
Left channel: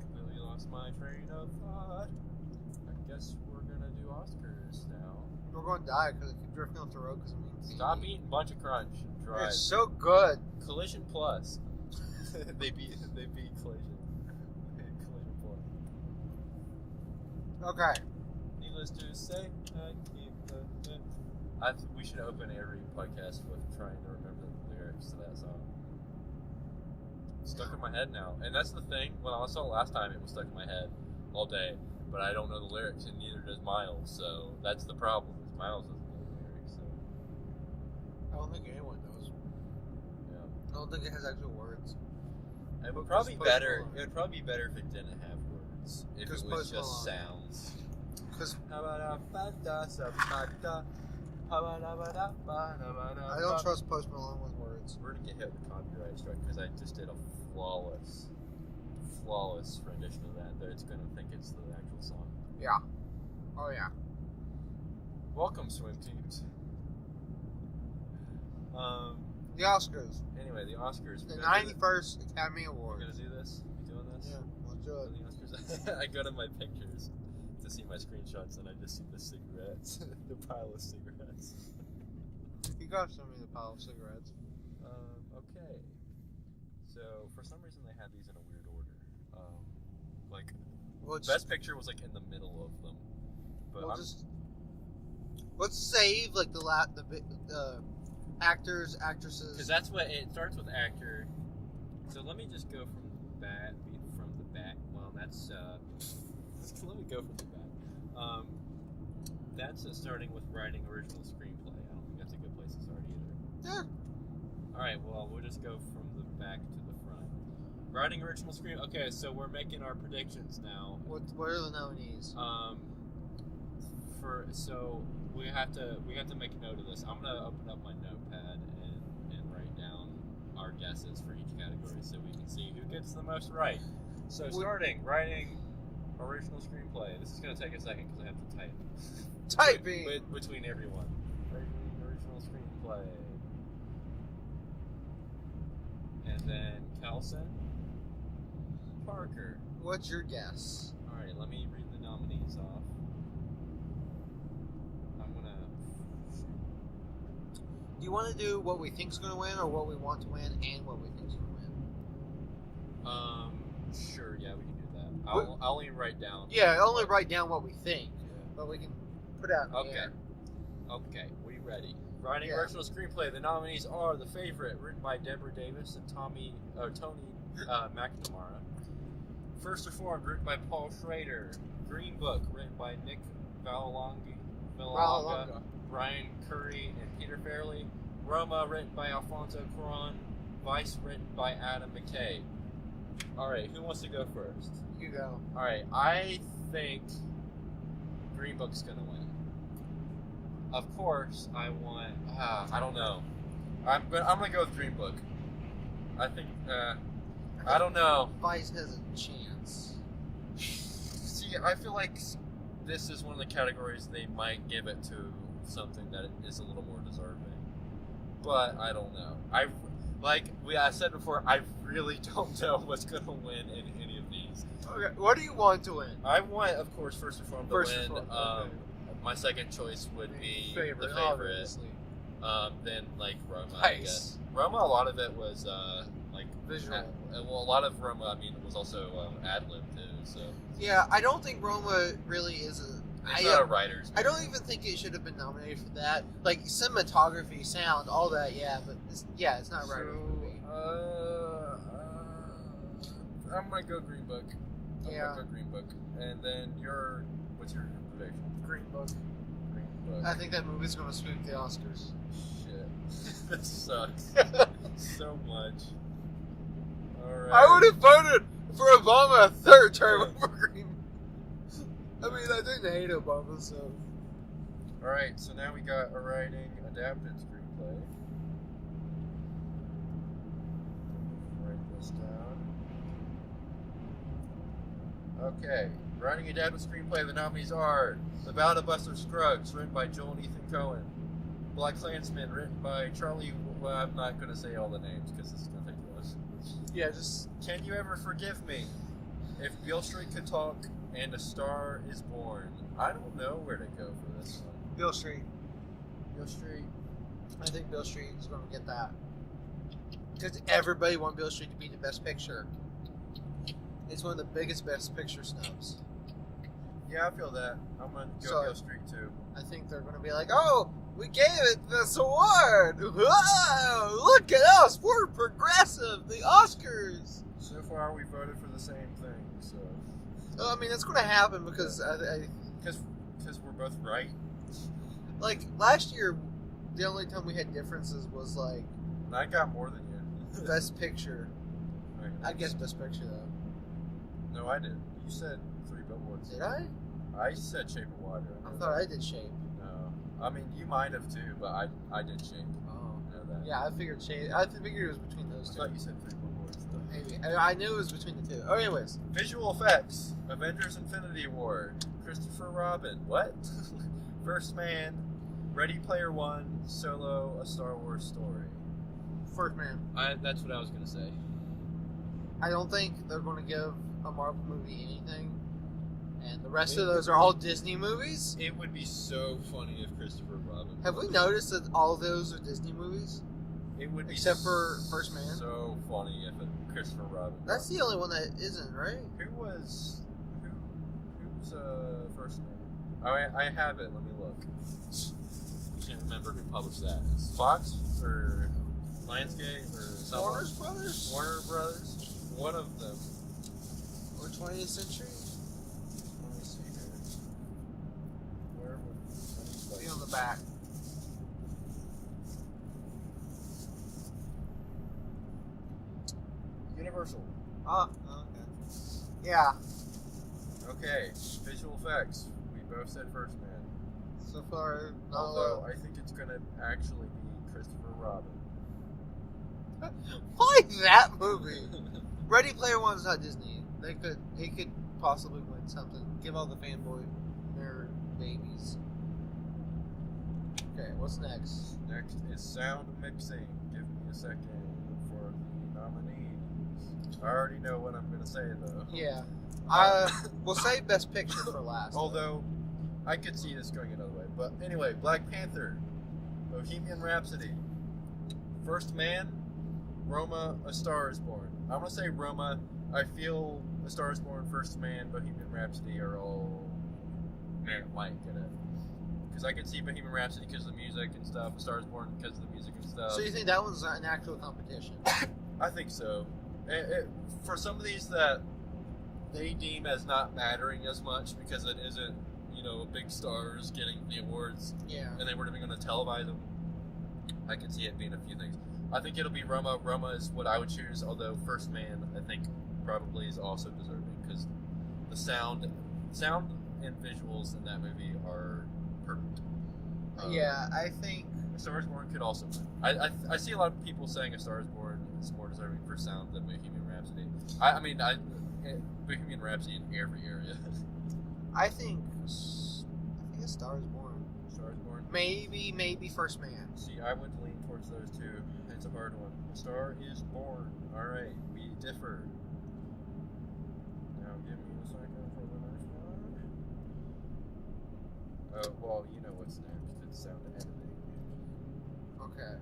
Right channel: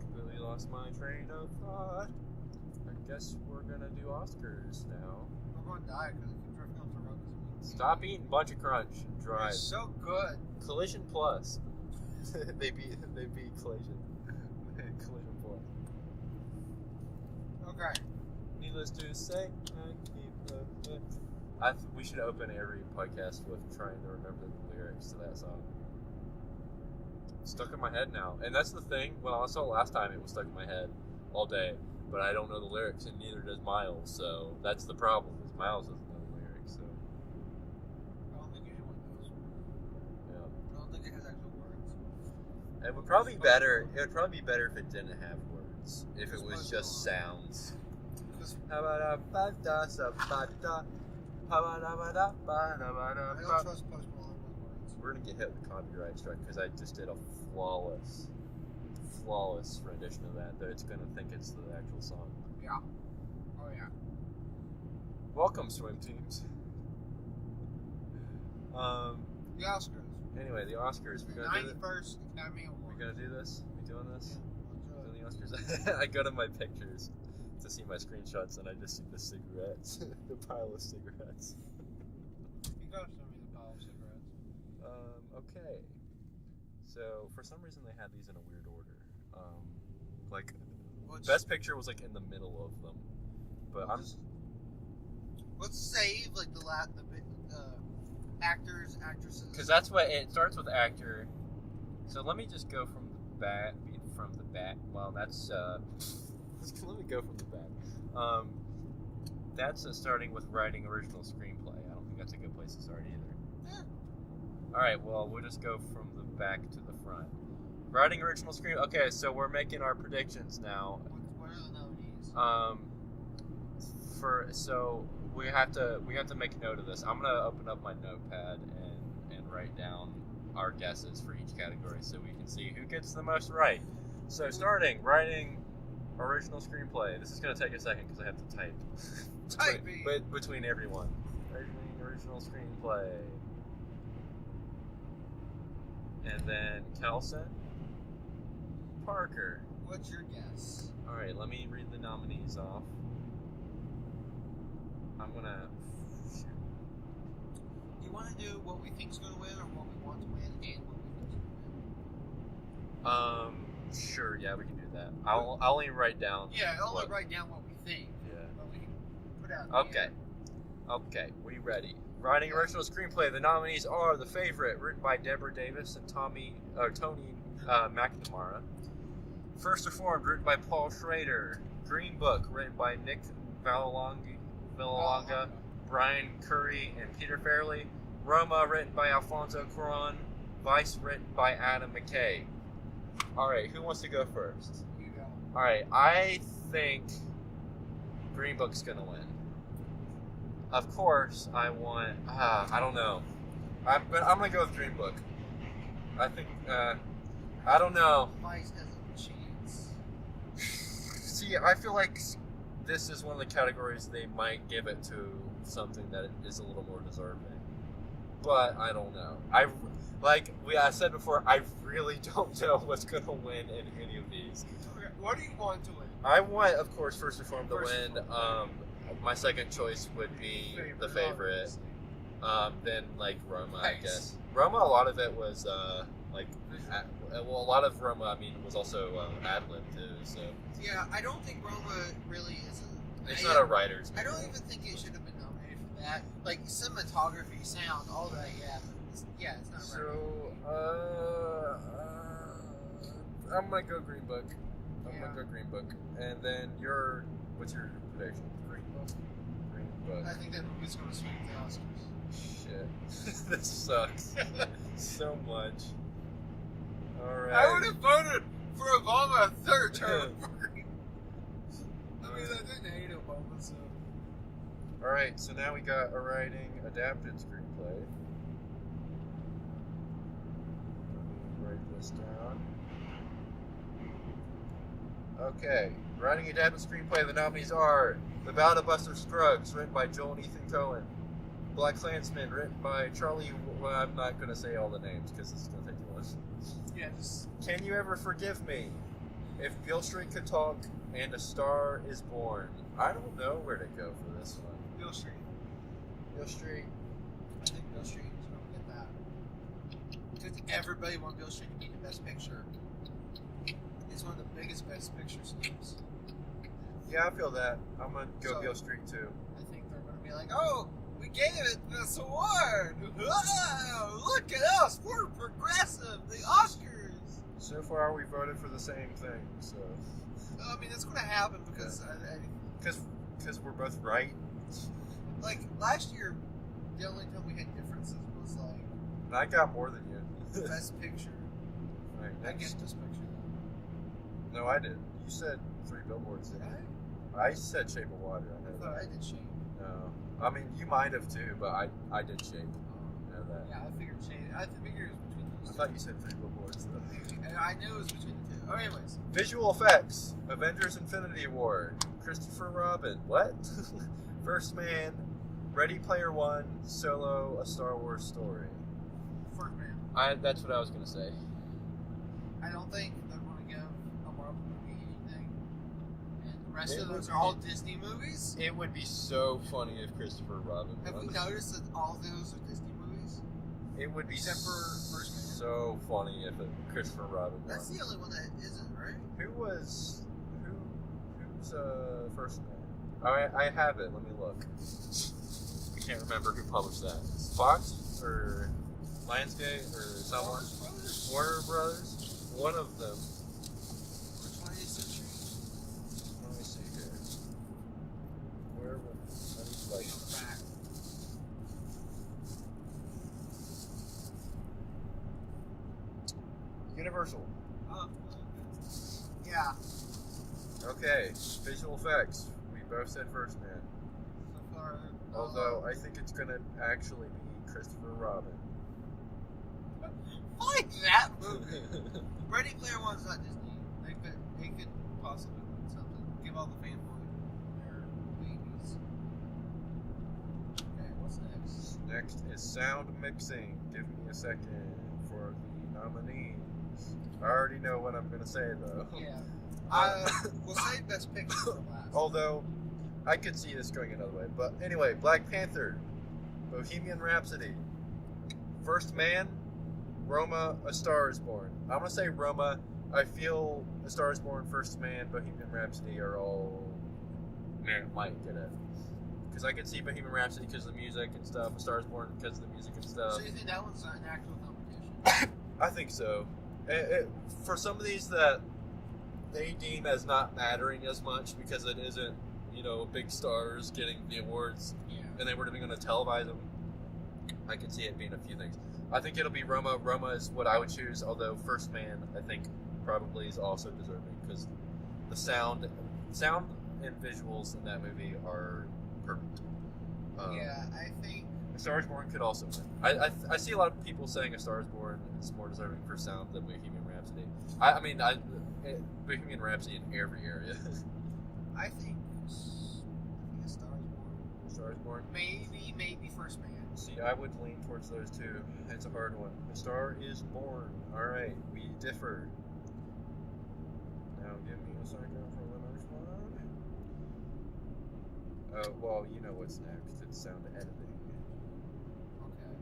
Completely lost my train of thought. I guess we're gonna do Oscars now. We're going to die because I keep drifting off the road because it means Stop eating Bunch of Crunch and drive. It's so good. Collision Plus. they beat Collision. Collision Plus. Okay. Needless to say, we should open every podcast with trying to remember the lyrics to that song. It's stuck in my head now, and that's the thing. When I saw it last time, it was stuck in my head all day, but I don't know the lyrics, and neither does Miles. So that's the problem. Is Miles doesn't know the lyrics. So I don't think anyone knows. yeah, I don't think it has actual words. it would probably be better. It would probably be better if it didn't have words. If it was just sounds. Because I don't trust Post Malone with words. We're gonna get hit with a copyright strike because I just did a flawless rendition of that. That it's gonna think it's the actual song. Yeah. Oh yeah. Welcome, swim teams. The Oscars. Anyway, the Oscars. The 91st Academy Awards. We're gonna do this. We doing this? Yeah, let's do it. Doing the Oscars. I go to my pictures to see my screenshots, and I just see the cigarettes, the pile of cigarettes. You gotta show me the pile of cigarettes. Okay. So for some reason they had these in a weird order. Best Picture was like in the middle of them, but let's save like the actors, actresses. Because that's what it starts with actor. So let me just go from back. Well, that's let me go from the back. That's starting with writing original screenplay. I don't think that's a good place to start either. Yeah. All right. Well, we'll just go from the back to the front. Writing original screen. Okay, so we're making our predictions now. What are the nominees? So we have to make a note of this. I'm gonna open up my notepad and write down our guesses for each category so we can see who gets the most right. So starting writing original screenplay. This is gonna take a second because I have to type. Typing between everyone. Writing original screenplay. And then Kelson. Parker. What's your guess? All right, let me read the nominees off. I'm gonna. Do you want to do what we think's going to win, or what we want to win, and what we think's going to win? Sure. Yeah, we can do that. I'll only write down. Yeah, only write down what we think. Yeah. But we can put out. Okay. Okay. We ready? Writing original screenplay. The nominees are The Favorite, written by Deborah Davis and Tony McNamara. First Reformed, written by Paul Schrader. Green Book, written by Nick Vallelonga, Brian Curry, and Peter Farrelly. Roma, written by Alfonso Cuarón. Vice, written by Adam McKay. All right, who wants to go first? You go. All right, I think Green Book's gonna win. Of course, I want. I don't know. I'm gonna go with Green Book. I think. I don't know. Vice has a chance. See, I feel like this is one of the categories they might give it to something that is a little more deserving. But I don't know. I said before, I really don't know what's gonna win in any of these. Okay, what do you want to win? I want, of course, First Reformed to win. Reformed. My second choice would be The Favorite. Then Roma, I guess. Roma, a lot of it was visual. A lot of Roma, was also ad-lib too. So yeah, I don't think Roma really is a. It's not a writer's. I don't even think it should have been nominated for that. Like cinematography, sound, all that. Yeah, but it's not right. So I'm gonna go Green Book. I'm Yeah. gonna go Green Book. And then what's your prediction? Green Book. Green Book. I think that movie's gonna sweep the Oscars. Shit. This sucks so much. Alright. I would have voted for Obama a third term for Green. I didn't hate Obama, so. Alright, so now we got a writing adapted screenplay. Let me write this down. Okay, writing adapted screenplay, the nominees are The Ballad of Buster Scruggs, written by Joel and Ethan Cohen. Black Klansman, written by Charlie. Well, I'm not going to say all the names because this is going to take too long. Yeah, just. Can You Ever Forgive Me? If Beale Street Could Talk, and A Star Is Born. I don't know where to go for this one. Beale Street. Beale Street. I think Beale Street is going to get that. Because everybody wants Beale Street to be the best picture. It's one of the biggest best picture snubs. Yeah, I feel that. I'm going to go Beale Street too. I think they're going to be like, oh, we gave it this award. Whoa, look at us. We're progressive. The Oscars. So far, we voted for the same thing, so. That's going to happen because because we're both right. Like last year, the only time we had differences was like. I got more than you. Best Picture. Right, I guess Best Picture though. No, I did. You said 3 Billboards. Did I? I said Shape of Water. I thought I did Shape. No, you might have too, but I did Shape. Oh, I know that. Yeah, I figured Shape. I figured it was between those two. I thought you said 3 Billboards though. Maybe I knew it was between the two. Oh, anyways. Visual effects: Avengers: Infinity War, Christopher Robin. What? First Man, Ready Player One, Solo: A Star Wars Story. First Man. That's what I was gonna say. I don't think they're going to give a Marvel movie anything, and the rest of those are all Disney movies. It would be so funny if Christopher Robin. Have we noticed that all of those are Disney movies? It would be except for First Man. So funny if Christopher Robin. That's the only one that isn't, right? Who's First Man? Oh, I have it. Let me look. I can't remember who published that. Fox or Lionsgate or someone? Warner Brothers. Warner Brothers. one of them. Or 20th century? Let me see here. Where would Be on the back. Universal. Oh, okay. Yeah. Okay, visual effects. We both said First Man. So far, Although I think it's gonna actually be Christopher Robin. why that movie? Ready Player One's not Disney. They could possibly win something. Give all the fanboy their babies. Okay, what's next? Next is sound mixing. Give me a second for the nominees. I already know what I'm gonna say though. Yeah. We'll save Best Picture for last. Although, I could see this going another way. But anyway, Black Panther, Bohemian Rhapsody, First Man, Roma, A Star Is Born. I'm gonna say Roma. I feel A Star Is Born, First Man, Bohemian Rhapsody are all might get it. Because I could see Bohemian Rhapsody because of the music and stuff, A Star Is Born because of the music and stuff. So you think that one's an actual competition? I think so. For some of these that they deem as not mattering as much because it isn't, big stars getting the awards, Yeah. and they weren't even going to televise them, I could see it being a few things. I think it'll be Roma. Roma is what I would choose, although First Man, I think, probably is also deserving because the sound and visuals in that movie are perfect. Yeah, I think A Star Is Born could also win. I see a lot of people saying A Star Is Born is more deserving for sound than Bohemian Rhapsody. Bohemian Rhapsody in every area. I think A Star Is Born. A Star Is Born. Maybe First Man. See, I would lean towards those two. It's a hard one. A Star Is Born. All right, we differ. Now give me a second for the next one. Oh, well, you know what's next. It's sound editing. Okay.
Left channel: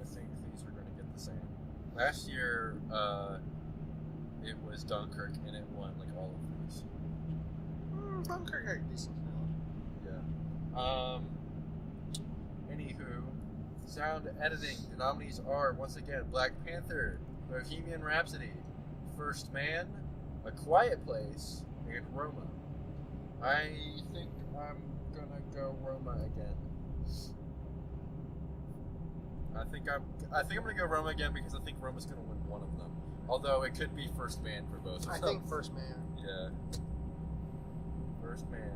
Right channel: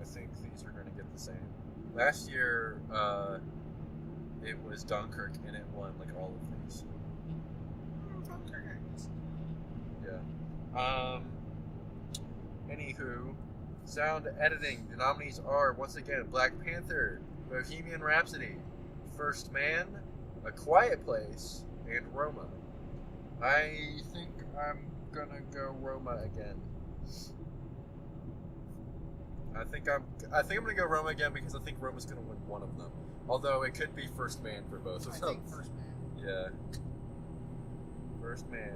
I think these are going to get the same. Last year, it was Dunkirk, and it won like all of these. Dunkirk had a decent Yeah. Anywho, sound editing. The nominees are once again Black Panther, Bohemian Rhapsody, First Man, A Quiet Place, and Roma. I think I'm gonna go Roma again. I think I'm gonna go Roma again because I think Roma's gonna win one of them. Although it could be First Man for both of them. I think First Man. Yeah. First Man.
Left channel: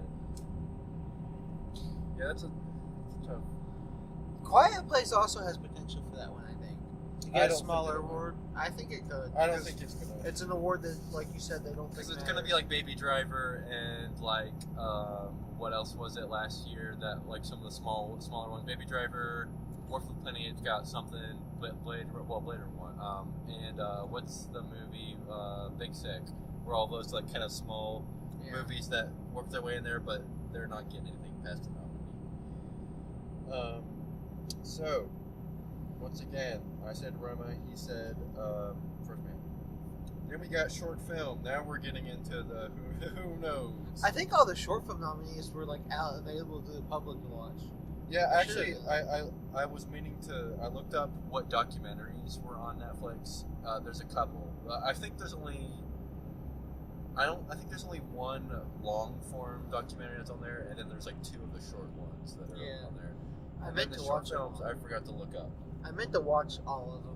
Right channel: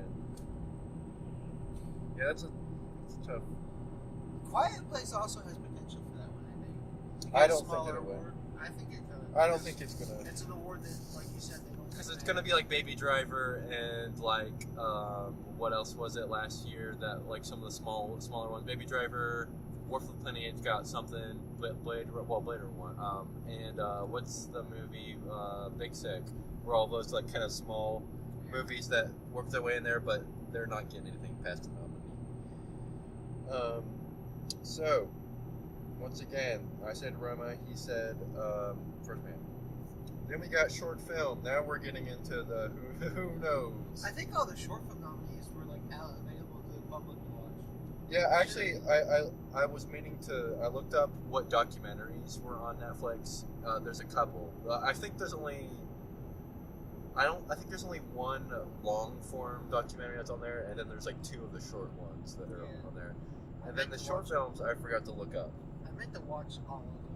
Yeah, that's a tough. Quiet Place also has potential for that one, I think. To I get a don't think smaller it will. award. I think it could. I don't because think it's gonna. It's an award that, like you said, they don't. Because think it's gonna be like Baby Driver and like what else was it last year that like some of the smaller ones. Baby Driver, War for the Planet got something. Blade Runner won. And what's the movie Big Sick? Where all those like kind of small movies that work their way in there, but they're not getting anything past the nominee. So once again, I said Roma. He said First Man. Then we got short film. Now we're getting into the who knows. I think all the short film nominees were like available to the public to watch. Yeah, actually, I was meaning to. I looked up what documentaries were on Netflix. There's a couple. I think there's only. I think there's only one long form documentary that's on there, and then there's like two of the short ones that are on there. And then the short films I forgot to look up. I meant to watch all of them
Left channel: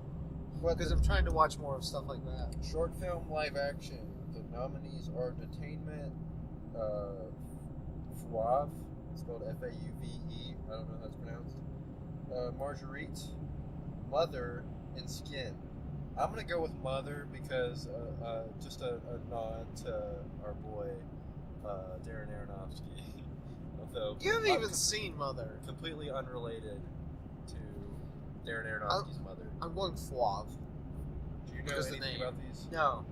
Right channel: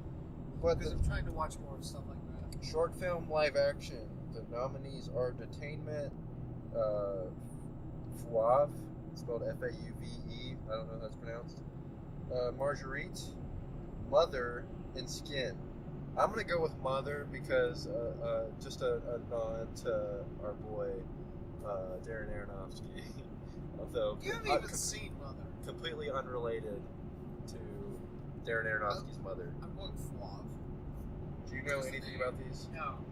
But because I'm trying to watch more of stuff like that. short film live action. The nominees are Detainment, Fauve, spelled Fauve. I don't know how that's pronounced. Marguerite, Mother, and Skin. I'm gonna go with Mother because just a nod to our boy Darren Aronofsky. Although You haven't even seen Mother. completely unrelated to Darren Aronofsky's Mother. I'm going Fauve. Do you know Because the anything name. about these? No.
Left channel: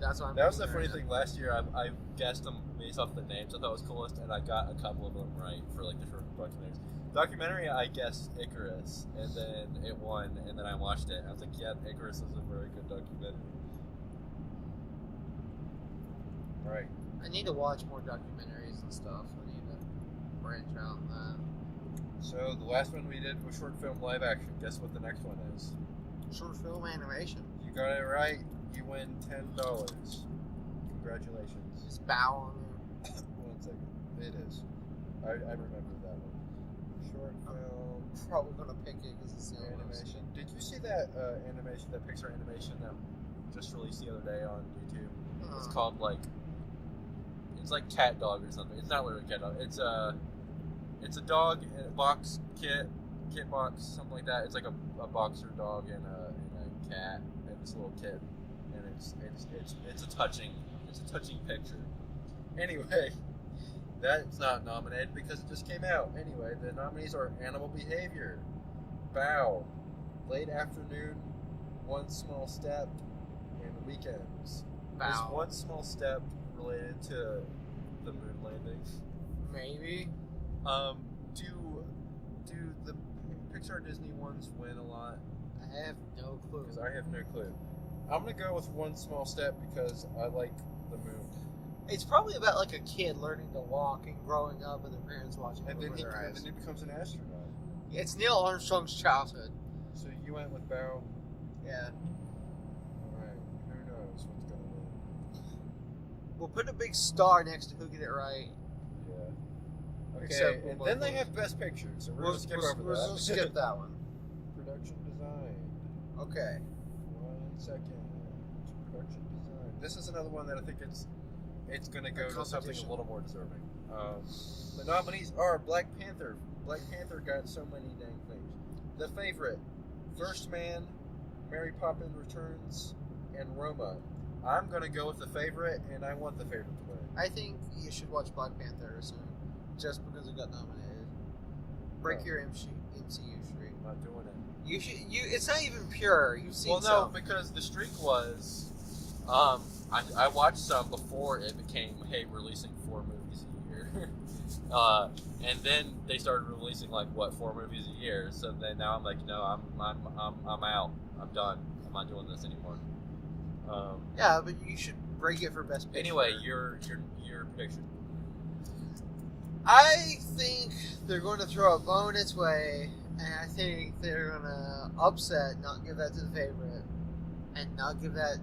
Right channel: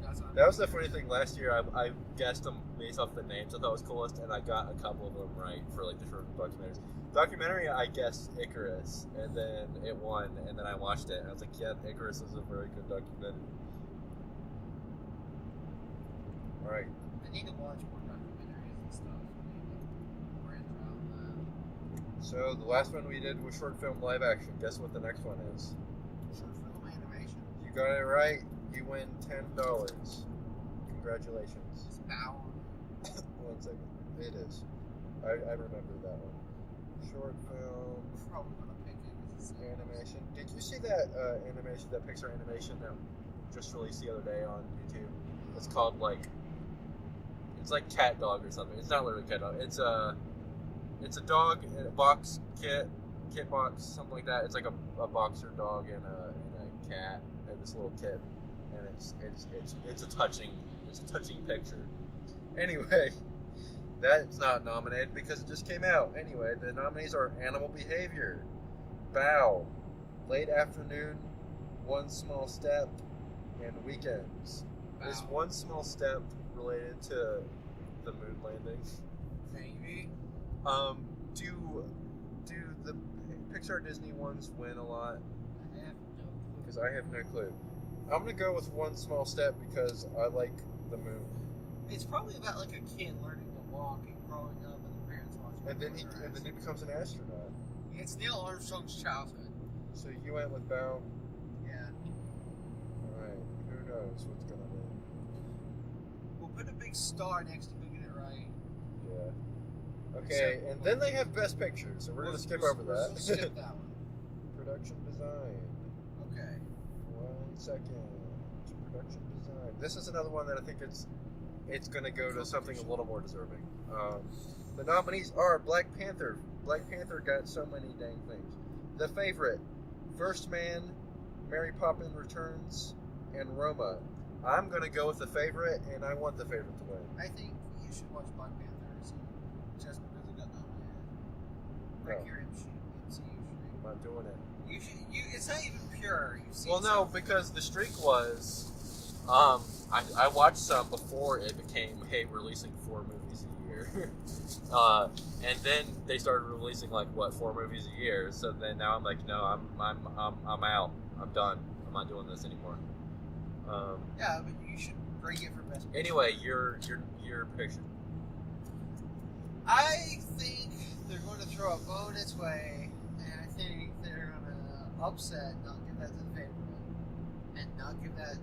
That's what I'm That was the comparing funny them. thing. Last year, I guessed them based off the names I thought was coolest, and I got a couple of them right for like the short documentaries. Documentary, I guessed Icarus, and then it won, and then I watched it, and I was like, yeah, Icarus is a very good documentary. Alright. I need to watch more documentaries and stuff. I need to branch out on So the last one we did was short film live action. Guess what the next one is? Short film animation. You got it right. You win $10. Congratulations. Just bow on it. 1 second. It is. I remember that one. Short film. I'm probably gonna pick it because it's Animation. Did you see that animation, that Pixar animation that just released the other day on YouTube? It's called it's like Cat Dog or something. It's not literally Cat Dog. It's a dog in a box kit box, something like that. It's like a boxer dog and a cat and this little kid, and it's a touching picture. Anyway, that's not nominated because it just came out. Anyway, the nominees are Animal Behavior, Bow, Late Afternoon, One Small Step, and Weekends. Bow. Is One Small Step related to the moon landing? Maybe. Do the Pixar Disney ones win a lot? I have no clue. Because I have no clue. I'm gonna go with One Small Step because I like the moon. It's probably about like a kid learning to walk and growing up, and the parents watching. And then he becomes an astronaut. It's Neil Armstrong's childhood. So you went with Bow. Yeah. All right. Who knows what's gonna win? We'll put a big star next to who get it right. Yeah. Okay, Except and for then one they thing. have Best Picture, so we're gonna skip over that. We'll skip that one. Production design. Okay. 1 second. Production design. This is another one that I think it's gonna go to something a little more deserving. The nominees are Black Panther. Black Panther got so many dang things. The Favorite, First Man, Mary Poppins Returns, and Roma. I'm gonna go with The Favorite, and I want The Favorite to win. I think you should watch Black Panther soon, just because it got nominated. Break your MCU streak. I'm not doing it. You should. It's not even pure. You've seen. Well, no, because the streak was, I watched some before it became, hey, releasing 4 movies a year, and then they started releasing 4 movies a year. So then now I'm like, no, I'm out. I'm done. I'm not doing this anymore. Yeah, but you should break it for Best Picture. Anyway, your prediction. I think they're going to throw a bone its way, and I think they're going to upset, not give that to The Favorite, and not give that.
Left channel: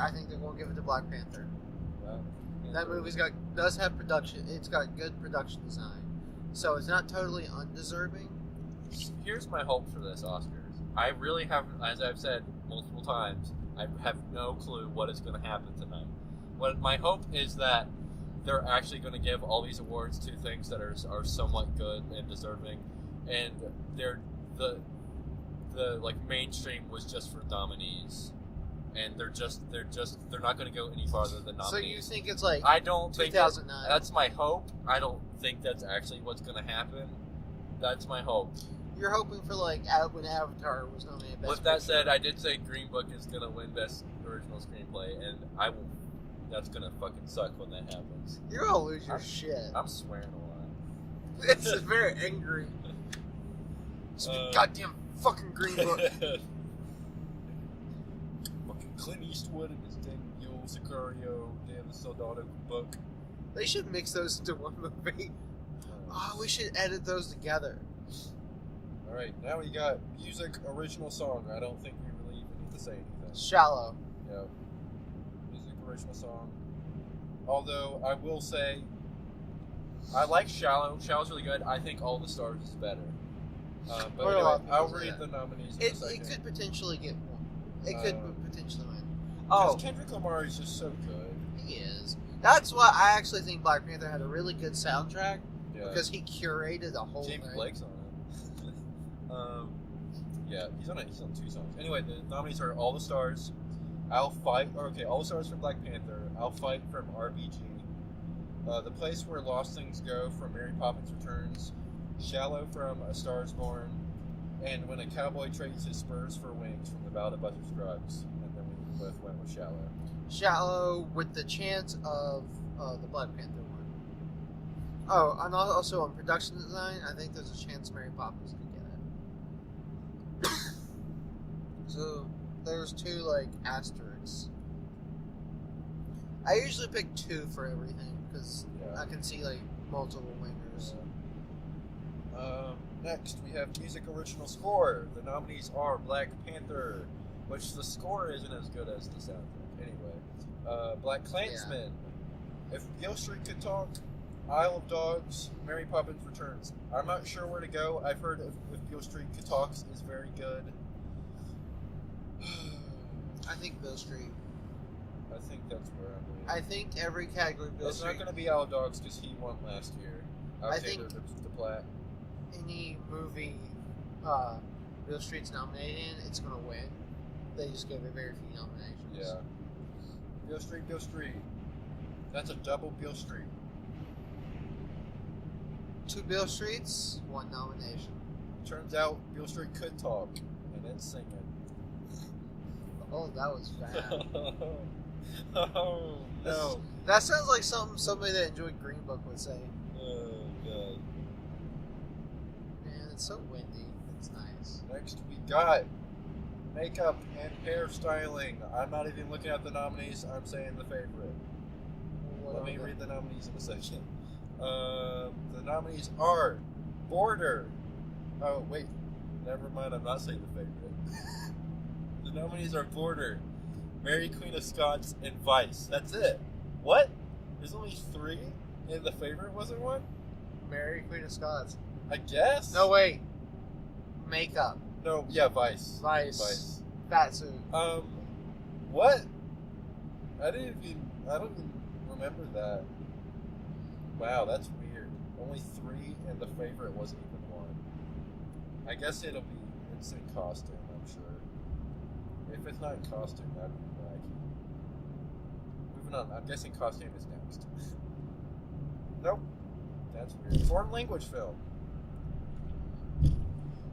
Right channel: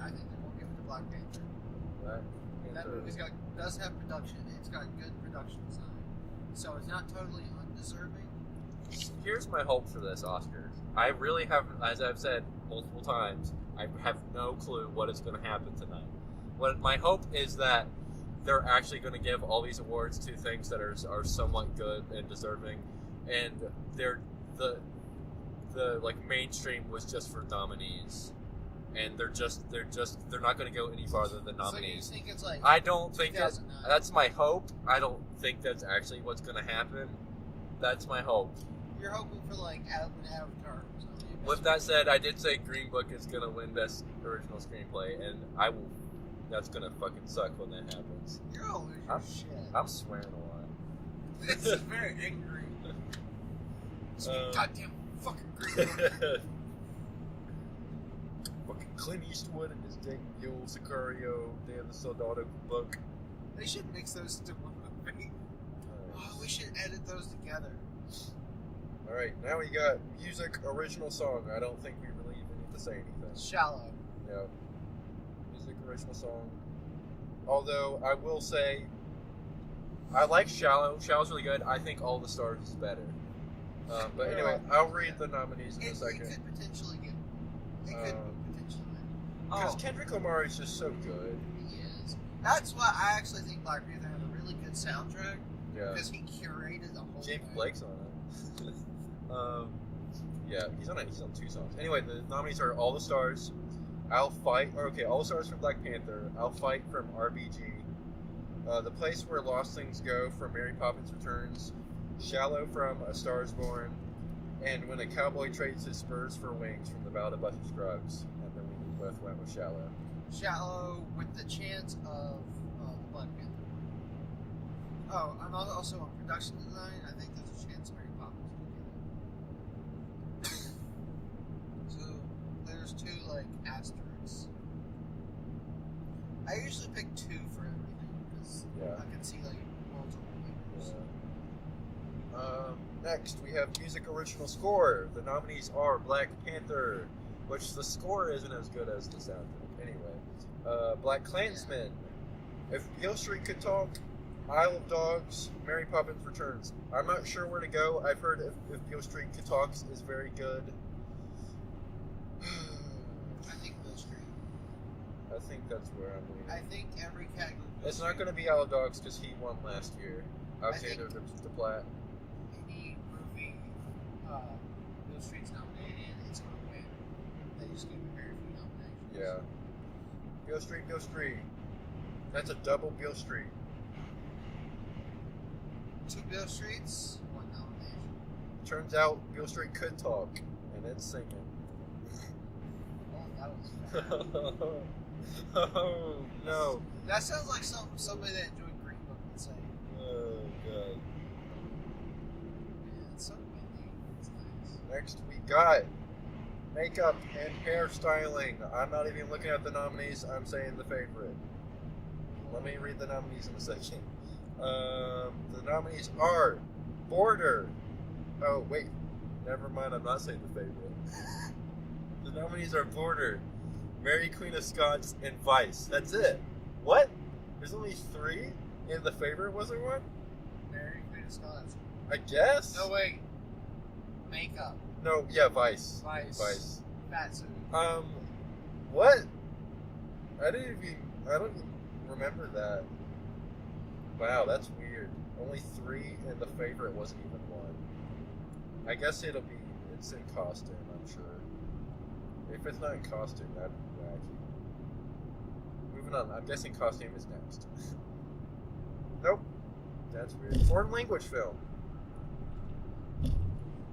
I think they're going to give it to Black Panther. That movie's does have production. It's got good production design, so it's not totally undeserving. Here's my hope for this Oscars. I really have, as I've said multiple times, I have no clue what is going to happen tonight. What my hope is that they're actually going to give all these awards to things that are somewhat good and deserving, and the mainstream was just for nominees, and they're not going to go any farther than nominees. So you think it's like I don't think 2009? that's my hope. I don't think that's actually what's going to happen. That's my hope. You're hoping for when Avatar was nominated. Best With that said, I did say Green Book is going to win Best Original Screenplay, and I will. That's going to fucking suck when that happens. You're gonna lose your shit. I'm swearing a lot. It's just very angry. Goddamn fucking Green Book. Fucking Clint Eastwood and his dang Yo Sicario, damn the Soldado book. They should mix those into one movie. We should edit those together. Alright, now we got music original song. I don't think we really even need to say anything. Shallow. Yeah. Music original song. Although, I will say, I like Shallow. Shallow's really good. I think All the Stars is better. But anyway, I'll read the nominees in a second. It could potentially get one. It could potentially win. Because Kendrick Lamar is just so good. He is. That's why I actually think Black Panther had a really good soundtrack. Yeah. Because he curated the whole James thing. Blake's on it. Yeah, he's on 2 songs. Anyway, the nominees are All the Stars, All the Stars from Black Panther, I'll Fight from RBG, The Place Where Lost Things Go from Mary Poppins Returns, Shallow from A Star Is Born, and When a Cowboy Trades His Spurs for Wings from The Ballad of Buster Scruggs. And then we both went with Shallow. Shallow with the chance of the Black Panther one. Oh, and also on production design, I think there's a chance Mary Poppins could get it. So there's 2 asterisks. I usually pick 2 for everything because I can see multiple winners. Next, we have music original score. The nominees are Black Panther, which the score isn't as good as the soundtrack. Anyway, Black Klansman. If Beale Street Could Talk, Isle of Dogs, Mary Poppins Returns. I'm not sure where to go. I've heard if Beale Street Could Talk is very good. I think Bill Street. I think that's where I'm leaning. I think every category Bill It's Street. not going to be Isle of Dogs because he won last year. Alexander Desplat. Any movie Bill Street's nominated in, it's going to win. They just give it very few nominations. Yeah. Beale Street. That's a double Beale Street. 2 Bill Streets, 1 nomination. Turns out Beale Street could talk, and it's singing. Oh, that was bad. Oh, no. That sounds like somebody that enjoyed Green Book would say. Oh, God. Man, it's so windy. It's nice. Next, we got makeup and hairstyling. I'm not even looking at the nominees. I'm saying the favorite. Let me read the nominees in a second. The nominees are Border. Oh, wait. Never mind. I'm not saying the favorite. The nominees are Border, Mary Queen of Scots, and Vice. That's it. What? There's only 3? And the favorite wasn't one? Mary Queen of Scots. I guess? No, wait. Makeup. No, yeah, Vice. Vice. Fat suit. What? I don't even remember that. Wow, that's weird. Only 3 and the favorite wasn't even 1. I guess it's in costume, I'm sure. If it's not in costume, that'd be wacky. Moving on, I'm guessing costume is next. Nope. That's weird. Foreign language film.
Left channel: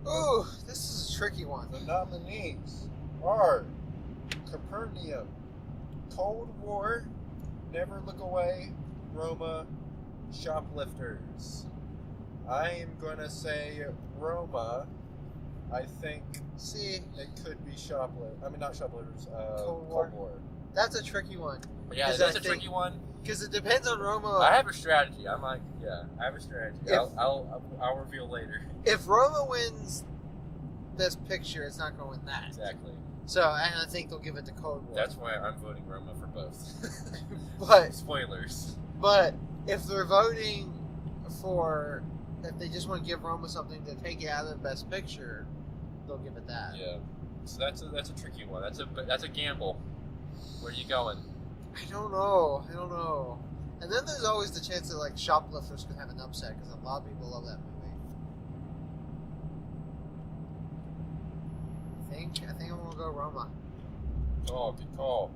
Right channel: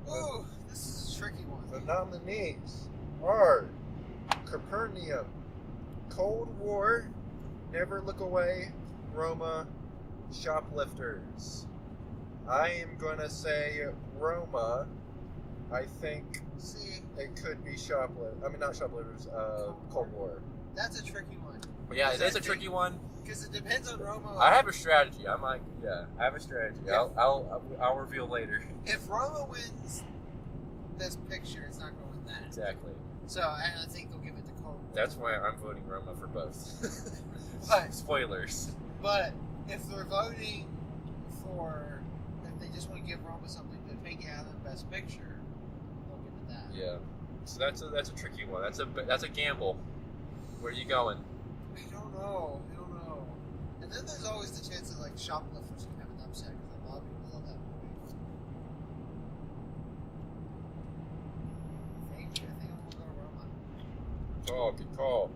Ooh, this is a tricky one. The nominees are Capernaum, Cold War, Never Look Away, Roma, Shoplifters. I am gonna say Roma. I think it could be not Shoplifters, Cold War. That's a tricky one. Yeah, that's a tricky one. Because it depends on Roma. I have a strategy. I have a strategy. I'll reveal later. If Roma wins Best Picture, it's not going to win that. Exactly. So, and I think they'll give it to Cold War. That's why I'm voting Roma for both. But spoilers. But if they're voting for, if they just want to give Roma something to take it out of the Best Picture, they'll give it that. Yeah. So that's a tricky one. That's a gamble. Where are you going? I don't know. And then there's always the chance that like Shoplifters could have an upset because a lot of people love that movie. I think I'm gonna go Roma. Good call.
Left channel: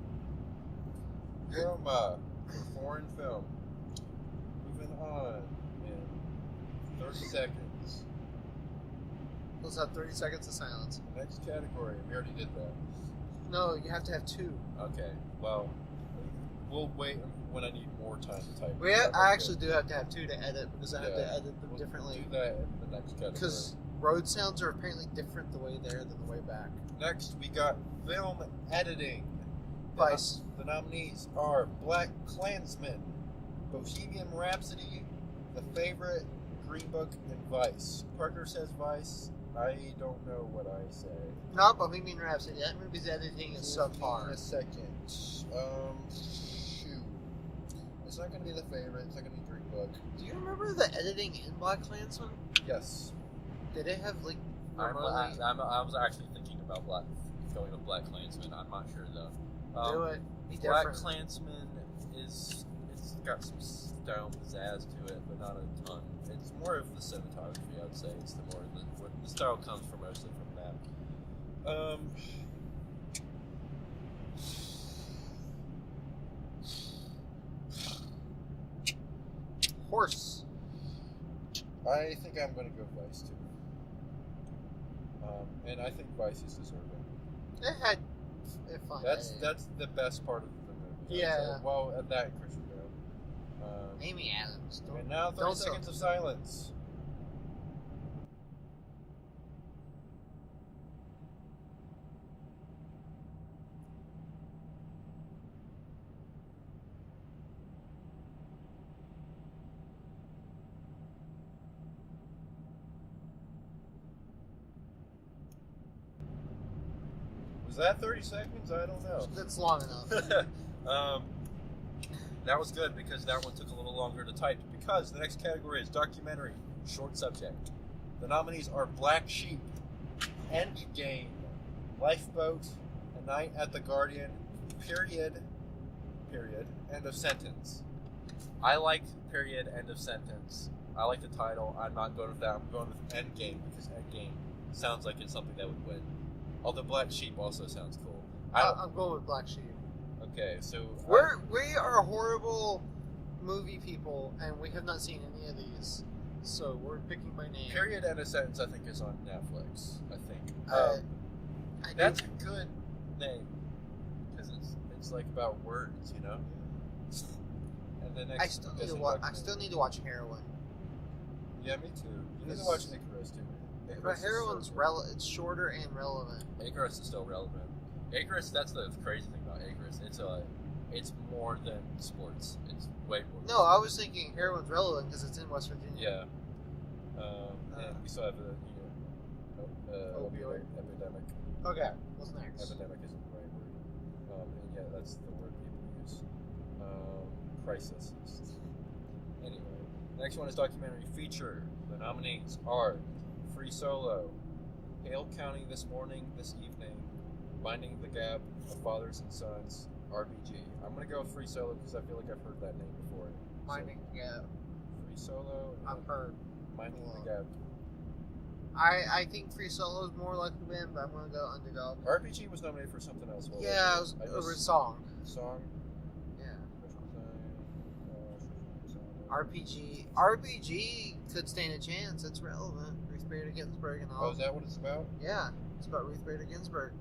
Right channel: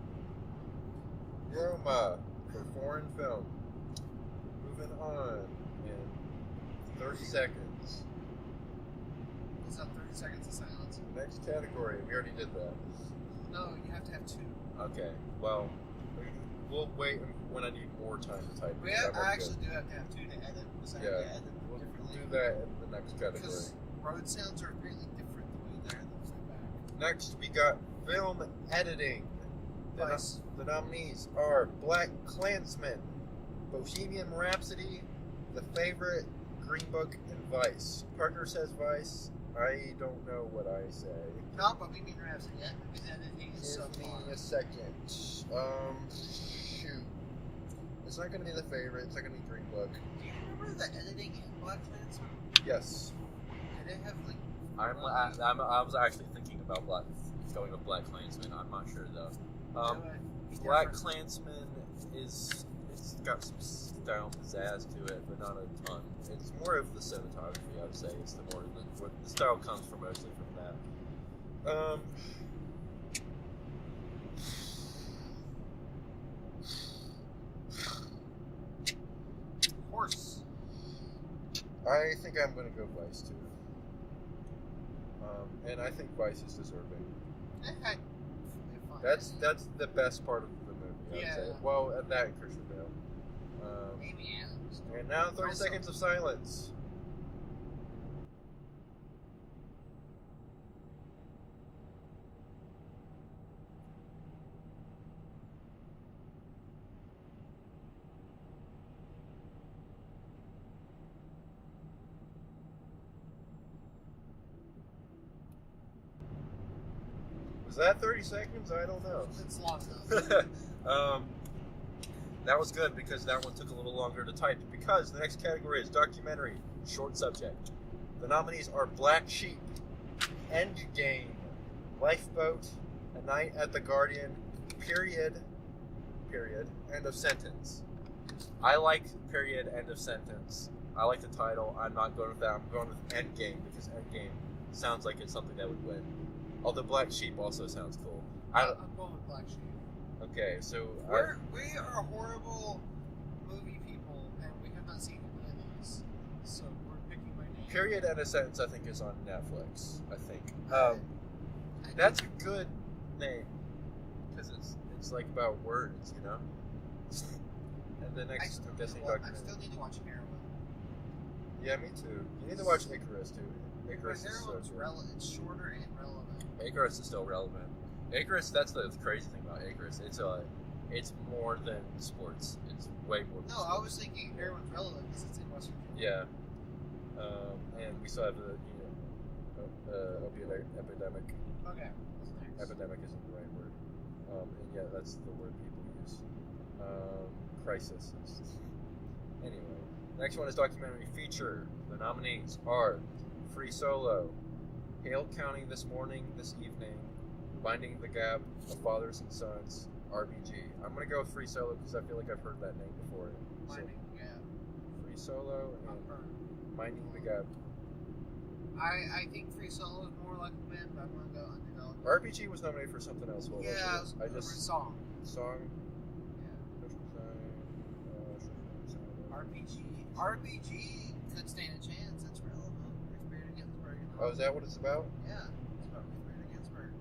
Roma for foreign film. Moving on in 30 seconds. Let's have 30 seconds of silence. The next category, we already did that. No, you have to have 2. Okay, well, we'll wait when I need more time to type. I actually do have to have 2 to edit because I have to edit them differently. Do that in the next category. Because road sounds are apparently different the way there than the way back. Next, we got film editing. Vice. The nominees are Black Klansman, Bohemian Rhapsody, The Favorite, Green Book, and Vice. Partner says Vice. I don't know what I say. No, Bohemian Rhapsody. That movie's editing is subpar. In a second. Shoot. It's not going to be The Favorite. It's not going to be Green Book. Do you remember the editing in Black Klansman? Yes. Did it have like? I was actually thinking about going with Black Klansman. I'm not sure though. Do it. Black Klansman it's got some style and pizzazz to it, but not a ton. It's more of the cinematography, I'd say. It's where the style comes from mostly from that. Horse. I think I'm going to go Vice too. And I think Vice is deserving. It had fun. That's the best part of the movie. Yeah. Well, at that Christian Bale. Amy Adams. And now 30 seconds of silence. Was that 30 seconds? I don't know. It's long enough. That was good because that one took a little longer to type because the next category is documentary, short subject. The nominees are Black Sheep, Endgame, Lifeboat, A Night at the Guardian, period, end of sentence. I like period, end of sentence. I like the title. I'm not going with that. I'm going with Endgame because Endgame sounds like it's something that would win. Although Black Sheep also sounds cool. I'm going with Black Sheep. Okay, so We are horrible movie people, and we have not seen any of these, so we're picking by name. Period and a sentence, I think, is on Netflix. I think I that's a good name because it's like about words, you know. And the next, I still need to watch Heroin. Yeah, me too. You need to watch Icarus too. But Icarus Heroin's it's shorter and relevant. Icarus is still relevant. Icarus, that's the crazy thing about Icarus. It's more than sports. It's way more. No, I was thinking Heroin's relevant because it's in West Virginia. Yeah. And we still have the opioid epidemic. Okay, what's next? Epidemic isn't the right word. And yeah, that's the word people use. Crisis. Anyway, next one is documentary feature. The nominees are Free Solo, Hale County This Morning, This Evening, Binding the Gap of Fathers and Sons, RBG. I'm gonna go with Free Solo because I feel like I've heard that name before. Binding the Gap. Free Solo and I've heard. Binding the Gap. I think Free Solo is more like the band, but I'm gonna go Underdog. RBG was nominated for something else. What Yeah, was it was a song. Song. Yeah. RPG. RPG could stand a chance. It's relevant. Ruth Bader Ginsburg and all. Oh, is that what it's about? Yeah, it's about Ruth Bader Ginsburg.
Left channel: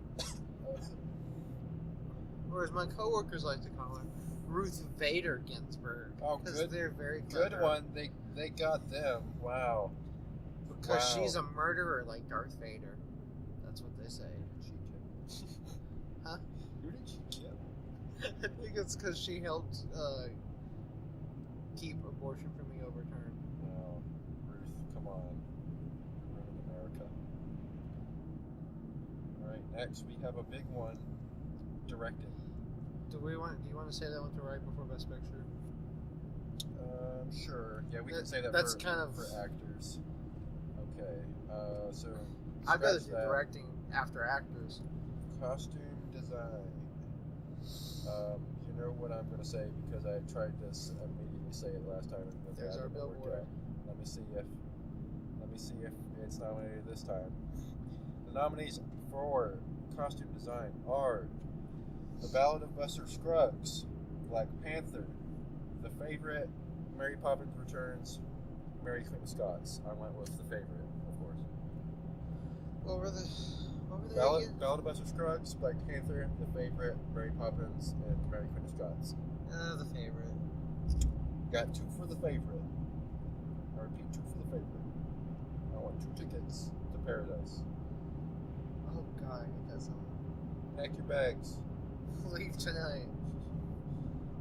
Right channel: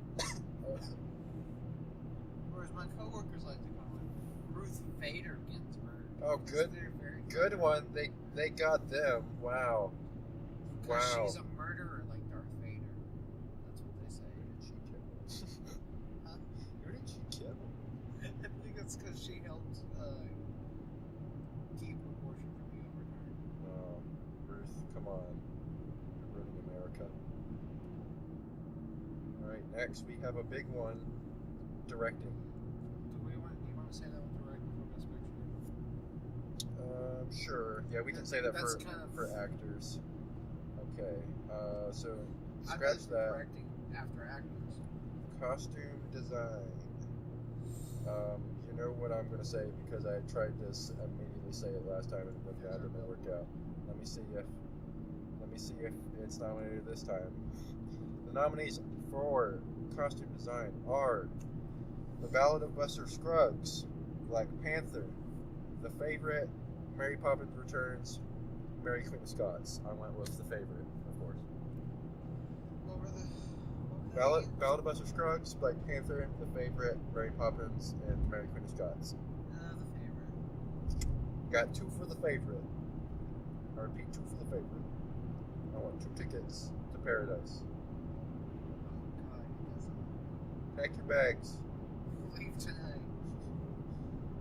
Or as my coworkers like to call her, Ruth Vader Ginsburg. Oh, good. They're very good clever. one. They got them. Wow. Because Wow. she's a murderer like Darth Vader. That's what they say. Who did she kill? Huh? Who did she kill? I think it's because she helped keep abortion from being overturned. Oh, Ruth, come on. You're ruining America. Alright, next we have a big one. Directing. Do you want to say that one to right before Best Picture? Sure. Yeah, we can say that That's for, kind of for actors. Okay, so I'd rather scratch do that. directing after actors. Costume design. You know what I'm going to say because I tried to immediately say it last time and There's that our didn't work billboard. out. Let me see if it's nominated this time. The nominees for costume design are The Ballad of Buster Scruggs, Black Panther, The Favorite, Mary Poppins Returns, Mary Queen of Scots. I went with The Favorite, of course. What were the Ballad of Buster Scruggs, Black Panther, The Favorite, Mary Poppins, and Mary Queen of Scots. The Favorite. Got 2 for The Favorite. I repeat, 2 for The Favorite. I want 2 tickets to Paradise. Oh God, he doesn't Pack your bags. leave tonight.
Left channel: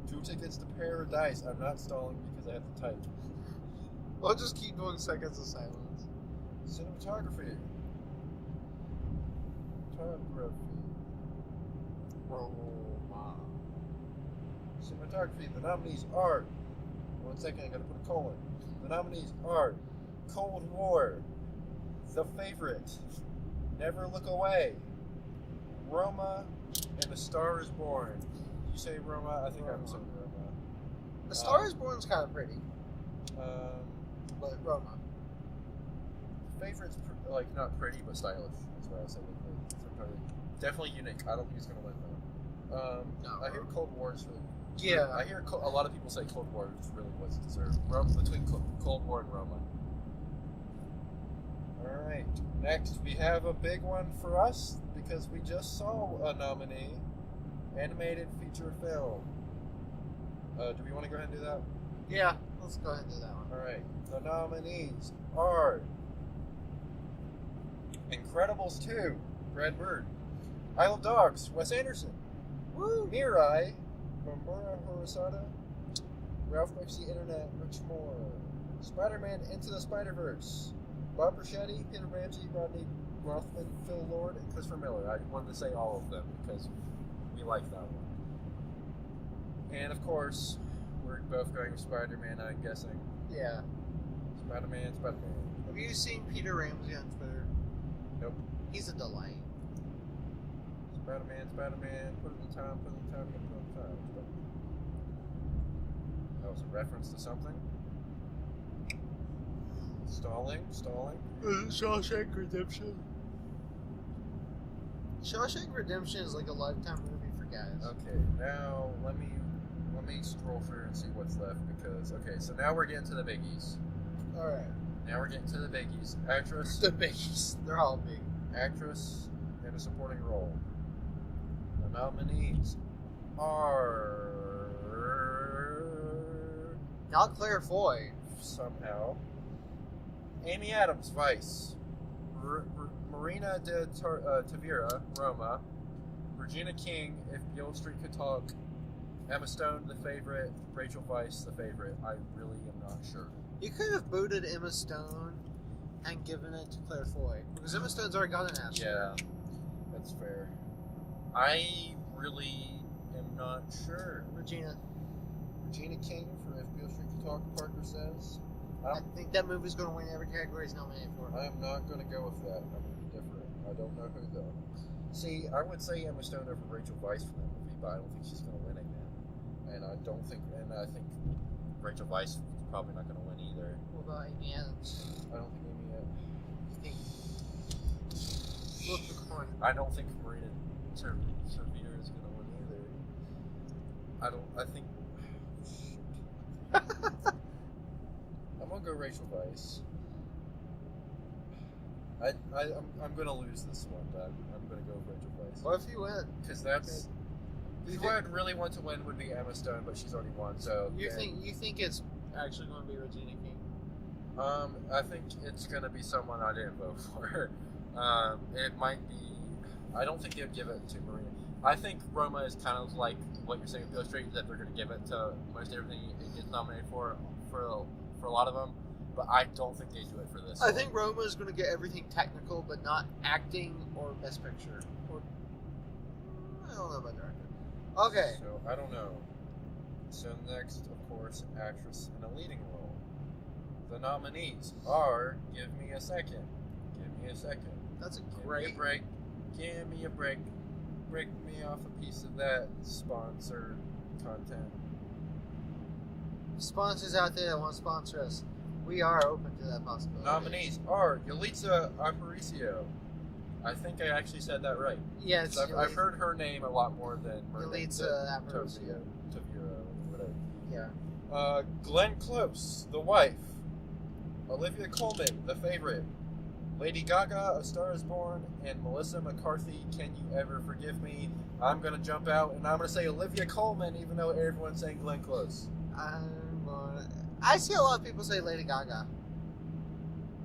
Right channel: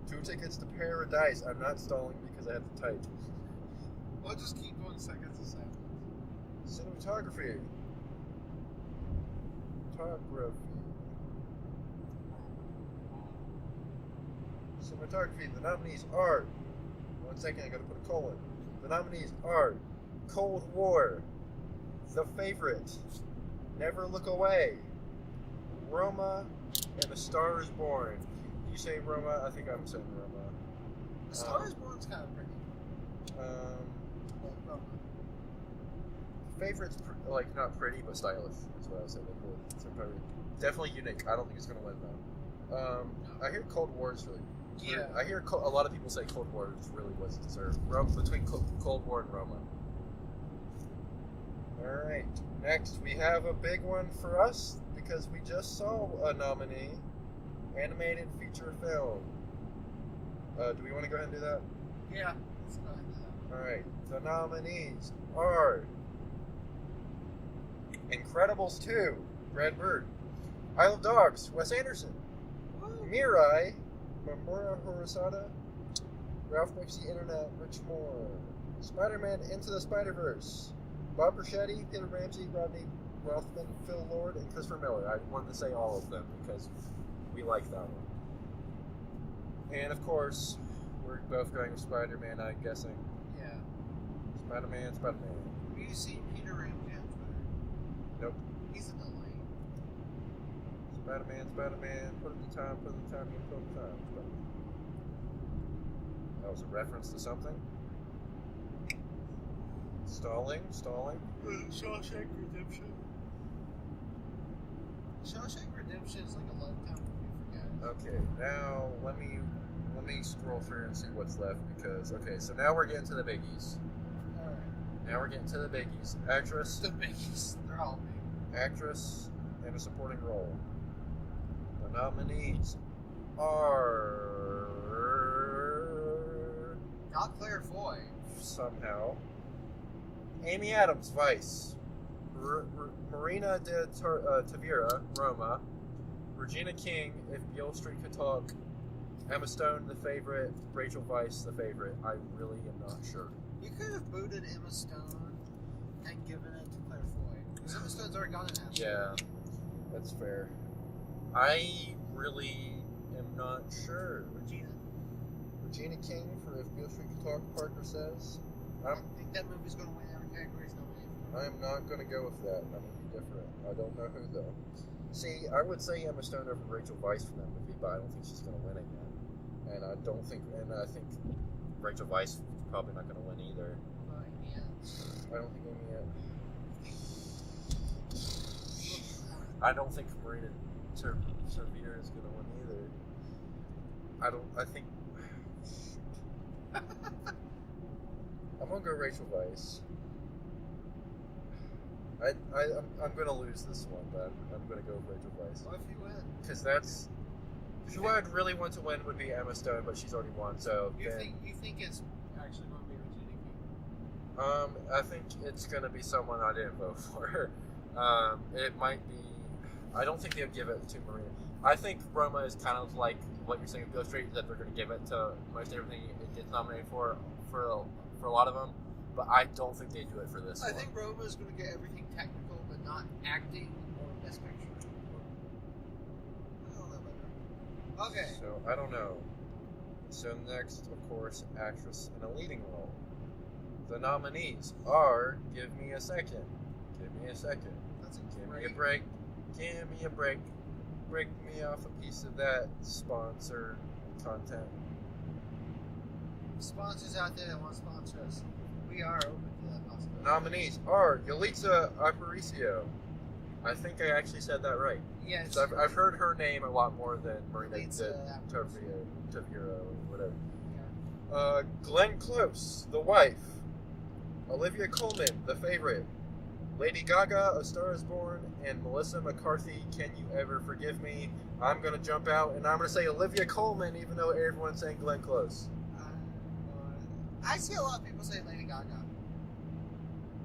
2 tickets to Paradise. I'm not stalling because I have to type. We'll just keep doing seconds of silence. Cinematography. Cinematography. The nominees are. 1 second, I gotta put a colon. The nominees are Cold War, The Favorite, Never Look Away, Roma, and A Star Is Born. You say Roma? I think I'm saying Roma. The Star Is Born's kind of pretty, but Roma. Favorite's like not pretty but stylish. That's what I would say. Definitely unique. I don't think it's gonna win though. I hear Cold War is really. Yeah. I hear a lot of people say Cold War is really what's deserved. Between Cold War and Roma. All right. Next, we have a big one for us because we just saw a nominee, animated feature film. Do we want to go ahead and do that? Yeah, let's go ahead and do that one. All right. The nominees are Incredibles 2, Brad Bird, Isle of Dogs, Wes Anderson, Woo! Mirai, Mamoru Hosoda, Ralph Makes the Internet, Rich Moore, Spider-Man Into the Spider-Verse, Bob Bruschetti, Peter Ramsey, Rodney Rothman, Phil Lord, and Christopher Miller. I wanted to say all of them because we like that one. And of course, we're both going with Spider-Man, I'm guessing. Yeah. Spider-Man. Have you seen Peter Ramsey on Twitter? Nope. He's a delight. Spider-Man. Put in the time, put in the time, Spider-Man. That was a reference to something. Stalling. Shawshank Redemption. Shawshank Redemption is like a lifetime movie for guys. Okay, now let me scroll through and see what's left because so now we're getting to the biggies. Alright. Now we're getting to the biggies. Actress. The biggies. They're all big. Actress in a supporting role. The nominees are Not Claire Foy. somehow Amy Adams, Vice. Marina de Tavira, Roma. Regina King, If Beale Street Could Talk. Emma Stone, The Favorite. Rachel Weisz, The Favorite. I really am not sure. You could have booted Emma Stone and given it to Claire Foy. Because Emma Stone's already got an Oscar. Yeah, that's fair. I really am not sure. Regina King for If Beale Street Could Talk, Parker says. I think that movie's going to win every category it's nominated for. I am not going to go with that. I'm going to be different. I don't know who, though. See, I would say Emma Stone over Rachel Weisz from that movie, but I don't think she's going to win again. And I think Rachel Weisz is probably not going to win either. What about Amy Adams? I don't think Amy Adams. Flip the coin. I don't think Marina Tavira is going to win either. I think... I'm going to go Rachel Weisz. I'm going to lose this one, but I'm going to go with Rachel Weisz. What if you win? Because that's... Who I'd really want to win would be Emma Stone, but she's already won, so... You think it's actually going to be Regina King? I think it's going to be someone I didn't vote for. It might be... I don't think they would give it to Marina. I think Roma is kind of like what you're saying with Beale Street, that they're going to give it to most everything it gets nominated for a lot of them, but I don't think they do it for this I one. think Roma is going to get everything technical, but not acting or Best Picture. I don't know about director. Okay. So, I don't know. So next, of course, actress in a leading role. The nominees are... Give me a second. That's a Give me a great... break. Give me a break. Break me off a piece of that sponsored content. Sponsors out there that want to sponsor us, we are open to that possibility. Nominees are Yalitza Aparicio. I think I actually said that right. Yes. So I've heard her name a lot more than Marina Yalitza Aparicio. Tavira, whatever. Yeah. Glenn Close, The Wife. Olivia Colman, The Favorite. Lady Gaga, A Star Is Born, and Melissa McCarthy, Can You Ever Forgive Me? I'm going to jump out and I'm going to say Olivia Colman, even though everyone's saying Glenn Close. I see a lot of people say Lady Gaga.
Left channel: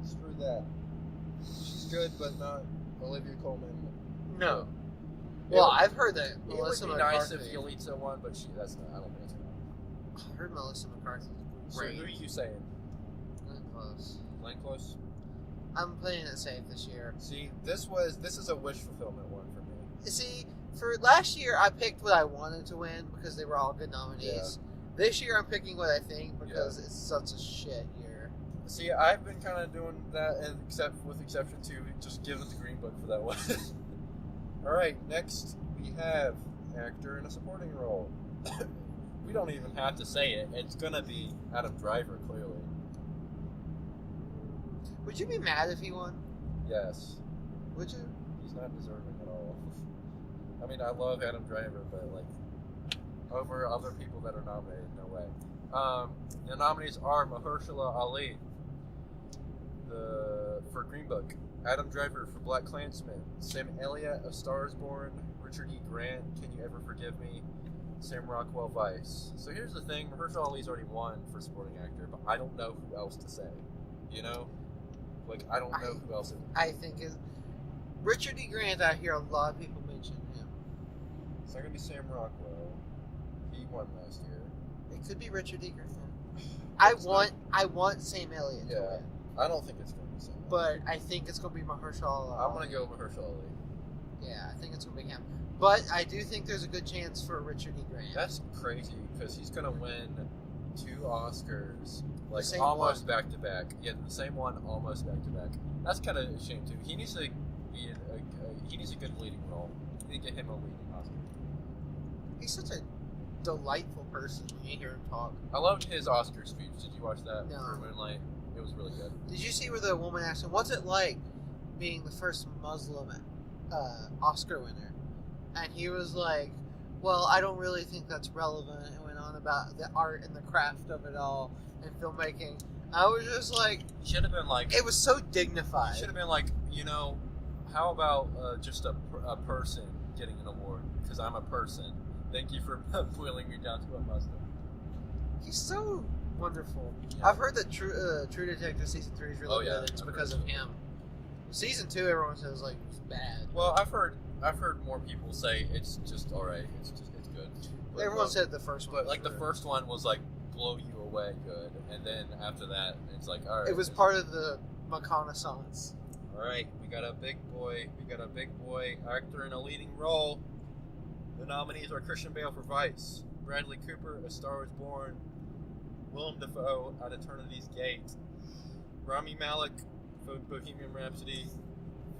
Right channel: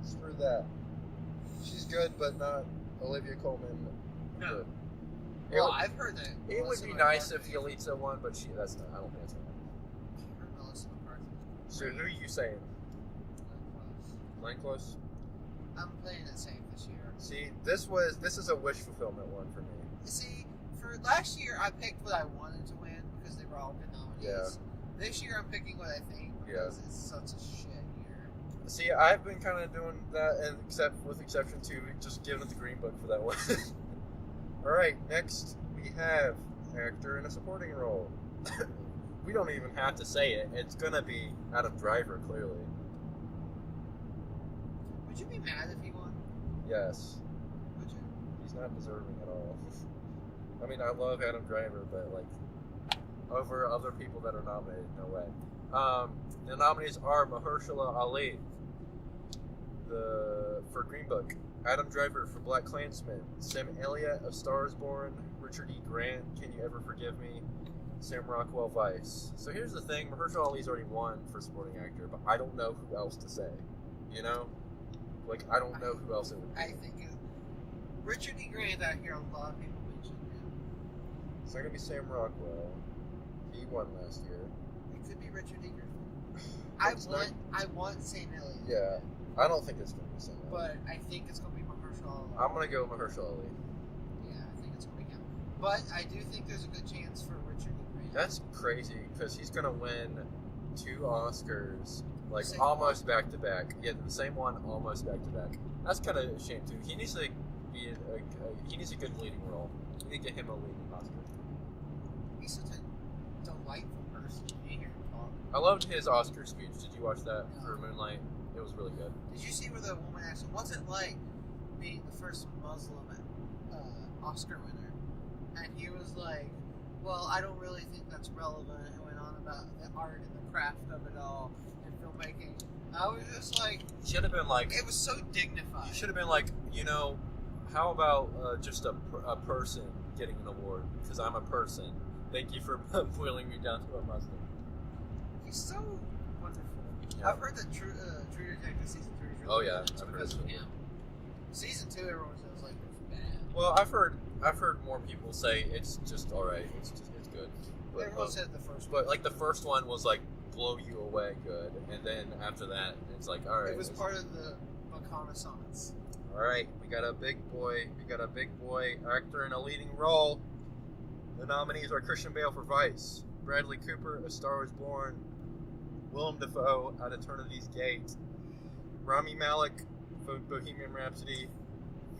Screw that. She's good, but not Olivia Colman. No. It Well, would- I've heard that. It would Melissa be nice if McCarthy- Yalitza won, but that's not. I don't think it's gonna. I heard Melissa McCarthy. So who are you saying? Close. Glenn Close. I'm playing it safe this year. See, this is a wish fulfillment one for me. See, for last year, I picked what I wanted to win because they were all good nominees. Yeah. This year, I'm picking what I think because it's such a shit year. See, I've been kind of doing that, and with exception to just giving it the Green Book for that one. All right, next we have actor in a supporting role. We don't even have to say it. It's gonna be Adam Driver, clearly. Would you be mad if he won? Yes. Would you? He's not deserving at all. I mean, I love Adam Driver, but like over other people that are nominated, no way. The nominees are Mahershala Ali for Green Book, Adam Driver for Black Klansman, Sam Elliott of Star Is Born, Richard E. Grant, Can You Ever Forgive Me, Sam Rockwell, Vice. So here's the thing: Mahershala Ali's already won for supporting actor, but I don't know who else to say. You know, like I don't know who else it would be. I think Richard E. Grant. I hear a lot of people mention him. It's not gonna be Sam Rockwell. He won last year. It could be Richard E. Grant. I It's want Sam Elliott. Yeah, I don't think it's gonna be so much. But I think it's going to be Mahershala. I'm gonna go Mahershala Ali. Yeah, I think it's going to be him. But I do think there's a good chance for Richard E. Grant. That's crazy because he's gonna win 2 Oscars like Same almost one. back to back. Yeah, the same one almost back to back. That's kind of a shame too. He needs to be he needs a good leading role. You need to get him a leading Oscar. He's such a delightful person. You hear him talk. I loved his Oscar speech. Did you watch that No. for Moonlight? It was really good. Did you see where the woman asked him, "What's it like being the first Muslim Oscar winner?" And he was like, "Well, I don't really think that's relevant." And went on about the art and the craft of it all and filmmaking. I was just like, He should have been like. it was so dignified. He should have been like, how about just a person getting an award? Because I'm a person. Thank you for boiling me down to a Muslim. He's so wonderful. Yeah. I've heard that True Detective season 3 is really Oh, yeah. good. It's I've because heard of so. him. Season 2, everyone says like was bad. Well, I've heard more people say it's just all right. It's good. But, Everyone said the first one. but like the first one was like blow you away good, and then after that it's like all right. It was part of the reconnaissance. All right, we got a big boy. We got a big boy actor in a leading role. The nominees are Christian Bale for Vice, Bradley Cooper, A Star Is Born, Willem Dafoe, At Eternity's Gate, Rami Malek for Bohemian Rhapsody,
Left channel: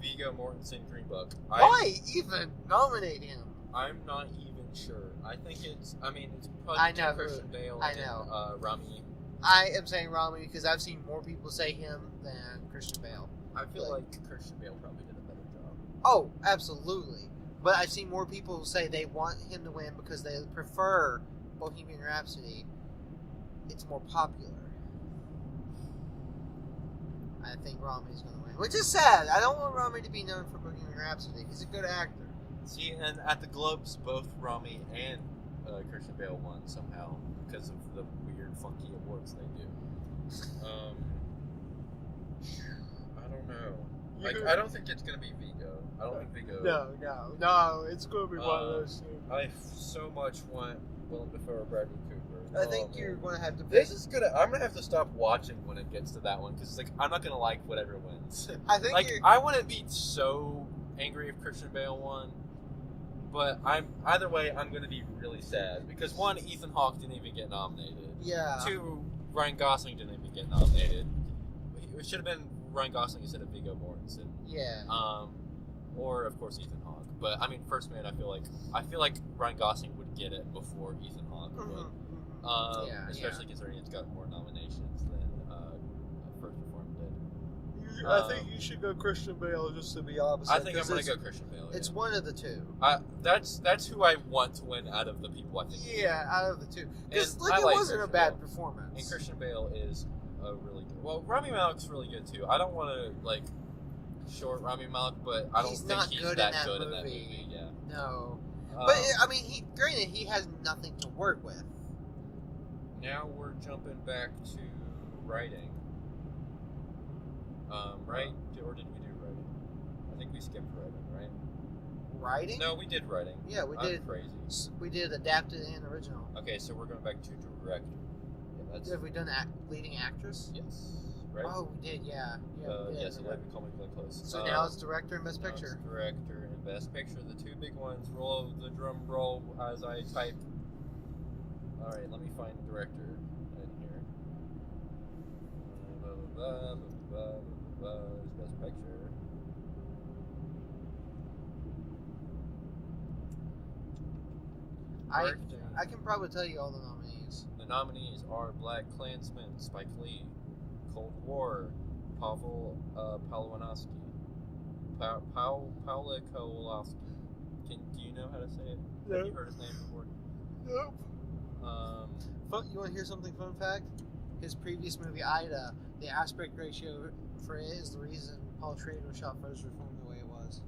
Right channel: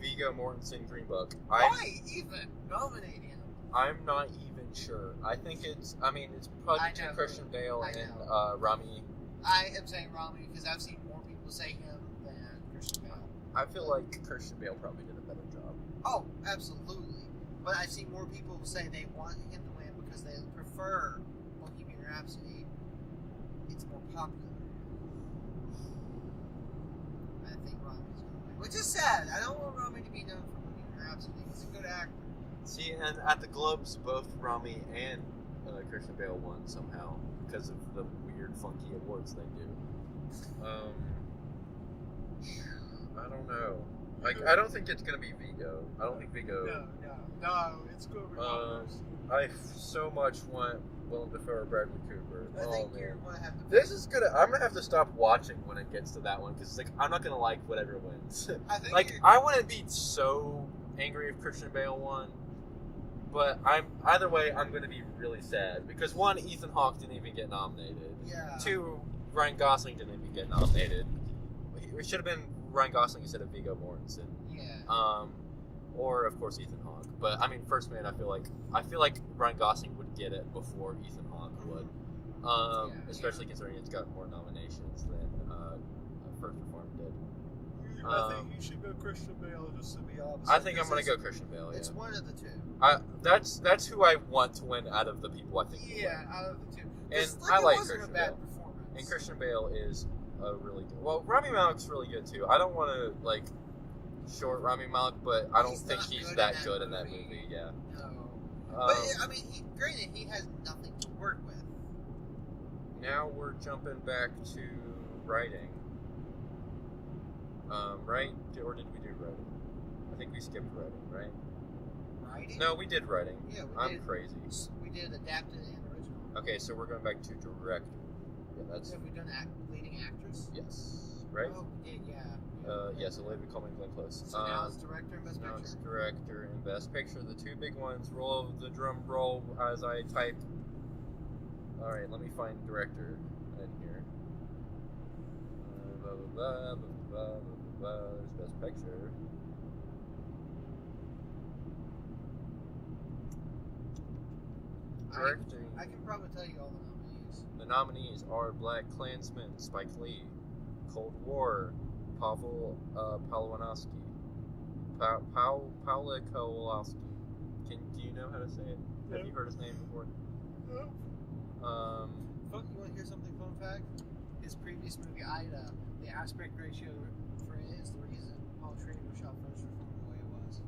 Viggo Mortensen, Green Book. Why even nominate him? I'm not even sure. I think it's probably I know who. Christian Bale I and know. Rami. I am saying Rami because I've seen more people say him than Christian Bale. I feel like Christian Bale probably did a better job. Oh, absolutely. But I've seen more people who say they want him to win because they prefer Bohemian Rhapsody. It's more popular. I think Rami's going to win. Which is sad. I don't want Rami to be known for Bohemian Rhapsody. He's a good actor. See, and at the Globes, both Rami and Christian Bale won somehow because of the weird, funky awards they do. I don't know. Like, I don't think it's gonna be Viggo. I don't think Viggo. No. It's going to be one of those. I so much want Willem Dafoe or Bradley Cooper. I think man. you're going to have to. This is gonna. I'm gonna have to stop watching when it gets to that one because like I'm not gonna like whatever wins. I think Like you're. I wouldn't be so angry if Christian Bale won, but either way I'm gonna be really sad because 1, Ethan Hawke didn't even get nominated. Yeah. 2, Ryan Gosling didn't even get nominated. It should have been Ryan Gosling instead of Viggo Mortensen. Yeah. Or of course Ethan Hawke. But I mean, First Man, I feel like Ryan Gosling would get it before Ethan Hawke would. Especially considering it's got more nominations than First Reformed did. I think you should go Christian Bale just to be opposite. I think I'm gonna go Christian Bale. Yeah. It's one of the two. That's who I want to win out of the people I think. Yeah, out of the two. Because And I it like wasn't Christian a bad Bale. performance. And Christian Bale is a really good. Well, Rami Malek's really good too. I don't want to like short Rami Malek, but I don't He's think not he's good that in that good in that movie. movie. Yeah. No. But I mean, granted, he has nothing to work with. Now we're jumping back to writing. Right? Or did we do writing? I think we skipped writing, right? Writing? No, we did writing. Yeah, we I'm did. crazy. We did adapted and original. Okay, so we're going back to director. Yeah, that's Have we done leading actress? yes, right? Oh, we did. Yeah. Yes, a lady called me Glenn Close. So now it's director and best Now picture. it's director and best picture. The two big ones. Roll the drum roll as I type. All right, let me find director in here. Blah, blah, blah, blah, blah, blah, blah. There's best picture. I can probably tell you all the nominees. The nominees are Black Klansman, Spike Lee, Cold War, Pavel Pawlowski, Paula Kowalski. Do you know how to say it? No. Have you heard his name before? Nope. You want to hear something fun fact? His previous movie, Ida, the aspect ratio for it is the reason Paul Schrader shot Frozen from the way it was.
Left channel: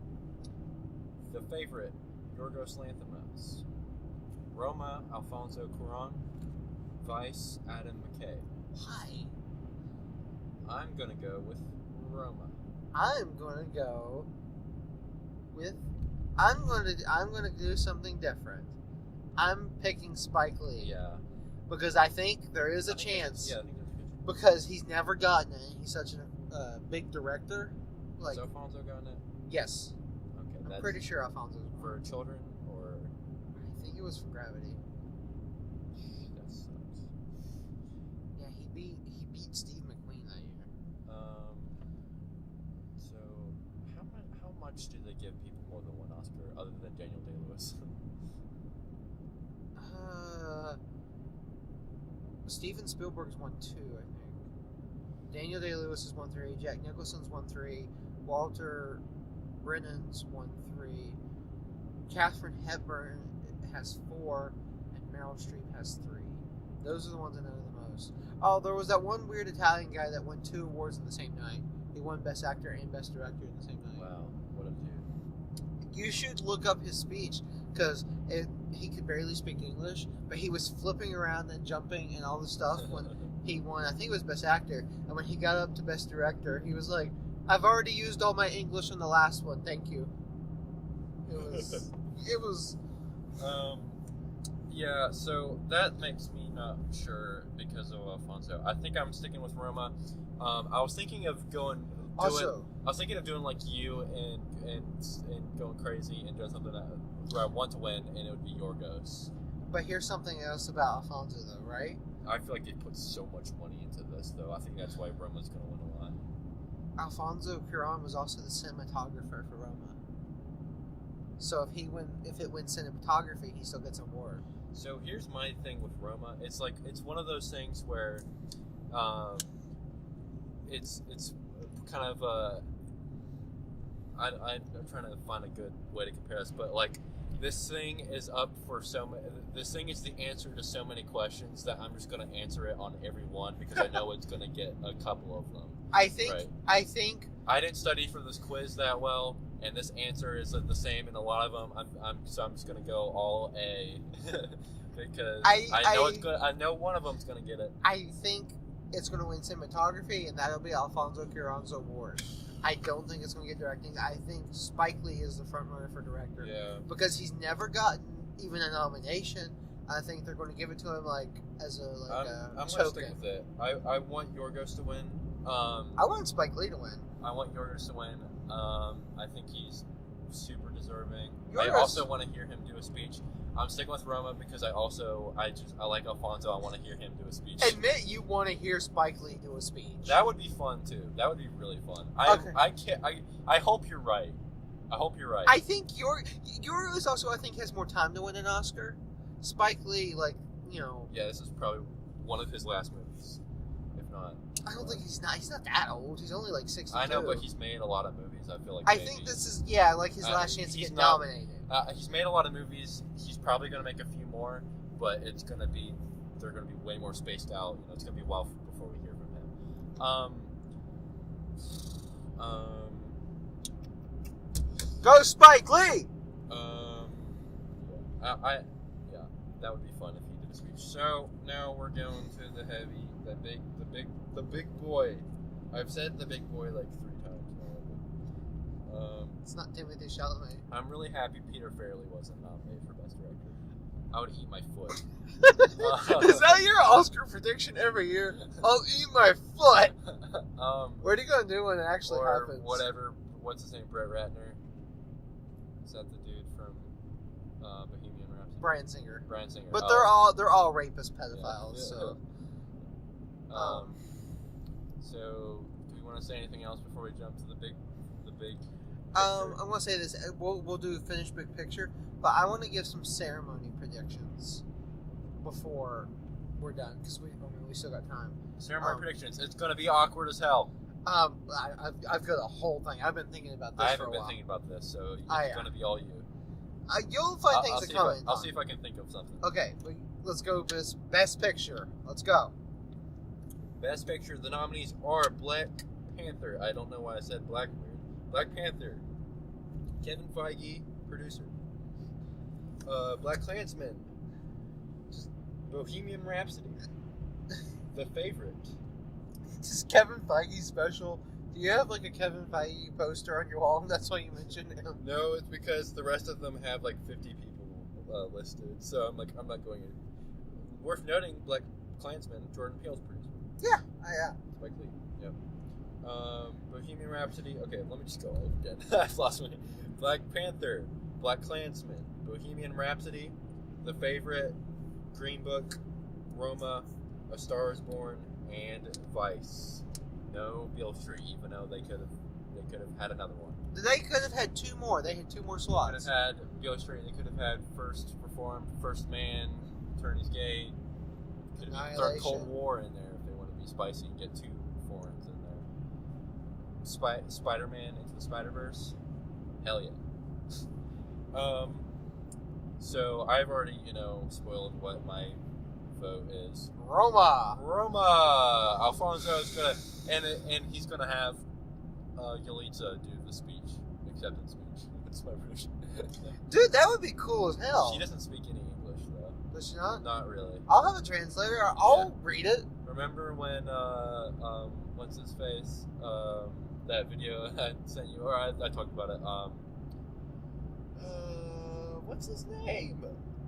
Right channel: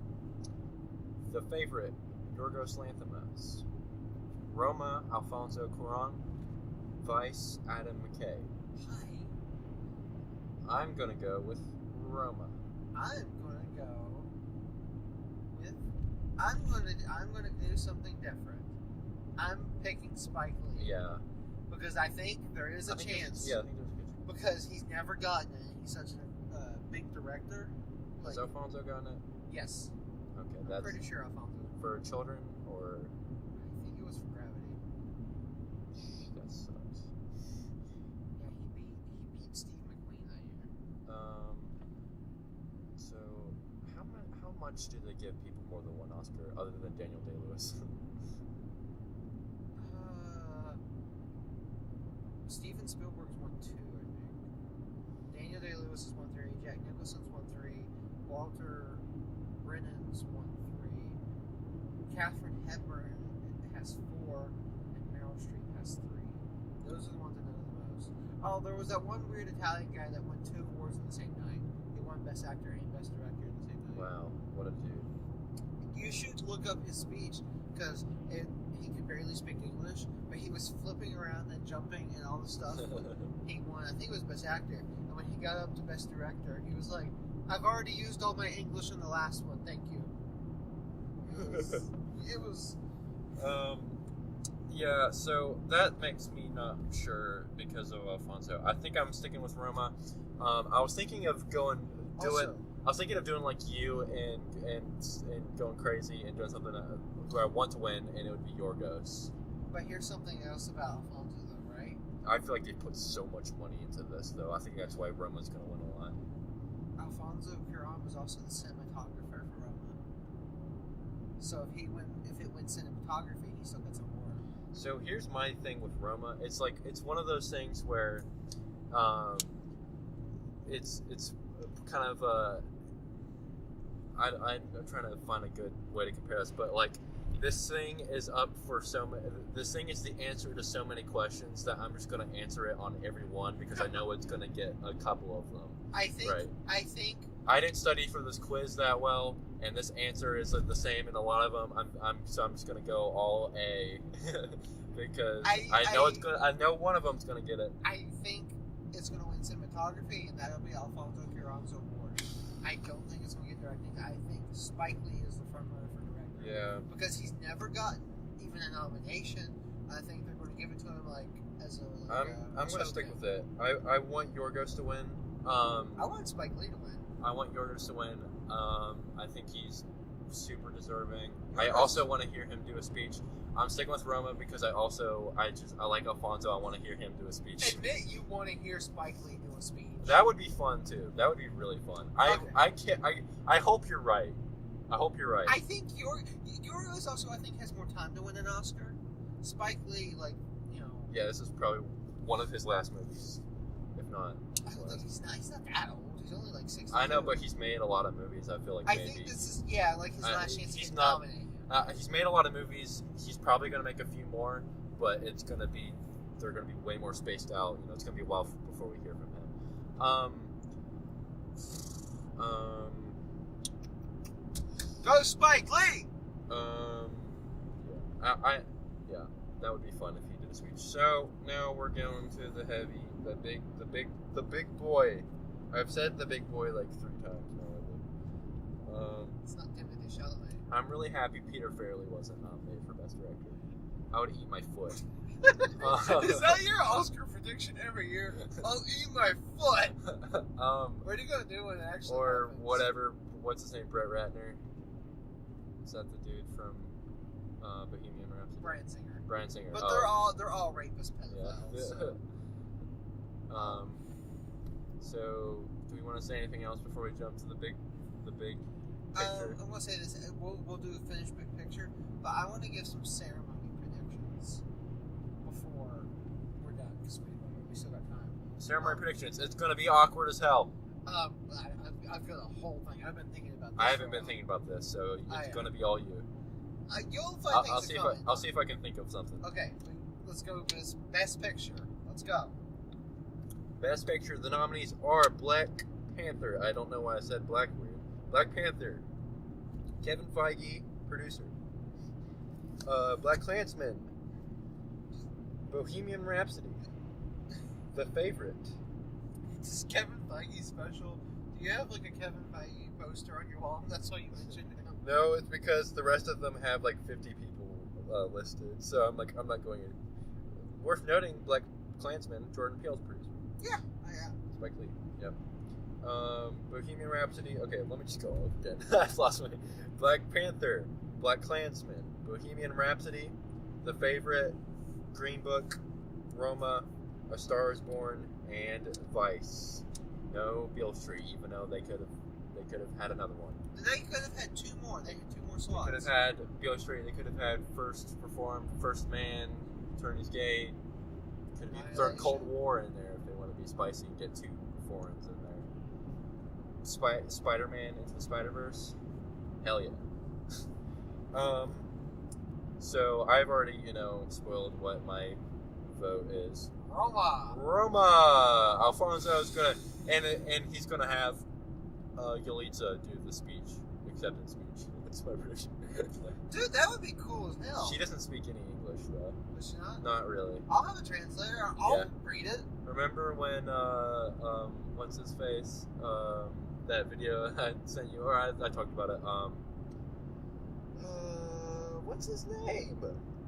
The Favorite, Yorgos Lanthimos, Roma, Alfonso Cuarón, Vice, Adam McKay. Why? I'm gonna go with Roma. I'm gonna go with. I'm gonna do something different. I'm picking Spike Lee. Yeah. Because I think there is a chance. I think there's a good chance. Because he's never gotten it. He's such big director. Like, Is Alfonso got it? yes, Okay, I'm that's pretty sure Alfonso. for children, or I think it was for Gravity. that sucks. Yeah, he beat Steve McQueen that year. So how much do they give people more than one Oscar other than Daniel Day-Lewis? Steven Spielberg's won 2, I think. Daniel Day-Lewis has won 3. Jack Nicholson's won 3. Walter Brennan's won 3. Katharine Hepburn has 4, and Meryl Streep has 3. Those are the ones I know the most. Oh, there was that one weird Italian guy that won 2 awards in the same night. He won Best Actor and Best Director in the same night. Wow, what a dude. You should look up his speech, because he could barely speak English, but he was flipping around and jumping and all this stuff when he won. I think it was Best Actor, and when he got up to Best Director, he was like, "I've already used all my English in the last one. Thank you." It was. Yeah, so that makes me not sure because of Alfonso. I think I'm sticking with Roma. I was thinking of doing like you and going crazy and doing something where I want to win, and it would be Yorgos. But here's something else about Alfonso, though, right? I feel like they put so much money into this, though. I think that's why Roma's going to win a lot. Alfonso Cuarón was also the cinematographer for Roma. So if it wins cinematography, he still gets an award. So here's my thing with Roma. It's like it's one of those things where, it's kind of I'm trying to find a good way to compare this, but like this thing is up for this thing is the answer to so many questions that I'm just going to answer it on every one because I know it's going to get a couple of them. I think I didn't study for this quiz that well, and this answer is the same in a lot of them. I'm just going to go all A because I know one of them's going to get it. I think it's going to win cinematography, and that'll be Alfonso Cuarón's award. I don't think it's going to get directing. I think Spike Lee is the front runner for director. Yeah. Because he's never gotten even a nomination. I think they're going to give it to him as a I'm going to stick with it. I want Yorgos to win. I want Spike Lee to win. I want Yorgos to win. I think he's super deserving. I also want to hear him do a speech. I'm sticking with Roma because I like Alfonso. I want to hear him do a speech. Admit you want to hear Spike Lee do a speech. That would be fun too. That would be really fun. I hope you're right. I hope you're right. I think Yorgos also has more time to win an Oscar. Spike Lee, Yeah, this is probably one of his last movies, if not. I don't think he's not. He's not that old. He's only 62. I know, but he's made a lot of movies. I feel like. I think this is his last chance to get nominated. He's made a lot of movies. He's probably going to make a few more, but they're going to be way more spaced out. It's going to be a while before we hear from him. Go Spike Lee! Yeah, that would be fun if he did a speech. So now we're going to the big boy. I've said the big boy like 3 times now. It's not Timothée Chalamet. I'm really happy Peter Farrelly wasn't nominated for Best Director. I would eat my foot. Is that your Oscar prediction every year? I'll eat my foot. What are you gonna do when it actually happens? Or whatever. What's his name? Brett Ratner. Is that the dude from Bohemian Rhapsody? Brian Singer. But they're all rapist pedophiles. Yeah. So do we want to say anything else before we jump to the big picture? I'm gonna say this. We'll do finished big picture, but I want to give some ceremony predictions before we're done because we still got time. Ceremony predictions. It's gonna be awkward as hell. I've got a whole thing. I've been thinking about this. I haven't been thinking about this, so it's gonna be all you. You'll find things to comment. I'll see if I can think of something. Okay, let's go. This best picture. Let's go. Best picture. The nominees are Black Panther. I don't know why I said black weird. Black Panther. Kevin Feige, producer. Black Klansman. Bohemian Rhapsody. The Favorite. This is Kevin Feige special. Do you have a Kevin Feige poster on your wall? And that's why you mentioned him. No, it's because the rest of them have 50 people listed. So I'm not going in. Worth noting, Black Klansman, Jordan Peele's producer. Yeah. Spike Lee. Yep. Bohemian Rhapsody. Okay, let me just go again. I've lost my. Black Panther, Black Klansman, Bohemian Rhapsody, The Favorite, Green Book, Roma, A Star Is Born, and Vice. No Beale Street, even though they could have had another one. They could have had 2 more. They had 2 more They slots. could have had Beale Street. They could have had First Reformed, First Man, Attorney's Gate. Could have thrown Cold War in there if they want to be spicy and get 2 foreigns in there. Spider-Man Into the Spider-Verse. Hell yeah. So I've already, spoiled what my vote is. Roma! Alfonso's gonna, and he's gonna have Yalitza do the speech, acceptance speech. That's my prediction. Dude, that would be cool as hell. She doesn't speak any English though. Does she not? Not really. I'll have a translator. I'll read it. Remember when what's his face? That video I sent you, or I talked about it. What's his name?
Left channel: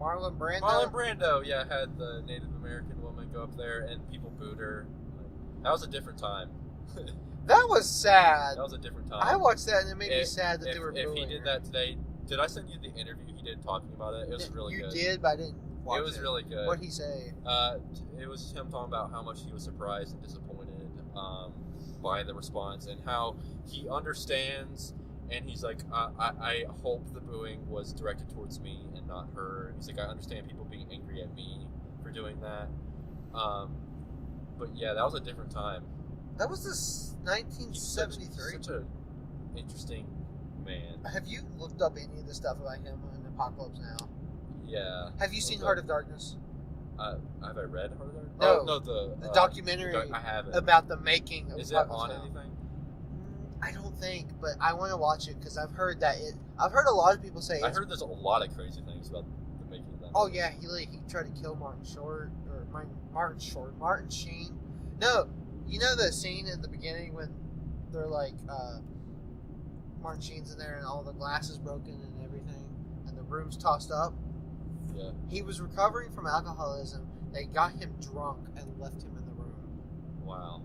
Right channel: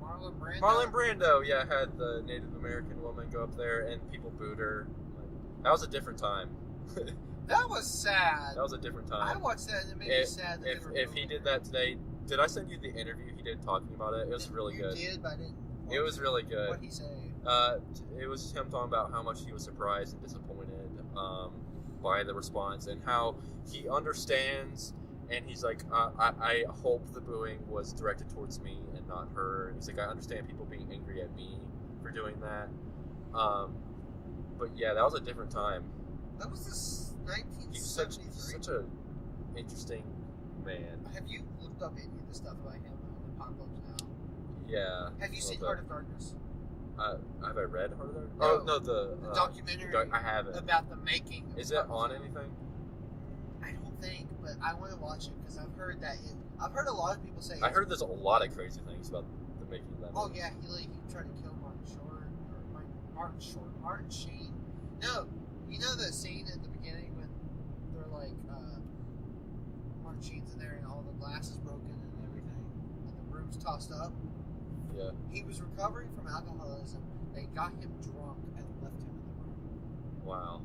Marlon Brando. Marlon Brando, yeah, had the Native American woman go up there and people booed her. That was a different time. That was sad. That was a different time. I watched that and it made me sad that they were If he booing did her. that today, did I send you the intervw he did talking about it? It was really good. You did, but I didn't watch it. It was really good. What'd he say? It was him talking about how much he was surprised and disappointed by the response and how he understands. And he's like, I hope the booing was directed towards me and not her. And he's like, I understand people being angry at me for doing that. But yeah, that was a different time. That was this He's such 1973. an interesting man. Have you looked up any of the stuff about him in Apocalypse Now? Yeah. Have you seen Heart of Darkness? Have I read Heart of Darkness? No. No, the documentary I haven't. about the making of Is it Apocalypse on Now. anything? I don't think, but I want to watch it because I've heard that I've heard a lot of people say. I heard there's a lot of crazy things about the making of that. Oh movie. yeah, he tried to kill Martin Sheen. No, you know the scene at the beginning when they're like Martin Sheen's in there and all the glass is broken and everything, and the room's tossed up. Yeah. He was recovering from alcoholism. They got him drunk and left him in the room. Wow.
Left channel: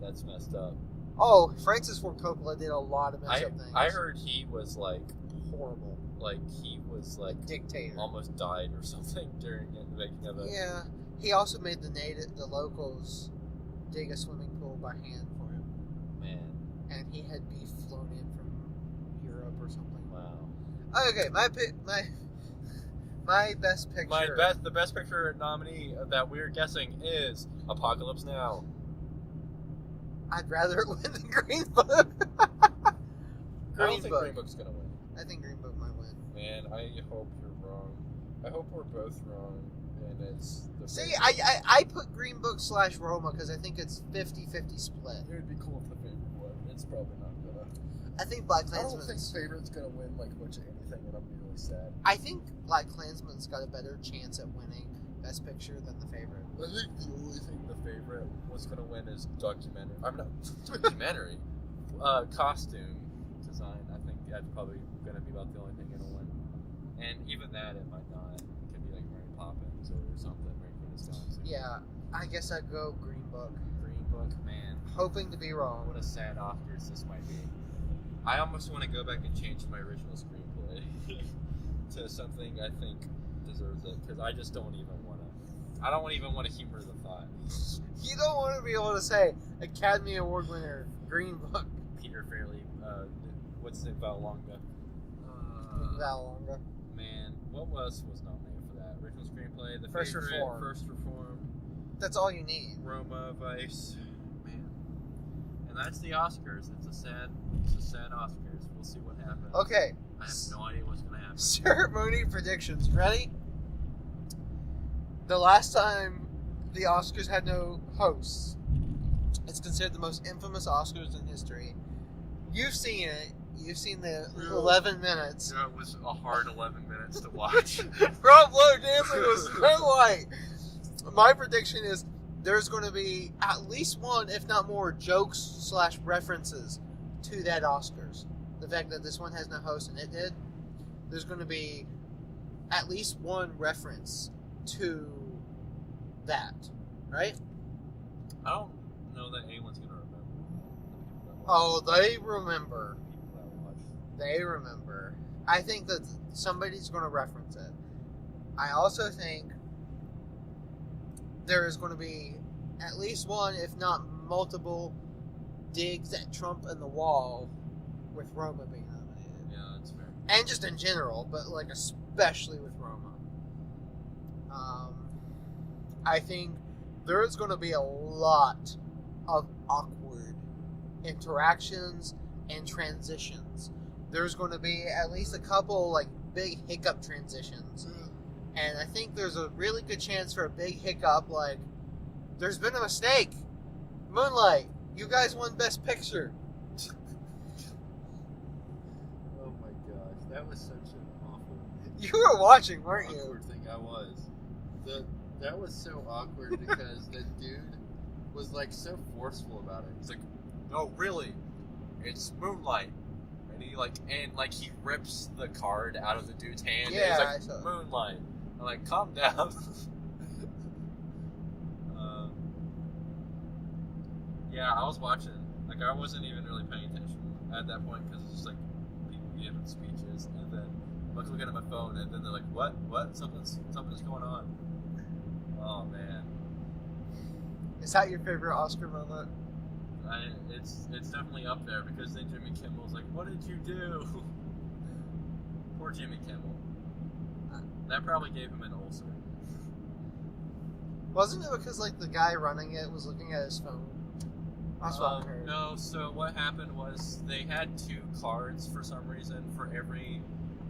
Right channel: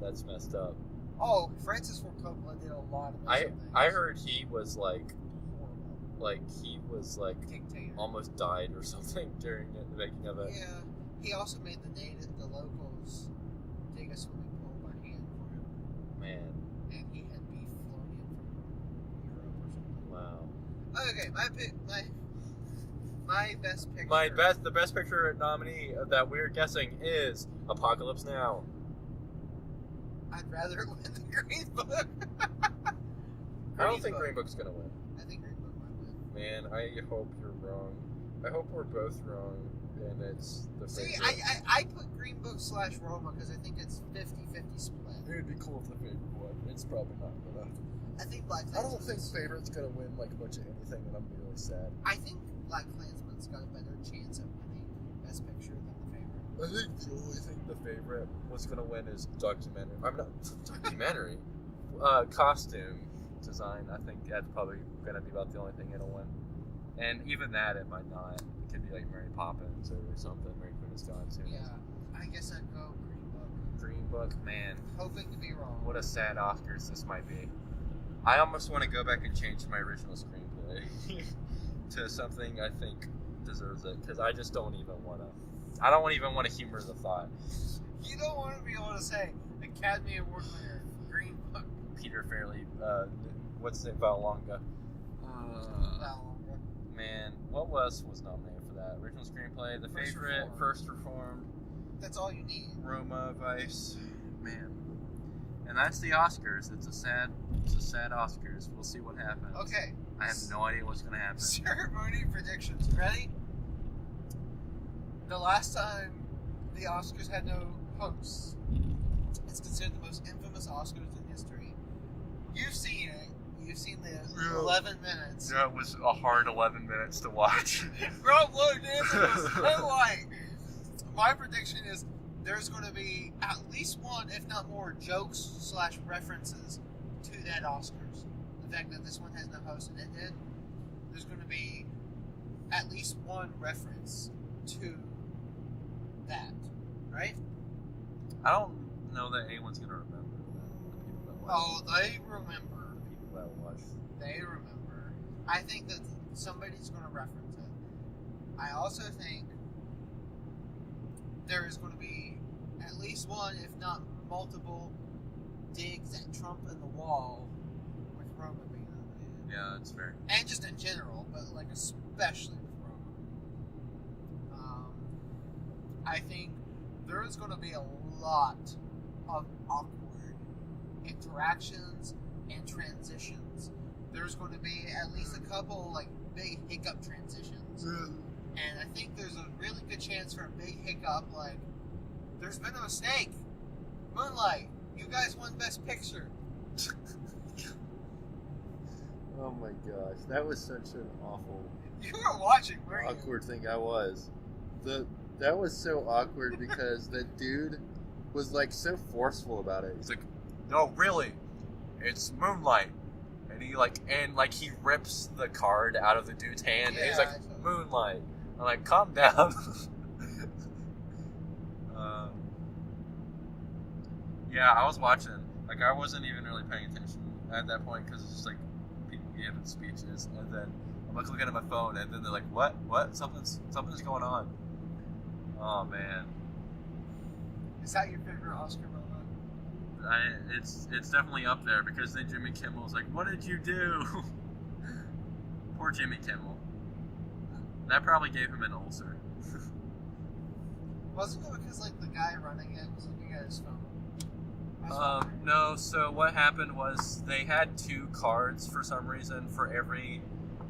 That's messed up. Oh, Francis Ford Coppola did a lot of messed up things. I heard he was like horrible. Like he was like Dictator. almost died or something during the making of it. Yeah. He also made the locals dig a swimming pool by hand for him. Man. And he had beef flown in from Europe or something. Wow. Okay, my best picture. The best picture nominee that we're guessing is Apocalypse Now. I'd rather it win than Green Book. I don't think Green Book's gonna win. I think Green Book might win. Man, I hope you're wrong. I hope we're both wrong, and it's the. See, favorite. I put Green Book / Roma because I think it's 50-50 split. It would be cool if the favorite won. It's probably not gonna. I think Black Klansman. I don't think favorite's gonna win like a bunch of anything, and I'm gonna be really sad. I think Black Klansman's got a better chance at winning Best Picture than the favorite. I think the only thing the favorite was gonna win is documentary. I'm not documentary. Costume design. I think that's probably gonna be about the only thing it'll win. And even that, it might not. It could be like Mary Poppins or something. Mary Queen is gone too. Yeah, I guess I'd go Green Book. Green Book, man. Hoping to be wrong. What a sad Oscars this might be. I almost want to go back and change my original screenplay to something I think deserves it, because I just don't even want to. I don't even want to humor the thought. You don't want to be able to say Academy Award winner Green Book. Peter Farrelly, what's his name? Valonga. Valonga. Man, what else was nominated for that? Original screenplay, The First Favorite, Reformed. First Reformed, That's all you need. Roma, Vice. Man, and that's the Oscars. It's a sad Oscars. We'll see what happens. Okay. I have no idea what's gonna happen. Ceremony predictions. Ready? The last time the Oscars had no hosts, it's considered the most infamous Oscars in history. You've seen it. You've seen the 11 minutes. Yeah, it was a hard 11 minutes to watch. Rob Lowe dancing was so white. My prediction is there's going to be at least one, if not more, jokes / references to that Oscars. The fact that this one has no host and it did, there's going to be at least one reference to that, right? I don't know that anyone's gonna remember. Oh, they remember. People that watch. They remember. I think that somebody's going to reference it. I also think there is going to be at least one, if not multiple, digs at Trump and the wall with Roma being nominated. Yeah, that's fair. And just in general, but like especially with Roma. I think there is going to be a lot of awkward interactions and transitions. There's going to be at least a couple like big hiccup transitions. And I think there's a really good chance for a big hiccup, like, there's been a mistake. Moonlight, you guys won Best Picture. Oh my gosh, that was such an awful, You were watching, weren't you? awkward thing. I was. That was so awkward because the dude was like so forceful about it. He's like, no, really, it's Moonlight. And he he rips the card out of the dude's hand. Yeah, and he's I like, saw. Moonlight. I'm like, calm down. Yeah, I was watching. Like, I wasn't even really paying attention at that point because it's just like people giving speeches, and then I'm like looking at my phone, and then they're like, "What? Something's going on." Oh man, Is that your favorite Oscar moment? it's definitely up there because then Jimmy Kimmel's like, "What did you do?" Poor Jimmy Kimmel. That probably gave him an ulcer. Wasn't it because like the guy running it was looking at his phone? That's what I heard. No, so what happened was they had 2 cards for some reason for every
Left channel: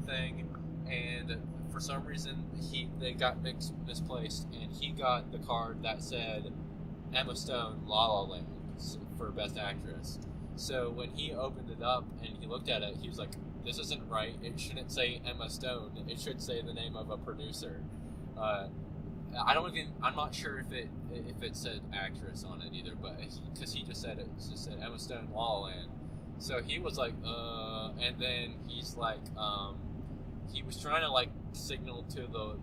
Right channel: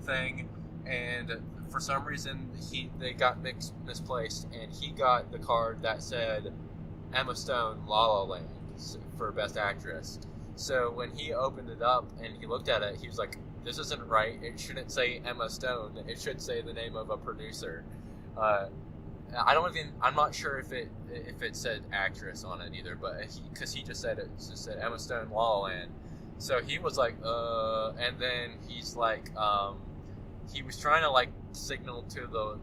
thing, and for some reason they got misplaced, and he got the card that said Emma Stone La La Land for Best Actress. So when he opened it up and he looked at it, he was like, this isn't right, it shouldn't say Emma Stone, it should say the name of a producer. I'm not sure if it said actress on it either, but because he just said Emma Stone La La Land. So he was like, and then he's like, he was trying to like signal to the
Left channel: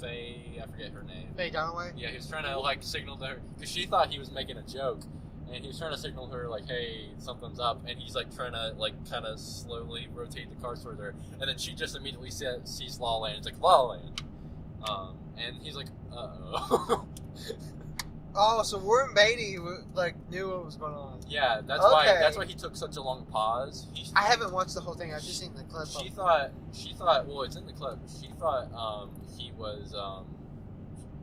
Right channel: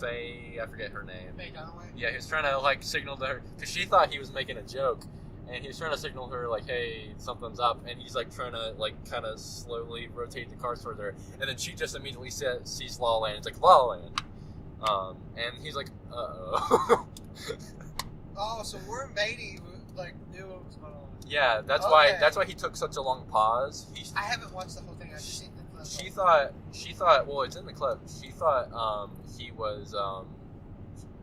Faye, I forget her name. Faye Dunaway? Yeah, he was trying to like signal to her because she thought he was making a joke, and he was trying to signal her like, hey, something's up, and he's like trying to like kind of slowly rotate the cards toward her, and then she just immediately sees La La Land. It's like La La Land. And he's like, uh-oh. Oh, so Warren Beatty like knew what was going on. Yeah, that's Okay. why he took such a long pause. I haven't watched the whole thing. I've just seen the clip. She thought, well, it's in the clip. She thought he was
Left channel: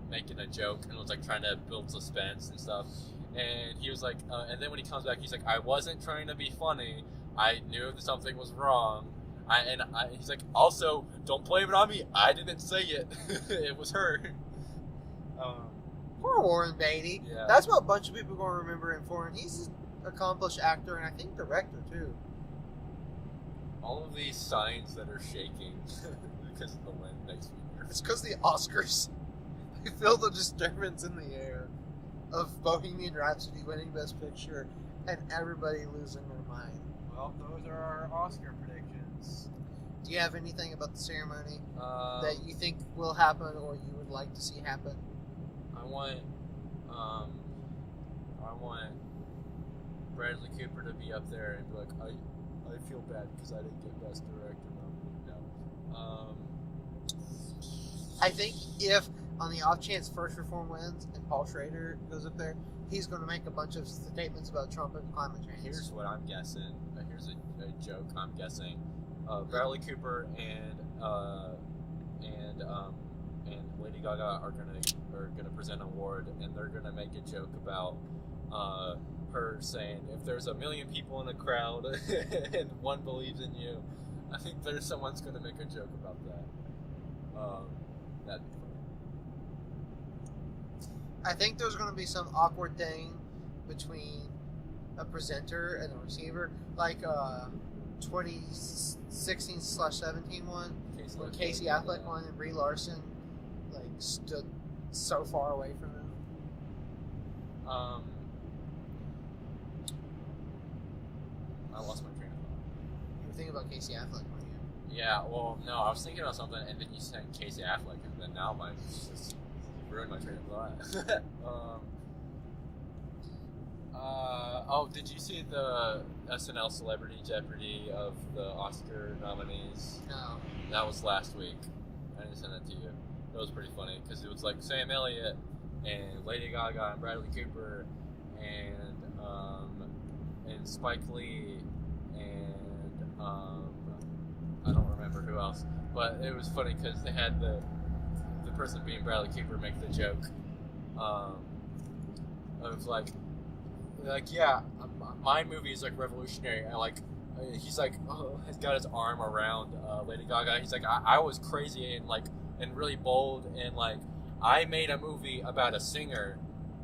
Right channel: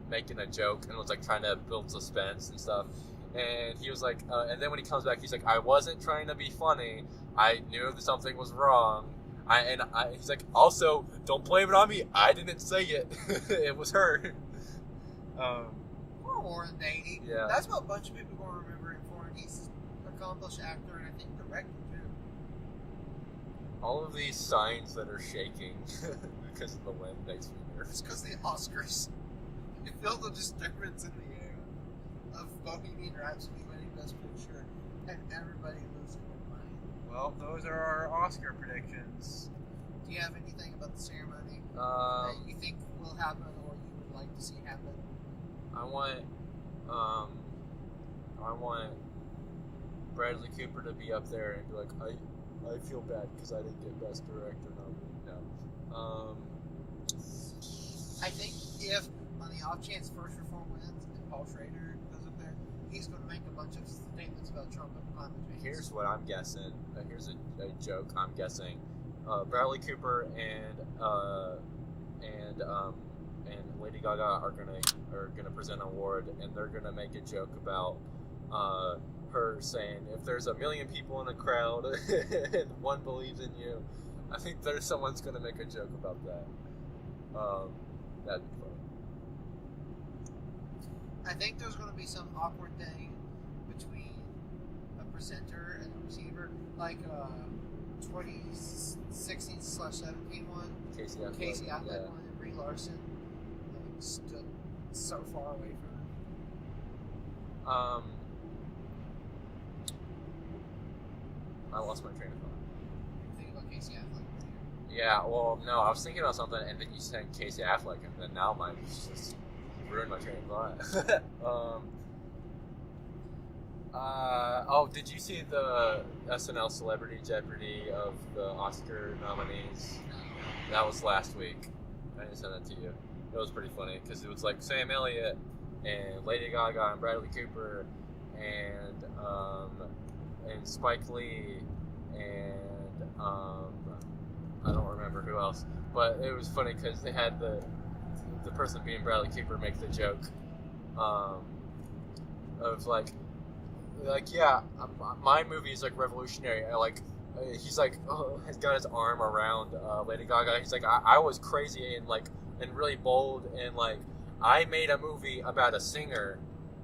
making a joke and was like trying to build suspense and stuff. And he was like, and then when he comes back, he's like, I wasn't trying to be funny. I knew that something was wrong. He's like, also, don't blame it on me. I didn't say it. It was her. Poor Warren Beatty. Yeah. That's what a bunch of people are going to remember him for. And he's an accomplished actor and I think director too. All of these signs that are shaking because of the wind makes me nervous. It's because the Oscars. They feel the disturbance in the air of Bohemian Rhapsody winning Best Picture and everybody losing their mind. Well, those are our Oscar predictions. Do you have anything about the ceremony that you think will happen or you would like to see happen? I want Bradley Cooper to be up there and be like, I feel bad because I didn't get Best Director nominated. No. I think if, on the off chance First Reform wins and Paul Schrader goes up there, he's going to make a bunch of statements about Trump and climate change. Here's what I'm guessing. Here's a joke I'm guessing. Bradley Cooper and Lady Gaga are gonna present an award, and they're gonna make a joke about her saying, if there's 1 million people in a crowd and one believes in you, I think someone's gonna make a joke about that. That'd be funny. I think there's going to be some awkward thing between a presenter and a receiver, like 2016/17 one, where Casey Affleck won and Brie Larson like stood so far away from him. I lost my train of thought. You think about Casey Affleck right here. Yeah, well, no, I was thinking about something, and then you said Casey Affleck, and then now just ruined my train of thought. Did you see the SNL Celebrity Jeopardy of the Oscar nominees? No. That was last week. I didn't send that to you. It was pretty funny because it was like Sam Elliott and Lady Gaga and Bradley Cooper and Spike Lee and I don't remember who else. But it was funny because they had the person being Bradley Cooper make the joke of like yeah, my movie is like revolutionary. He's like has got his arm around Lady Gaga. He's like I was crazy and really bold and like I made a movie about a singer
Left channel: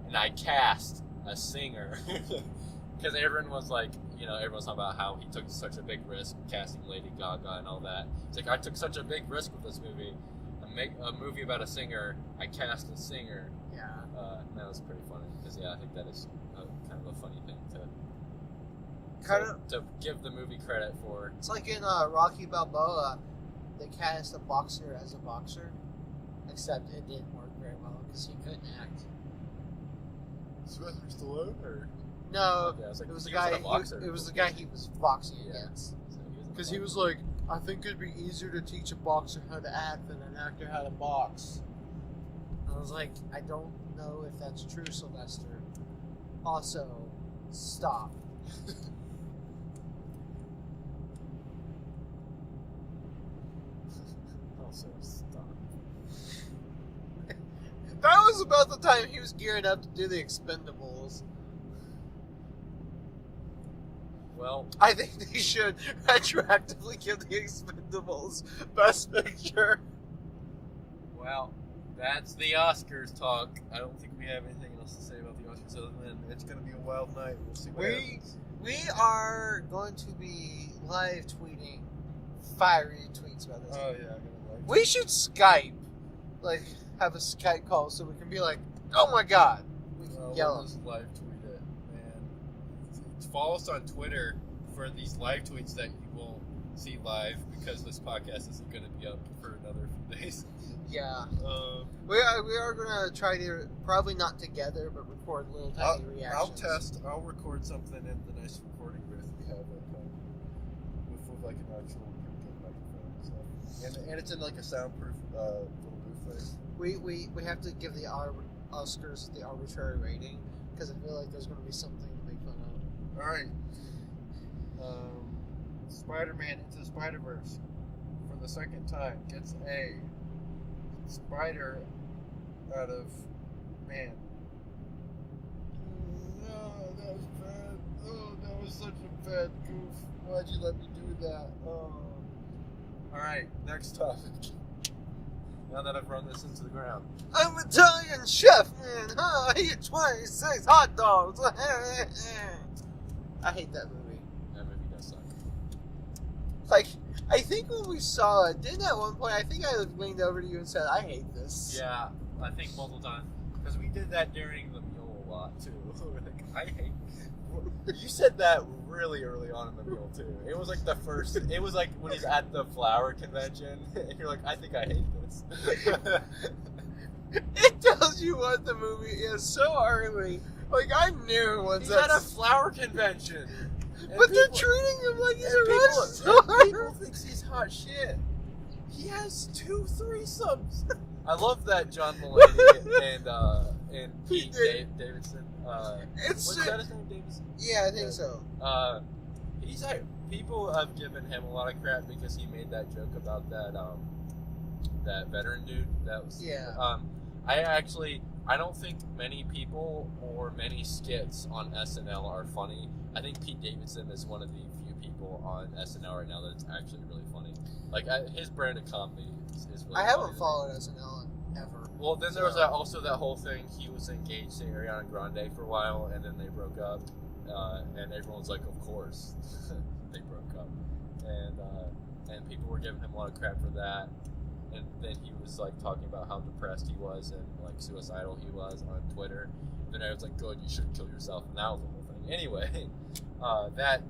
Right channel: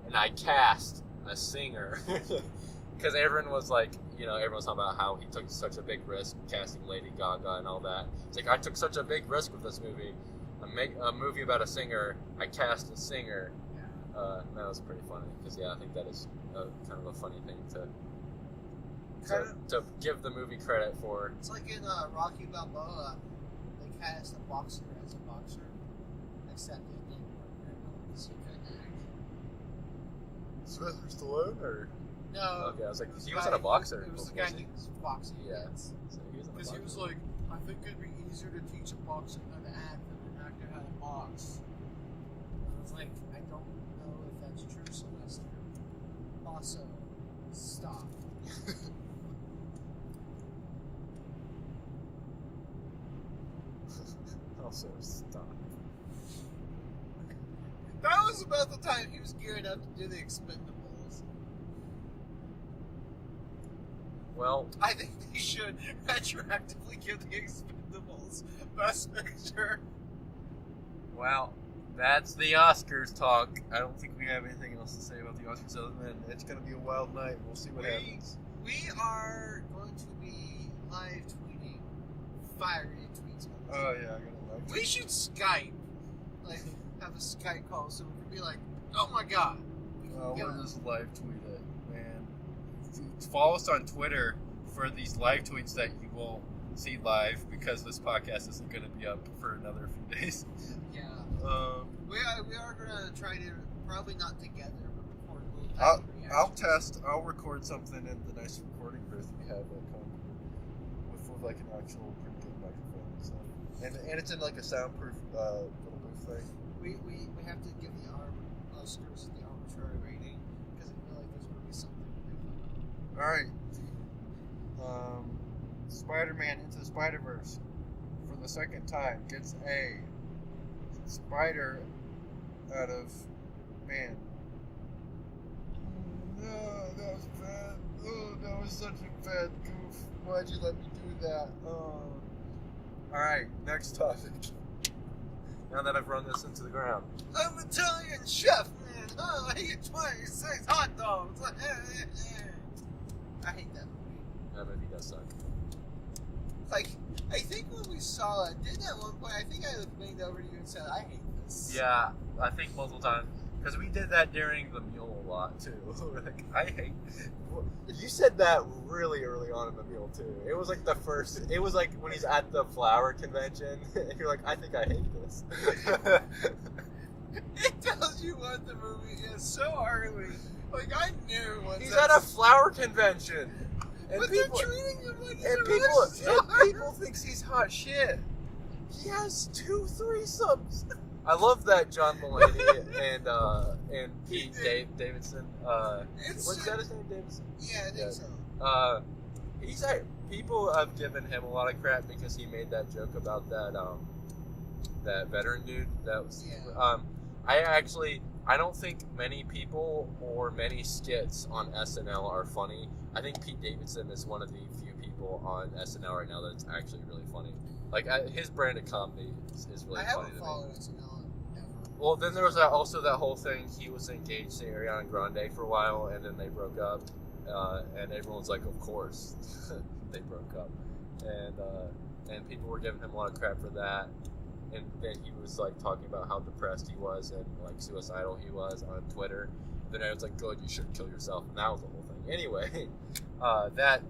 and I cast a singer because everyone was like everyone's talking about how he took such a big risk casting Lady Gaga and all that. It's like I took such a big risk with this movie. I make a movie about a singer. I cast a singer. Yeah. And that was pretty funny because I think that is kind of a funny thing to give the movie credit for. It's like in Rocky Balboa, they cast a boxer as a boxer, except it didn't work very well because he couldn't act. Sylvester Stallone or no? Okay, I was like, it was he the wasn't guy. a boxer. It was the guy he was boxing Yeah. against. So Because he was like, I think it'd be easier to teach a boxer how to act than an actor how to box. And I was like, I don't know if that's true, Sylvester. Also, stop. Also, stop. That was about the time he was gearing up to do the Expendables. Well, I think they should retroactively give the Expendables Best Picture. well, that's the Oscars talk. I don't think we have anything else to say about the Oscars other than it's going to be a wild night. We'll see what happens. We are going to be live tweeting fiery tweets about this. Oh yeah, I gotta like. We should Skype, like have a Skype call so we can be like, "Oh my god!" We can We'll yell. just live tweet it, man. Follow us on Twitter for these live tweets that you won't see live because this podcast isn't going to be up for another few days. Yeah, we are gonna try to probably not together, but record little tiny I'll reactions. I'll record something in the nice recording booth we have at Concord with like an actual pretty good microphone and stuff. And it's in like a soundproof little booth thing. We have to give the Oscars the arbitrary rating because I feel like there's gonna be something to make fun of. All right. Spider-Man Into the Spider-Verse for the second time gets a spider out of man. No, that was bad. Oh, that was such a bad goof. Why'd you let me do that? Oh. All right, next topic. Now that I've run this into the ground. I'm Italian chef, man. I eat 26 hot dogs. I hate that movie. That movie does suck. Like, I think when we saw it, didn't at one point, I think I leaned over to you and said, I hate this. Yeah, I think multiple times. Because we did that during the Mule a lot, too. Like, I hate... You said that really early on in the Mule, too. It was like the first... It was like when he's at the flower convention, and you're like, I think I hate this. It tells you what the movie is so early. Like, I knew once He's at a flower convention. And But they're people- treating him like he's and a rock star. people thinks he's hot shit. He has 2 threesomes. I love that John Mulaney and Pete Davidson. What's that his name, Davidson? Yeah, I think so. He's like, people have given him a lot of crap because he made that joke about that veteran dude. That was Yeah. I don't think many people or many skits on SNL are funny. I think Pete Davidson is one of the few people on SNL right now that's actually really funny. Like, his brand of comedy is really funny. I haven't to me. followed SNL ever. Well, then there was also that whole thing. He was engaged to Ariana Grande for a while, and then they broke up. And everyone's like, of course, they broke up. And people were giving him a lot of crap for that. And then he was like talking about how depressed he was and like suicidal he was on Twitter. And then I was like, "Good, you shouldn't kill yourself." And that was the whole thing. Anyway, that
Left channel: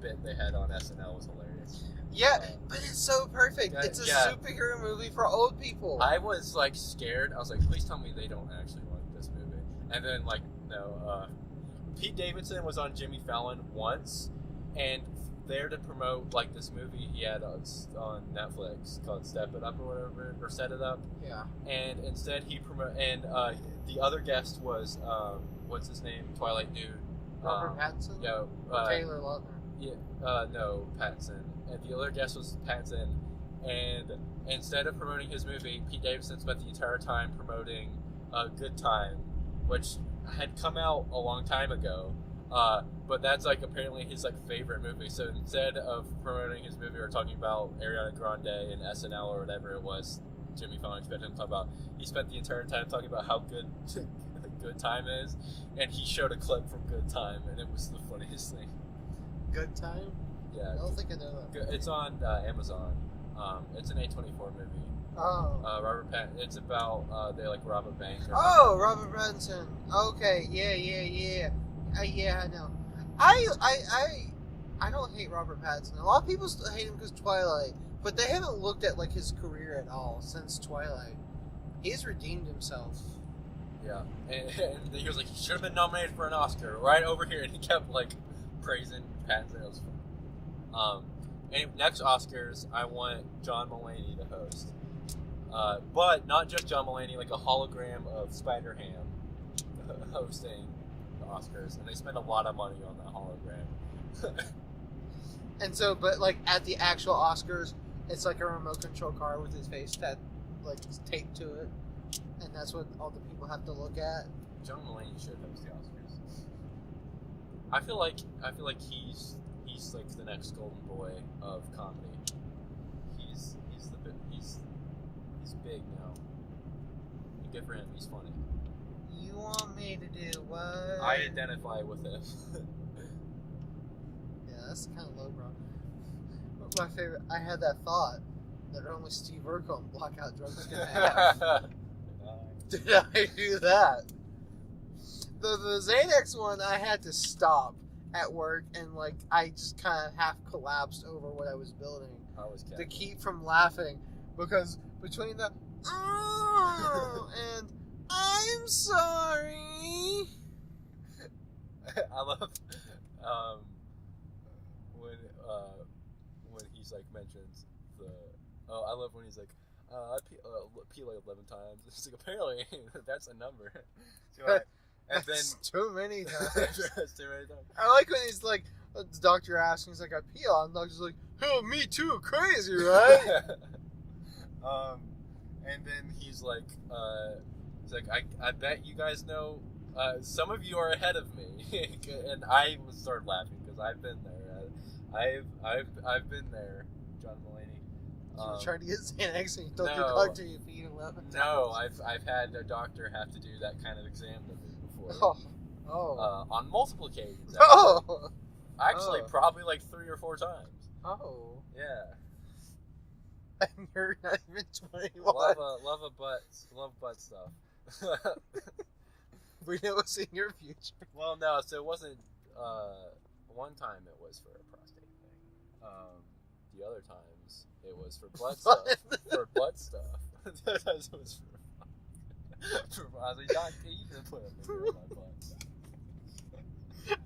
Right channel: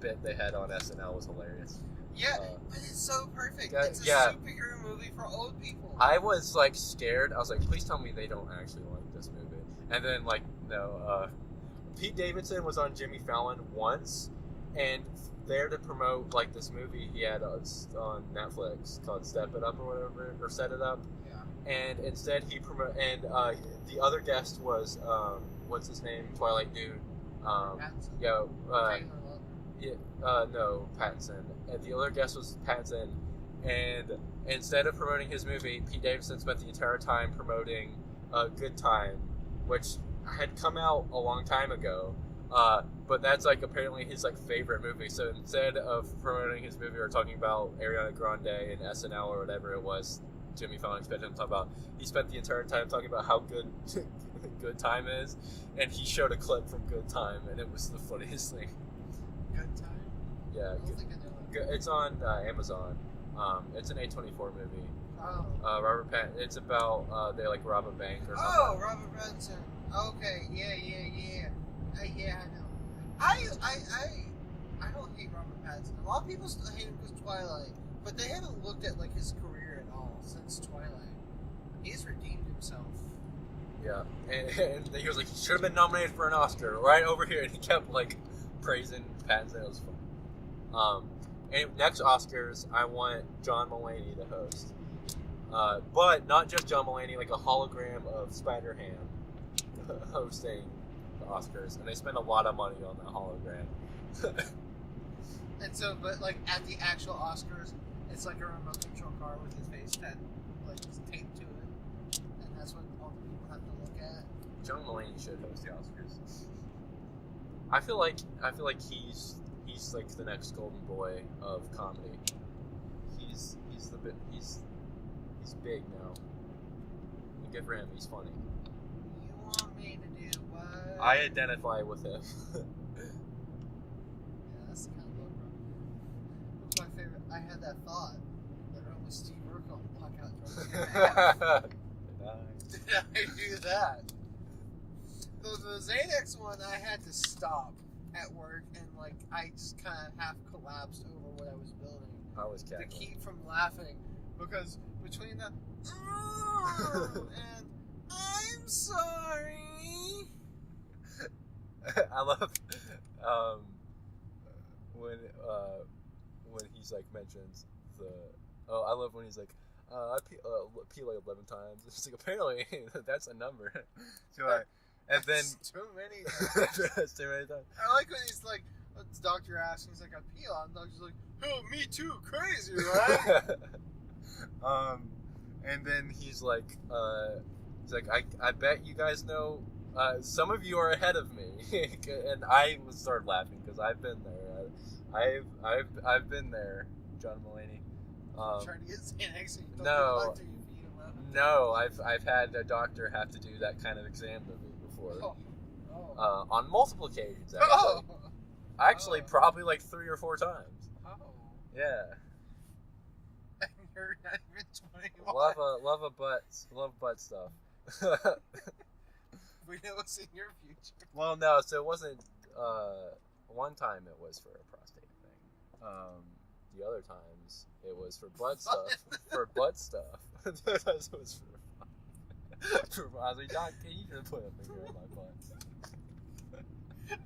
bit they had on SNL was hilarious. Yeah, but it's so perfect. It's a superhero movie for old people. I was like scared. I was like, "Please tell me they don't actually like this movie." And then like, no. Pete Davidson was on Jimmy Fallon once, and there to promote like this movie he had on Netflix called Step It Up or whatever, or Set It Up. Yeah. And instead he the other guest was what's his name? Twilight dude. Robert Pattinson? Yeah. Taylor Lautner. Yeah. No, Pattinson. And the other guest was Pattinson. And instead of promoting his movie, Pete Davidson spent the entire time promoting Good Time, which had come out a long time ago. But that's like apparently his like favorite movie. So instead of promoting his movie or talking about Ariana Grande and SNL or whatever it was, Jimmy Fallon expected him to talk about, he spent the entire time talking about how good Good Time is, and he showed a clip from Good Time, and it was the funniest thing. Good Time? Yeah, I don't think I know that. it's on Amazon. It's an A24 movie. Oh. Robert Pattinson. It's about they like rob a bank or something. Oh, Robert Pattinson. Okay, yeah. Yeah, I know. I don't hate Robert Pattinson. A lot of people still hate him because Twilight, but they haven't looked at like his career at all since Twilight. He's redeemed himself. Yeah, and he was like, he should have been nominated for an Oscar right over here, and he kept like praising Pattinson. It was fun. And next Oscars, I want John Mulaney to host, but not just John Mulaney, like a hologram of Spider-Ham hosting the Oscars, and they spend a lot of money on that hologram. And so, but like at the actual Oscars, it's like a remote control car with his face like taped to it, and that's what all the people have to look at. John Mulaney should host the Oscars. I feel like he's like the next golden boy of comedy. He's big now. And good for him. He's funny. You want me to do what? I identify with him. Yeah, that's kind of low, bro. But my favorite. I had that thought that only Steve Urkel and Blackout Drugs can have. Did I do that? The Xanax one, I had to stop at work, and like I just kind of half collapsed over what I was building I was to keep from laughing, because between the and I'm sorry. I love when he's like mentions the. Oh, I love when he's like, I pee like 11 times. It's like, apparently that's a number. And then too many times. That's too many times. I like when he's like, the doctor asks, he's like, I pee a lot, and the doctor's like, oh, me too, crazy, right? And then he's like, I bet you guys know, some of you are ahead of me, and I started laughing because I've been there. I've been there, John Mulaney. You tried to get Xanax and you told No. your doctor you peed 11 times. No, I've had a doctor have to do that kind of exam to me before. Oh. On multiple occasions. Actually, Oh. actually Oh. probably like 3 or 4 times. Oh. Yeah. And you're not even 21. Love butt stuff. We know what's in your future. Well, no, so it wasn't. One time it was for a prostate thing. The other times it was for butt stuff. For butt stuff. The other times it was for I was like, Doc, you just put a finger on my butt.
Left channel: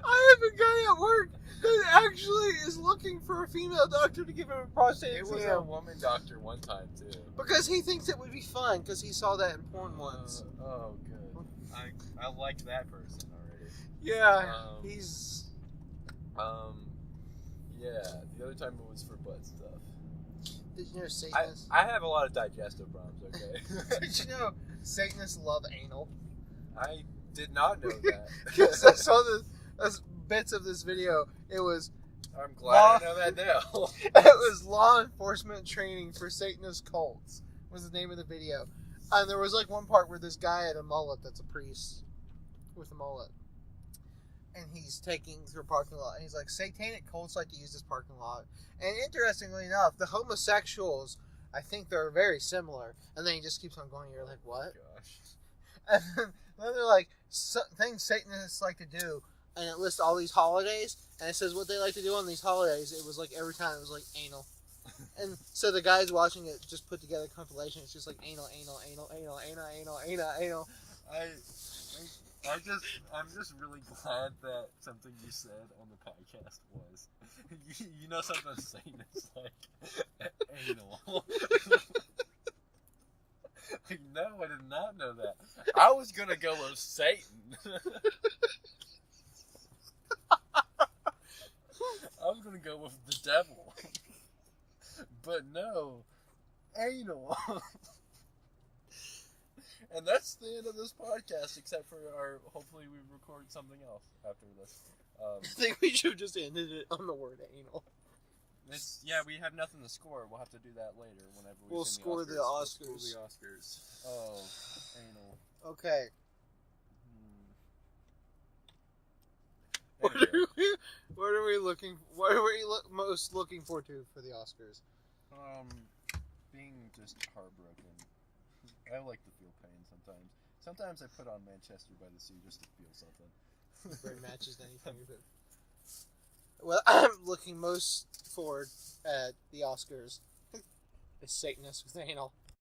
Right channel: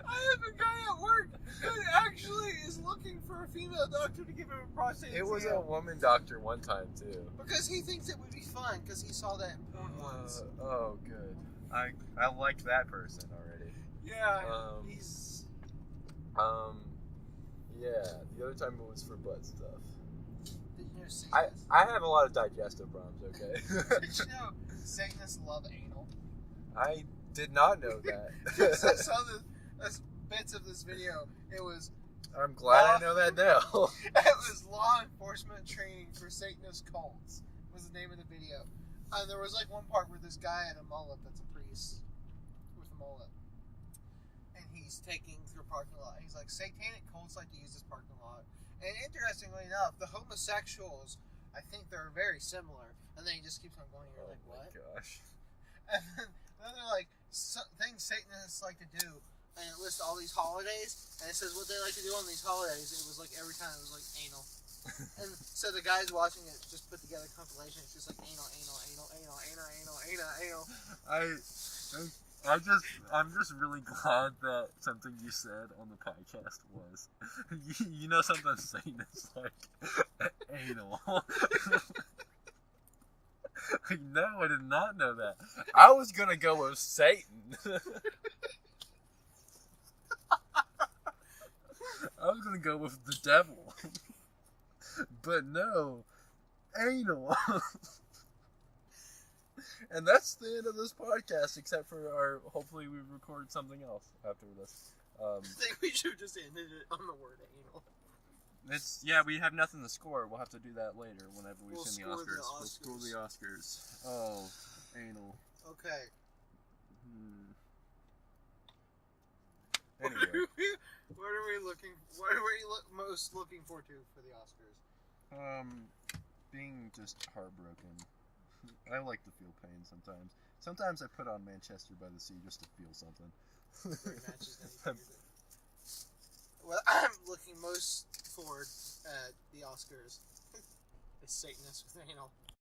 I have a guy at work that actually is looking for a female doctor to give him a prostate It exam. was a woman doctor one time too. Because he thinks it would be fun, because he saw that in porn once. Oh, good. I liked that person already. Yeah, he's. Yeah, the other time it was for butt stuff. Did you know Satanists? I have a lot of digestive problems, okay? Did you know Satanists love anal? I did not know that. Because I saw the bits of this video. It was I'm glad I know that now. it was law enforcement training for Satanist cults was the name of the video. And there was like one part where this guy had a mullet that's a priest with a mullet. And he's taking through a parking lot. And he's like, satanic cults like to use this parking lot. And interestingly enough, the homosexuals, I think they're very similar. And then he just keeps on going. You're like, what? Gosh. And then they're like, things Satanists like to do. And it lists all these holidays. And it says what they like to do on these holidays. It was like every time it was like anal. And so the guys watching it just put together a compilation. It's just like anal, anal, anal, anal, anal, anal, anal, anal. I'm just really glad that something you said on the podcast was, you know, something Satan is like anal. No, I did not know that. I was gonna go with Satan. I was gonna go with the devil. But no, anal. And that's the end of this podcast, except for our, hopefully we record something else after this. I think we should have just ended it on the word anal. We have nothing to score. We'll have to do that later whenever we send the Oscars. We'll score the Oscars. Oh, anal. Okay. Anyway. What are we most looking forward to for the Oscars? Being just heartbroken. I like to feel pain sometimes. Sometimes I put on Manchester by the Sea just to feel something. Very matches anything. Well, I'm looking most forward at the Oscars. Is Satanist with anal.